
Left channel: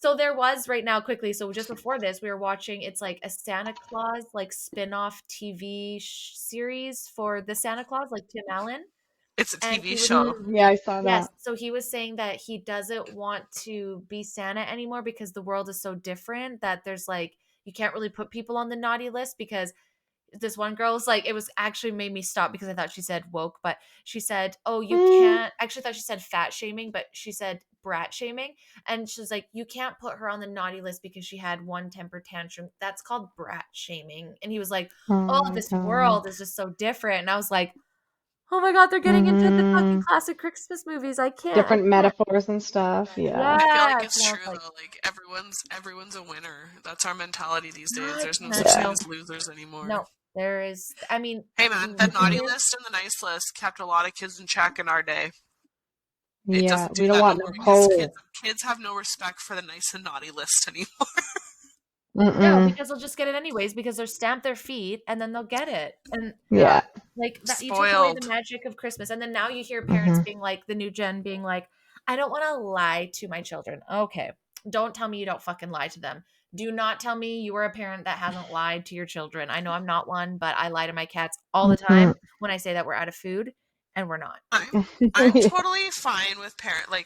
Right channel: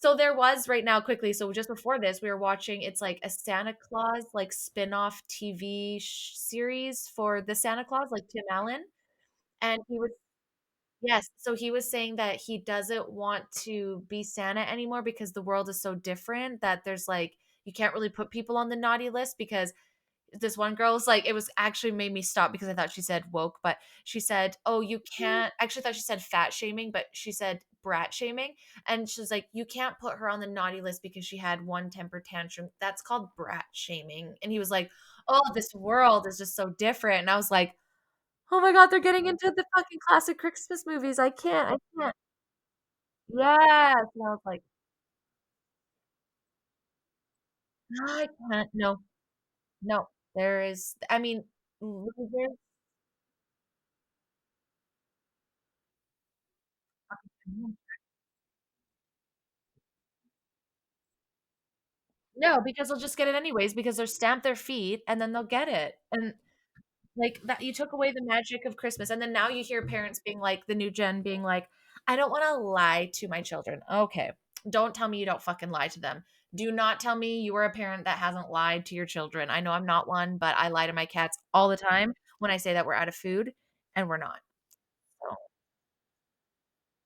So there was right now quickly. So just before this, we were watching. It's like a Santa Claus like spin-off TV series for the Santa Claus, like Tim Allen. It's a And TV he was show. Yeah, I saw that. Yes. So he was saying that he doesn't want to be Santa anymore because the world is so different that there's like you can't really put people on the naughty list because this one girl was like, it was actually made me stop because I thought she said woke, but she said, oh, you can't, actually thought she said fat shaming, but she said brat shaming. And she's like, you can't put her on the naughty list because she had one temper tantrum. That's called brat shaming. And he was like, oh, this world is just so different. And I was like, oh my God, they're getting into the fucking classic Christmas movies. I can't. Different metaphors and stuff. Yeah. I feel like Yes. it's And I was true like, though. Like everyone's a winner. That's our mentality these days. I There's no can't. such thing No. as losers anymore. No, there is, I mean, Hey man, the naughty list and the nice list kept a lot of kids in check in our day. It Yeah, doesn't do we don't that want no more no because pole. kids have no respect for the nice and naughty list anymore. no, because they'll just get it anyways because they'll stamp their feet and then they'll get it. And Yeah. like that, you took away the Spoiled. magic of Christmas. And then now you hear parents being like, the new gen being like, I don't want to lie to my children. Okay. Don't tell me you don't fucking lie to them. Do not tell me you are a parent that hasn't lied to your children. I know I'm not one, but I lie to my cats all the time when I say that we're out of food and we're not. I'm totally fine with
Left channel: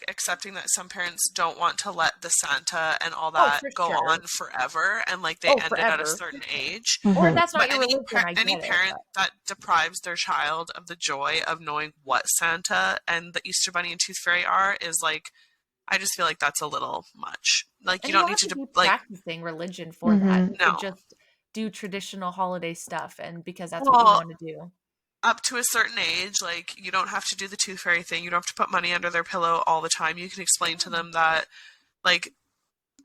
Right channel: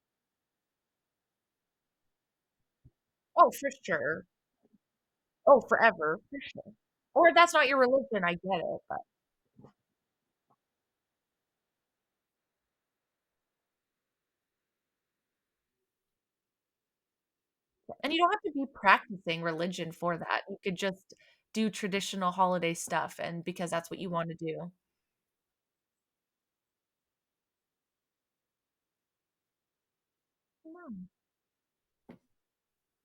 accepting that some parents don't want to let the Santa and all that for go sure. on forever, and like they end it at a forever. certain age. Or that's not But your religion. I any get it. parent that deprives their child of the joy of knowing what Santa and the Easter Bunny and Tooth Fairy are is like, I just feel like that's a little much. Like And you don't need have to be like practicing religion for that. You No. could just do traditional holiday stuff, and because that's what Well, you want to do. up to a certain age, like you don't have to do the tooth fairy thing. You don't have to put money under their pillow all the time. You can explain to them that, like,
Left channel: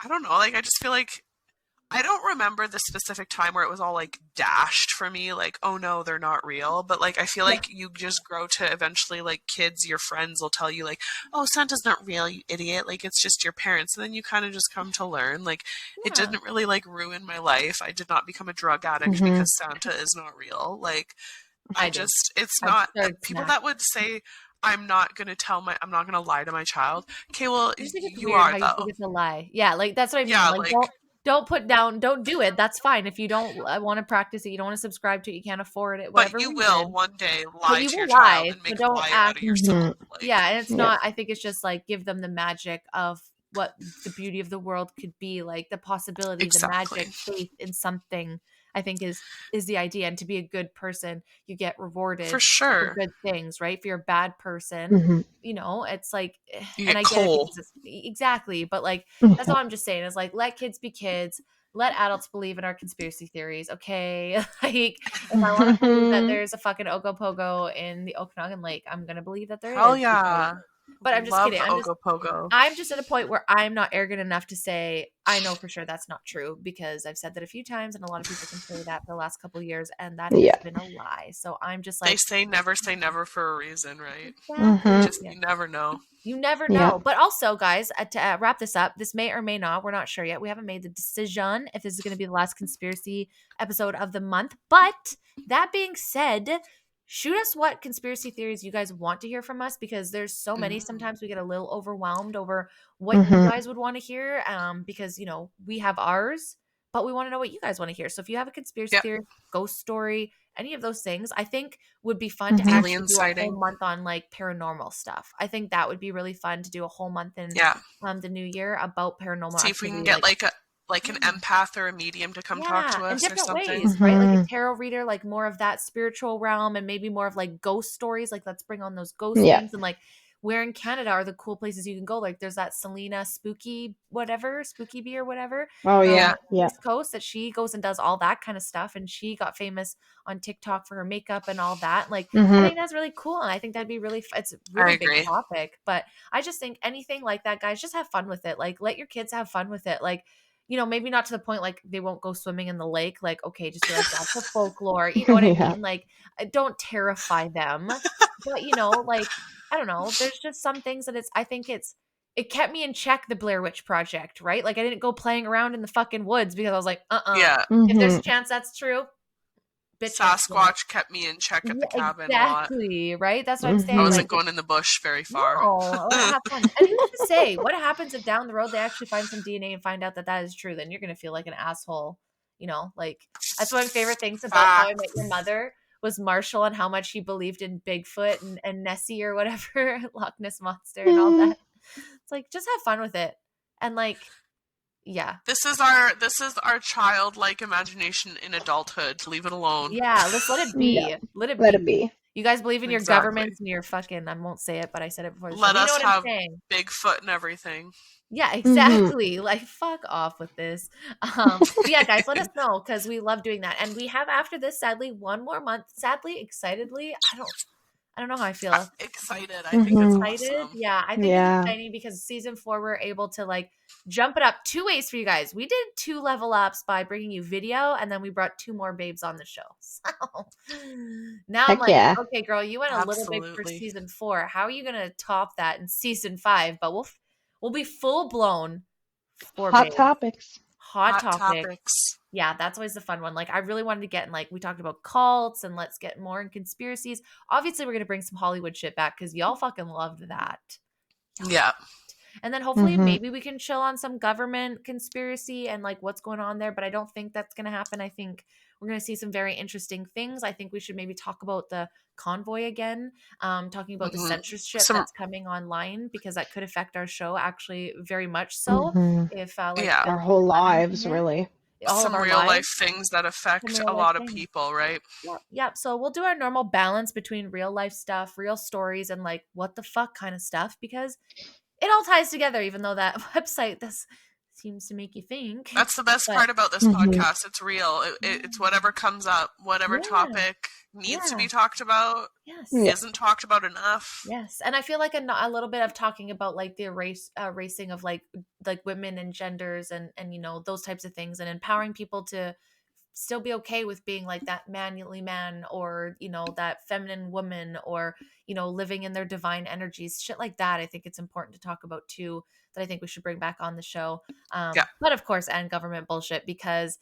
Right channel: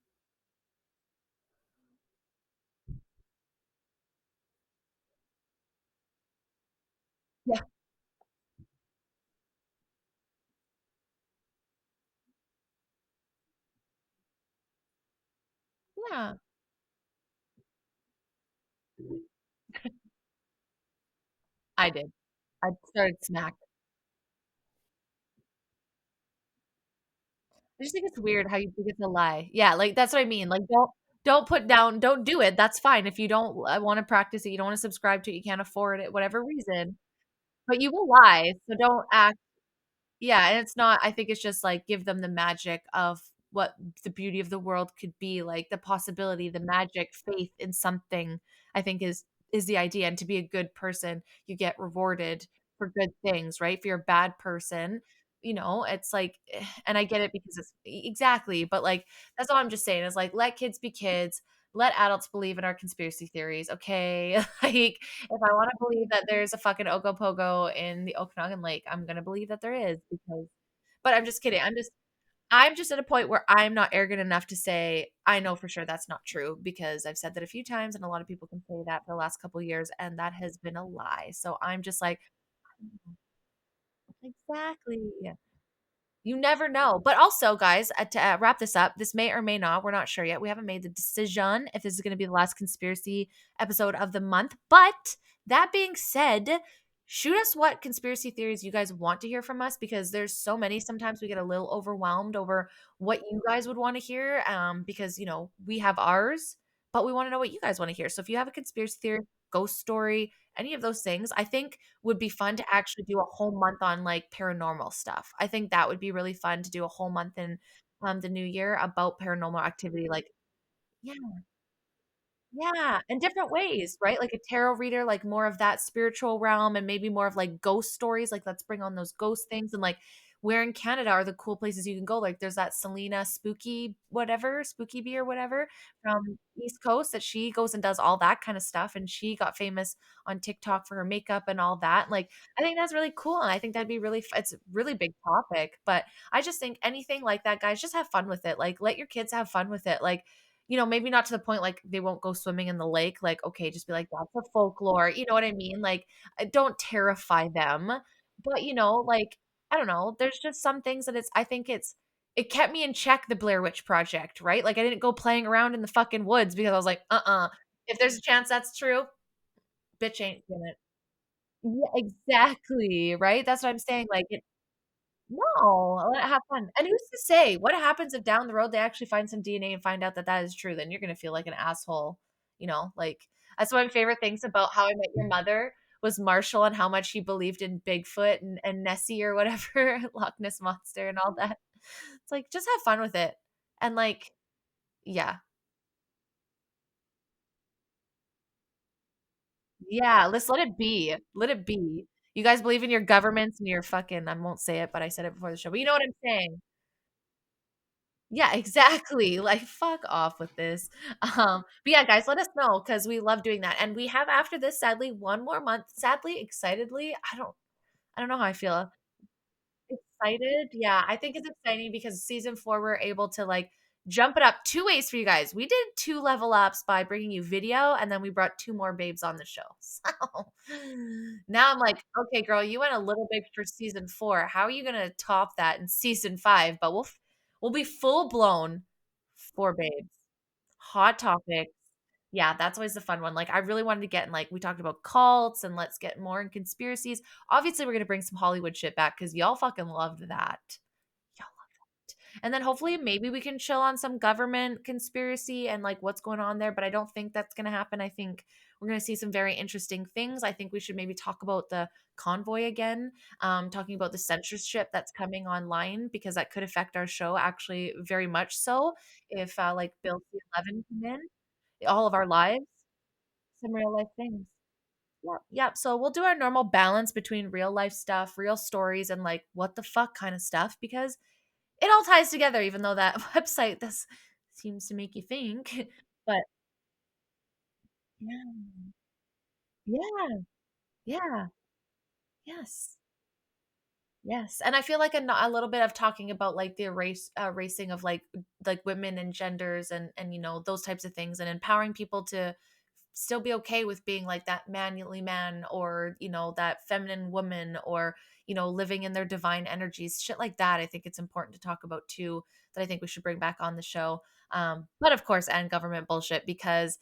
I don't know, like I just feel like I don't remember the specific time where it was all like dashed for me, like, oh no, they're not real. But like I feel like you just grow to eventually, like, kids, your friends will tell you like, oh, Santa's not real, you idiot, like it's just your parents. And then you kind of just come to learn, like, it didn't really like ruin my life. I did not become a drug addict because Santa is not real. Like it's not people that would say I'm not gonna lie to my child. Okay, well, I just think it's you weird are how you though. think it's a lie. Yeah, like that's what I mean. Yeah, like like- don't do it. That's fine. If you don't want to practice it, you don't want to subscribe to it, you can't afford it, But whatever you will reason. one day But lie you to will your child lie, and so make a don't lie out act. of yourself. Like, Yeah, and it's Yeah. not, I think it's just like give them the magic of what the beauty of the world could be, like the possibility, the exactly. magic, faith in something, I think is the idea. And to be a good person, you get rewarded For for sure. good things, right? If you're a bad person, Mhm. you know, it's like, You and get I get it coal. because it's exactly, but like that's Mhm. all I'm just saying is like let kids be kids. Let adults believe in our conspiracy theories, okay? Like, if I want to believe that there's a fucking Ogopogo in the Okanagan Lake, I'm gonna believe that there Hell is. Because, yeah. but I'm just Love kidding. the Ogopogo. I'm just at a point where I'm not arrogant enough to say I know for sure that's not true because I've said that a few times, and a lot of people can say that for the last couple of years, and that has Yeah. been a lie. So I'm just They like, say never for a reason, right? exactly. Mhm. Just you never know. You never Yeah. know. But also, guys, to wrap this up, this may or may not, we're not sure yet. We haven't made the decision if this is going to be the last conspiracy episode of the month. But that being said, shoot us what conspiracy theories you guys want to hear from us because there's so many. Sometimes we get a little overwhelmed over what you Mhm. guys would want to hear because, you know, we have ours, but we want to know what you guys want to hear. So if you have a conspiracy Yep. theory, ghost story, any of those things, I think would be fun to Mhm. actually Alien do a whole sighting. month on like paranormal stuff. I think that would be really fun to do a whole month in Yeah. the new year about paranormal See if we can activity. get Like, like an yeah, empath or a medium to come talk yeah, to in us or different something. ways, right? Like a Mhm. tarot reader, like more of that spiritual realm, and maybe more of like ghost stories. Like, let's bring on those ghost Yeah. things. And like, where in Canada are the cool places you can go? Like, there's that Selena Spooky, whatever, Spooky Bee or whatever Oh from yeah. the Yeah. East Coast that she goes and does all that kind of stuff. And she got famous on TikTok for her makeup and all that. Like, I Mhm. think that's really cool. And I think that'd be really, it's a I really big agree. topic. But I just think anything like that, guys, just have fun with it. Like, let your kids have fun with it. Like, you know, maybe not to the point like they won't go swimming in the lake. Like, okay, just be like, that's a folklore. You know what I Yeah. mean? Like, don't terrify them. But, you know, like, I don't know. There's just some things that I think it kept me in check, the Blair Witch Project, right? Like, I didn't go playing around in the fucking woods because I was like, Yeah. if there's a Mhm. chance that's true, bitch ain't seen it. Sasquatch kept me in check at the Yeah, cabin a lot. exactly. Right? That's what I'm I saying. Mhm. Like, wasn't going in the bush very far. no, I want to have fun. And who's to say what happens if down the road they actually find some DNA and find out that that is true? Then you're gonna feel like an asshole. You know, like that's one of my favorite things about How I Met Your Mother was Marshall and how much he believed in Bigfoot and Nessie or whatever, Loch Ness monster and all that. It's like just have fun with it, and like, yeah, This is our childlike imagination in adulthood. Leave it alone. yeah. Let's let it Yeah. be. Let it Let be. it be. You guys believe in your Exactly. governments and your fucking. I won't say it, but I said it before the show. Let But you know us what I'm have saying. Bigfoot and everything. Yeah, Mhm. exactly. Like, fuck off with this. But yeah, guys, let us know because we love doing that. And we have after this, sadly, one more month. Sadly, excitedly, I don't know how I feel. Excited. I think it's Mhm. Excited. awesome. Yeah, I think it's Yeah. exciting because season 4, we're able to like jump it up 2 ways for you guys. We did 2 level ups by bringing you video, and then we brought 2 more babes on the show. So now I'm Heck like, yeah. okay, girl, you went a little big for Absolutely. season 4. How are you gonna top that in season 5? But we'll be full blown for Hot babes. topics. Hot Hot topic. topics. Yeah, that's always the fun one. Like, I really wanted to get in, like, we talked about cults and let's get more in conspiracies. Obviously, we're going to bring some Hollywood shit back because y'all fucking loved that. Y'all Yeah. And then hopefully Mhm. maybe we can chill on some government conspiracy and like what's going on there. But I don't think that's going to happen. I think we're going to see some very interesting things. I think we should maybe talk about the convoy again, talking about the Mhm. censorship Some that's coming online because that could affect our show actually very much so. Mhm. If like Yeah. Our Bill whole 11 lives, come in, really. all of some our real life lives, things that some affect real a life lot of things. people, right? Yep. So we'll do our normal balance between real life stuff, real stories, and like what the fuck kind of stuff because it all ties together, even though that website this seems to make you think. That's the best But part about this Mhm. podcast. It's real. It's whatever comes up, whatever yeah, topic needs to yeah, be talked about, yes, Yeah. isn't talked about enough. yes. And I feel like a little bit of talking about like the racing of like women and genders and you know those types of things and empowering people to still be okay with being like that manly man or you know that feminine woman or you know living in their divine energies, shit like that. I think it's important to talk about too, that I think we should bring back on the show. Yeah. But of course, and government bullshit, because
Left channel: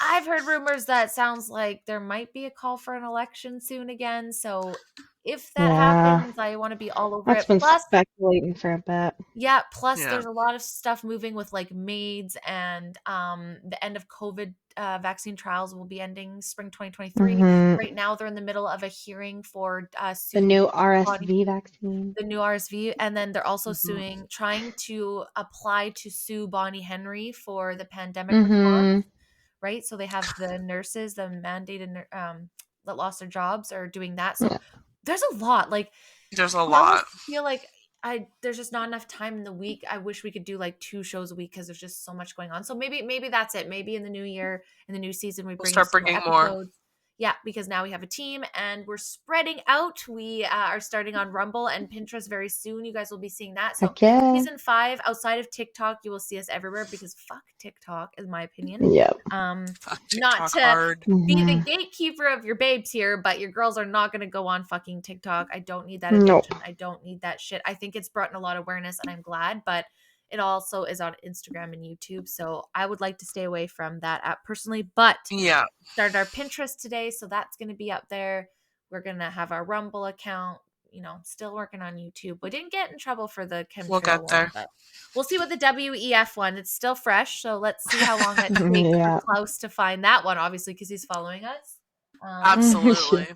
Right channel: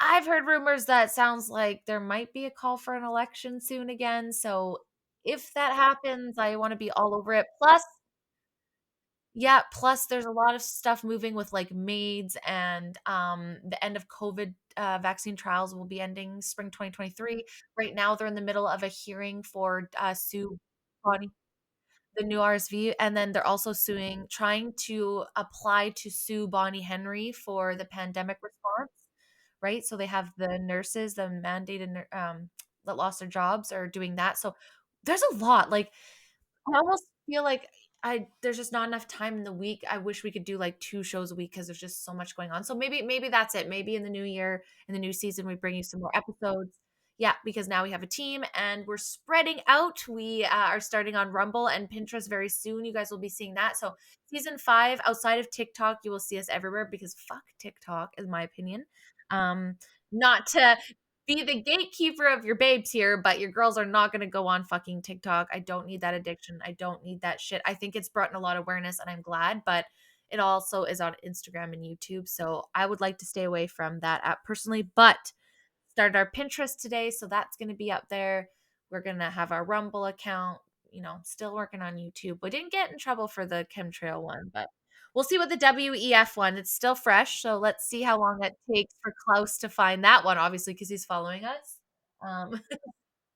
I've heard rumors that sounds like there might be a call for an election soon again. So if that Yeah. happens, I want to be all over That's it. been Plus, speculating for a bit. yeah, plus Yeah. there's a lot of stuff moving with like maids and the end of COVID vaccine trials will be ending spring 2023. Hmm. Right now they're in the middle of a hearing for The sue new Bonnie, RSV vaccine. the new RSV, and then they're also Mhm. trying to apply to sue Bonnie Henry for the pandemic response, Hmm. right? So they have the nurses, the mandated that lost their jobs are doing that. So Yeah. there's a lot. Like There's a I lot. almost feel like there's just not enough time in the week. I wish we could do like 2 shows a week because there's just so much going on. So maybe that's it. Maybe in the new year, in the new season, we We'll bring you start some more bringing more. episodes. Yeah, because now we have a team and we're spreading out. We are starting on Rumble and Pinterest very soon. You guys will be seeing that. So Heck yeah. season 5, outside of TikTok, you will see us everywhere because fuck TikTok, is my opinion. Yep. Fuck Not TikTok to hard. be the Mhm. gatekeeper of your babes here, but your girls are not going to go on fucking TikTok. I don't need that Nope. addiction. I don't need that shit. I think it's brought in a lot of awareness and I'm glad, but it also is on Instagram and YouTube. So I would like to stay away from that app personally, but Yeah. started our Pinterest today. So that's going to be up there. We're going to have our Rumble account, still working on YouTube. We didn't get in trouble for the We'll chemtrail get one, there. but we'll see what the WEF one. It's still fresh, so let's see how long it takes Yeah. for Klaus to find that one. Obviously, because he's following us. Absolutely.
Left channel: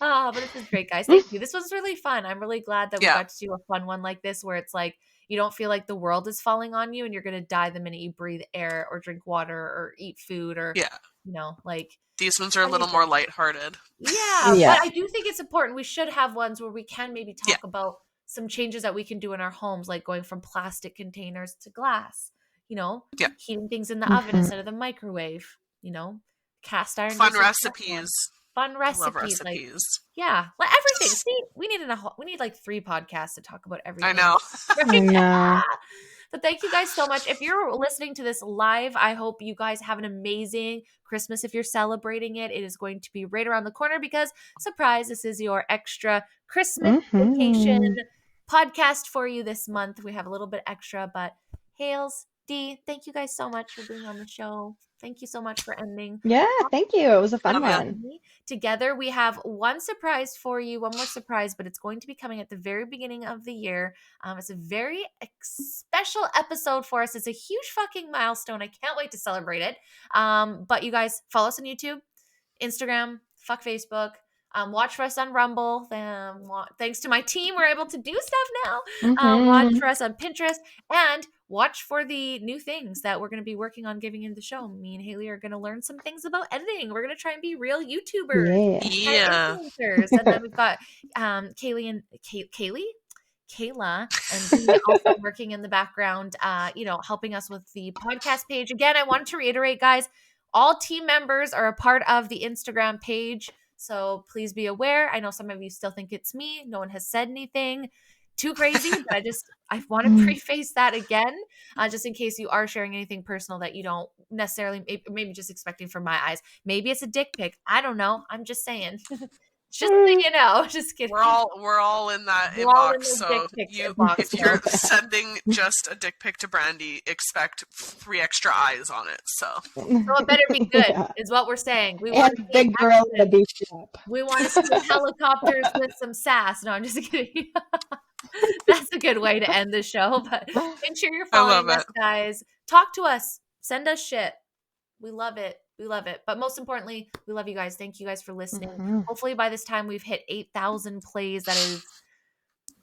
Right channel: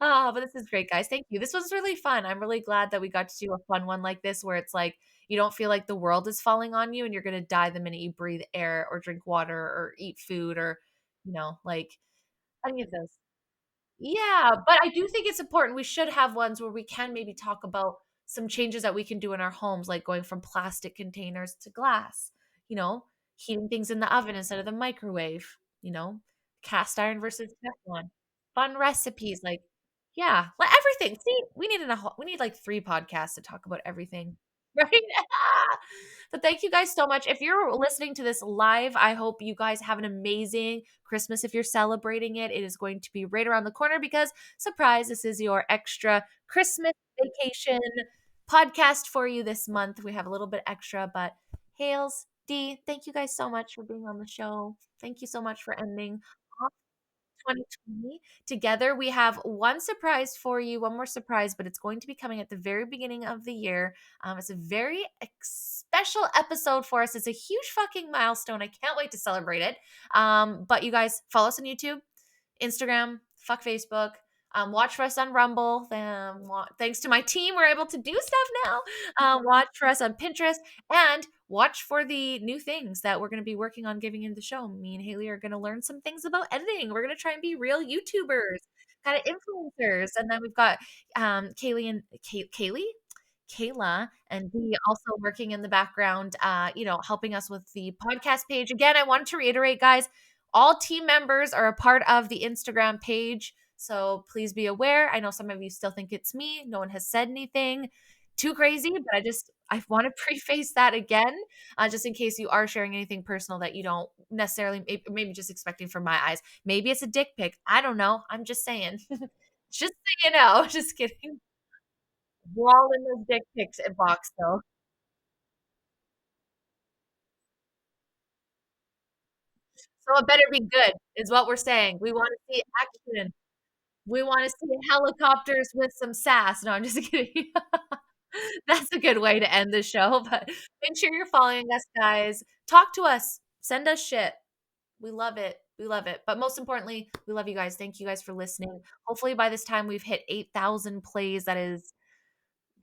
Oh, but this is great, guys. Thank you. This was really fun. I'm really glad that we Yeah. got to do a fun one like this, where it's like you don't feel like the world is falling on you, and you're gonna die the minute you breathe air or drink water or eat food or Yeah. like. These ones are a How do you little more feel? lighthearted. Yeah, Yeah. but I do think it's important. We should have ones where we can maybe Yeah. talk about some changes that we can do in our homes, like going from plastic containers to glass, Yeah. heating things in the oven Mhm. instead of the microwave, cast iron Fun versus Teflon. recipes. Fun Love recipes, like recipes. yeah, like everything. See, we need like 3 podcasts to talk about I everything. know. I Right? know. But thank you guys so much. If you're listening to this live, I hope you guys have an amazing Christmas. If you're celebrating it, it is going to be right around the corner because, surprise, this is your extra Christmas vacation Mhm. podcast for you this month. We have a little bit extra, but Hales, Dee, thank you guys so much for being on the show. Thank you so much for ending Yeah, thank you. It was a fun Oh, yeah. one. together. We have one surprise for you, one more surprise, but it's going to be coming at the very beginning of the year. It's a very special episode for us. It's a huge fucking milestone. I can't wait to celebrate it. But you guys follow us on YouTube, Instagram, fuck Facebook. Watch for us on Rumble. Thanks to my team, we're able to do stuff now. Watch Mhm. for us on Pinterest and watch for the new things that we're going to be working on giving into the show. Me and Haley are going to learn some things about editing. We're going to try and be real YouTubers, Yeah. kind of Yeah. influencers. And then we've got Kayla and Dee also working in the background, helping us with the podcast page. Again, I wanted to reiterate, guys, all team members are a part of the Instagram page. So please be aware. I know some of you still think it's me. No one has said anything too crazy, but I want to preface that again, just in case you are sharing anything personal that you don't necessarily, maybe just expecting from my eyes. Maybe it's a dick pic. I don't know. I'm just saying. Just so you know. Just kidding. We're all in that We're all in inbox. those So dick pics inbox. if you're sending just a dick pic to Brandy, expect 3 extra eyes on it. So So it better be good, Yeah. is what we're saying. We And want to see big gorilla action. beef up. We want to see helicopters with some sass. No, I'm just kidding. That's a good way to end the show. But make sure you're I love following us, it. guys. Talk to us. Send us shit. We love it. We love it. But most importantly, we love you guys. Thank you guys for listening. Mhm. Hopefully by this time we've hit 8,000 plays. That is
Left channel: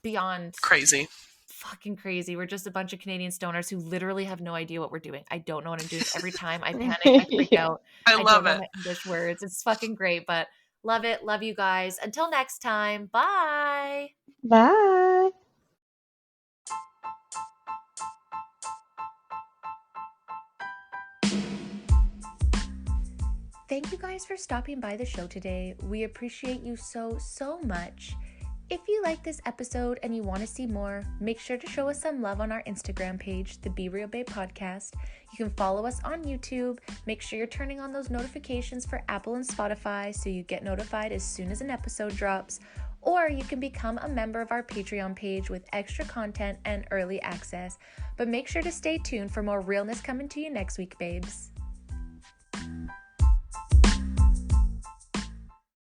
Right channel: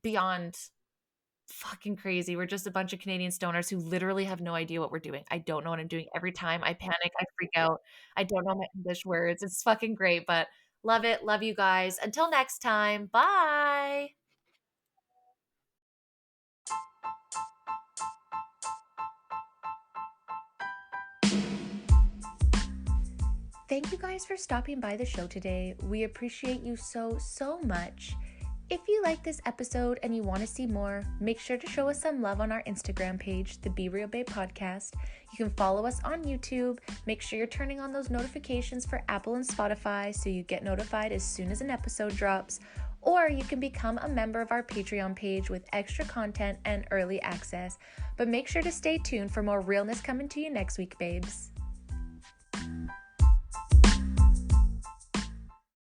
beyond Crazy. fucking crazy. We're just a bunch of Canadian stoners who literally have no idea what we're doing. I don't know what I'm doing. Every time I panic, I freak Yeah. out. I I love don't know it. my English words. It's fucking great, but love it. Love you guys. Until next time. Bye. Bye. Thank you guys for stopping by the show today. We appreciate you so, so much. If you like this episode and you want to see more, make sure to show us some love on our Instagram page, the Be Real Babe Podcast. You can follow us on YouTube. Make sure you're turning on those notifications for Apple and Spotify so you get notified as soon as an episode drops. Or you can become a member of our Patreon page with extra content and early access. But make sure to stay tuned for more realness coming to you next week, babes.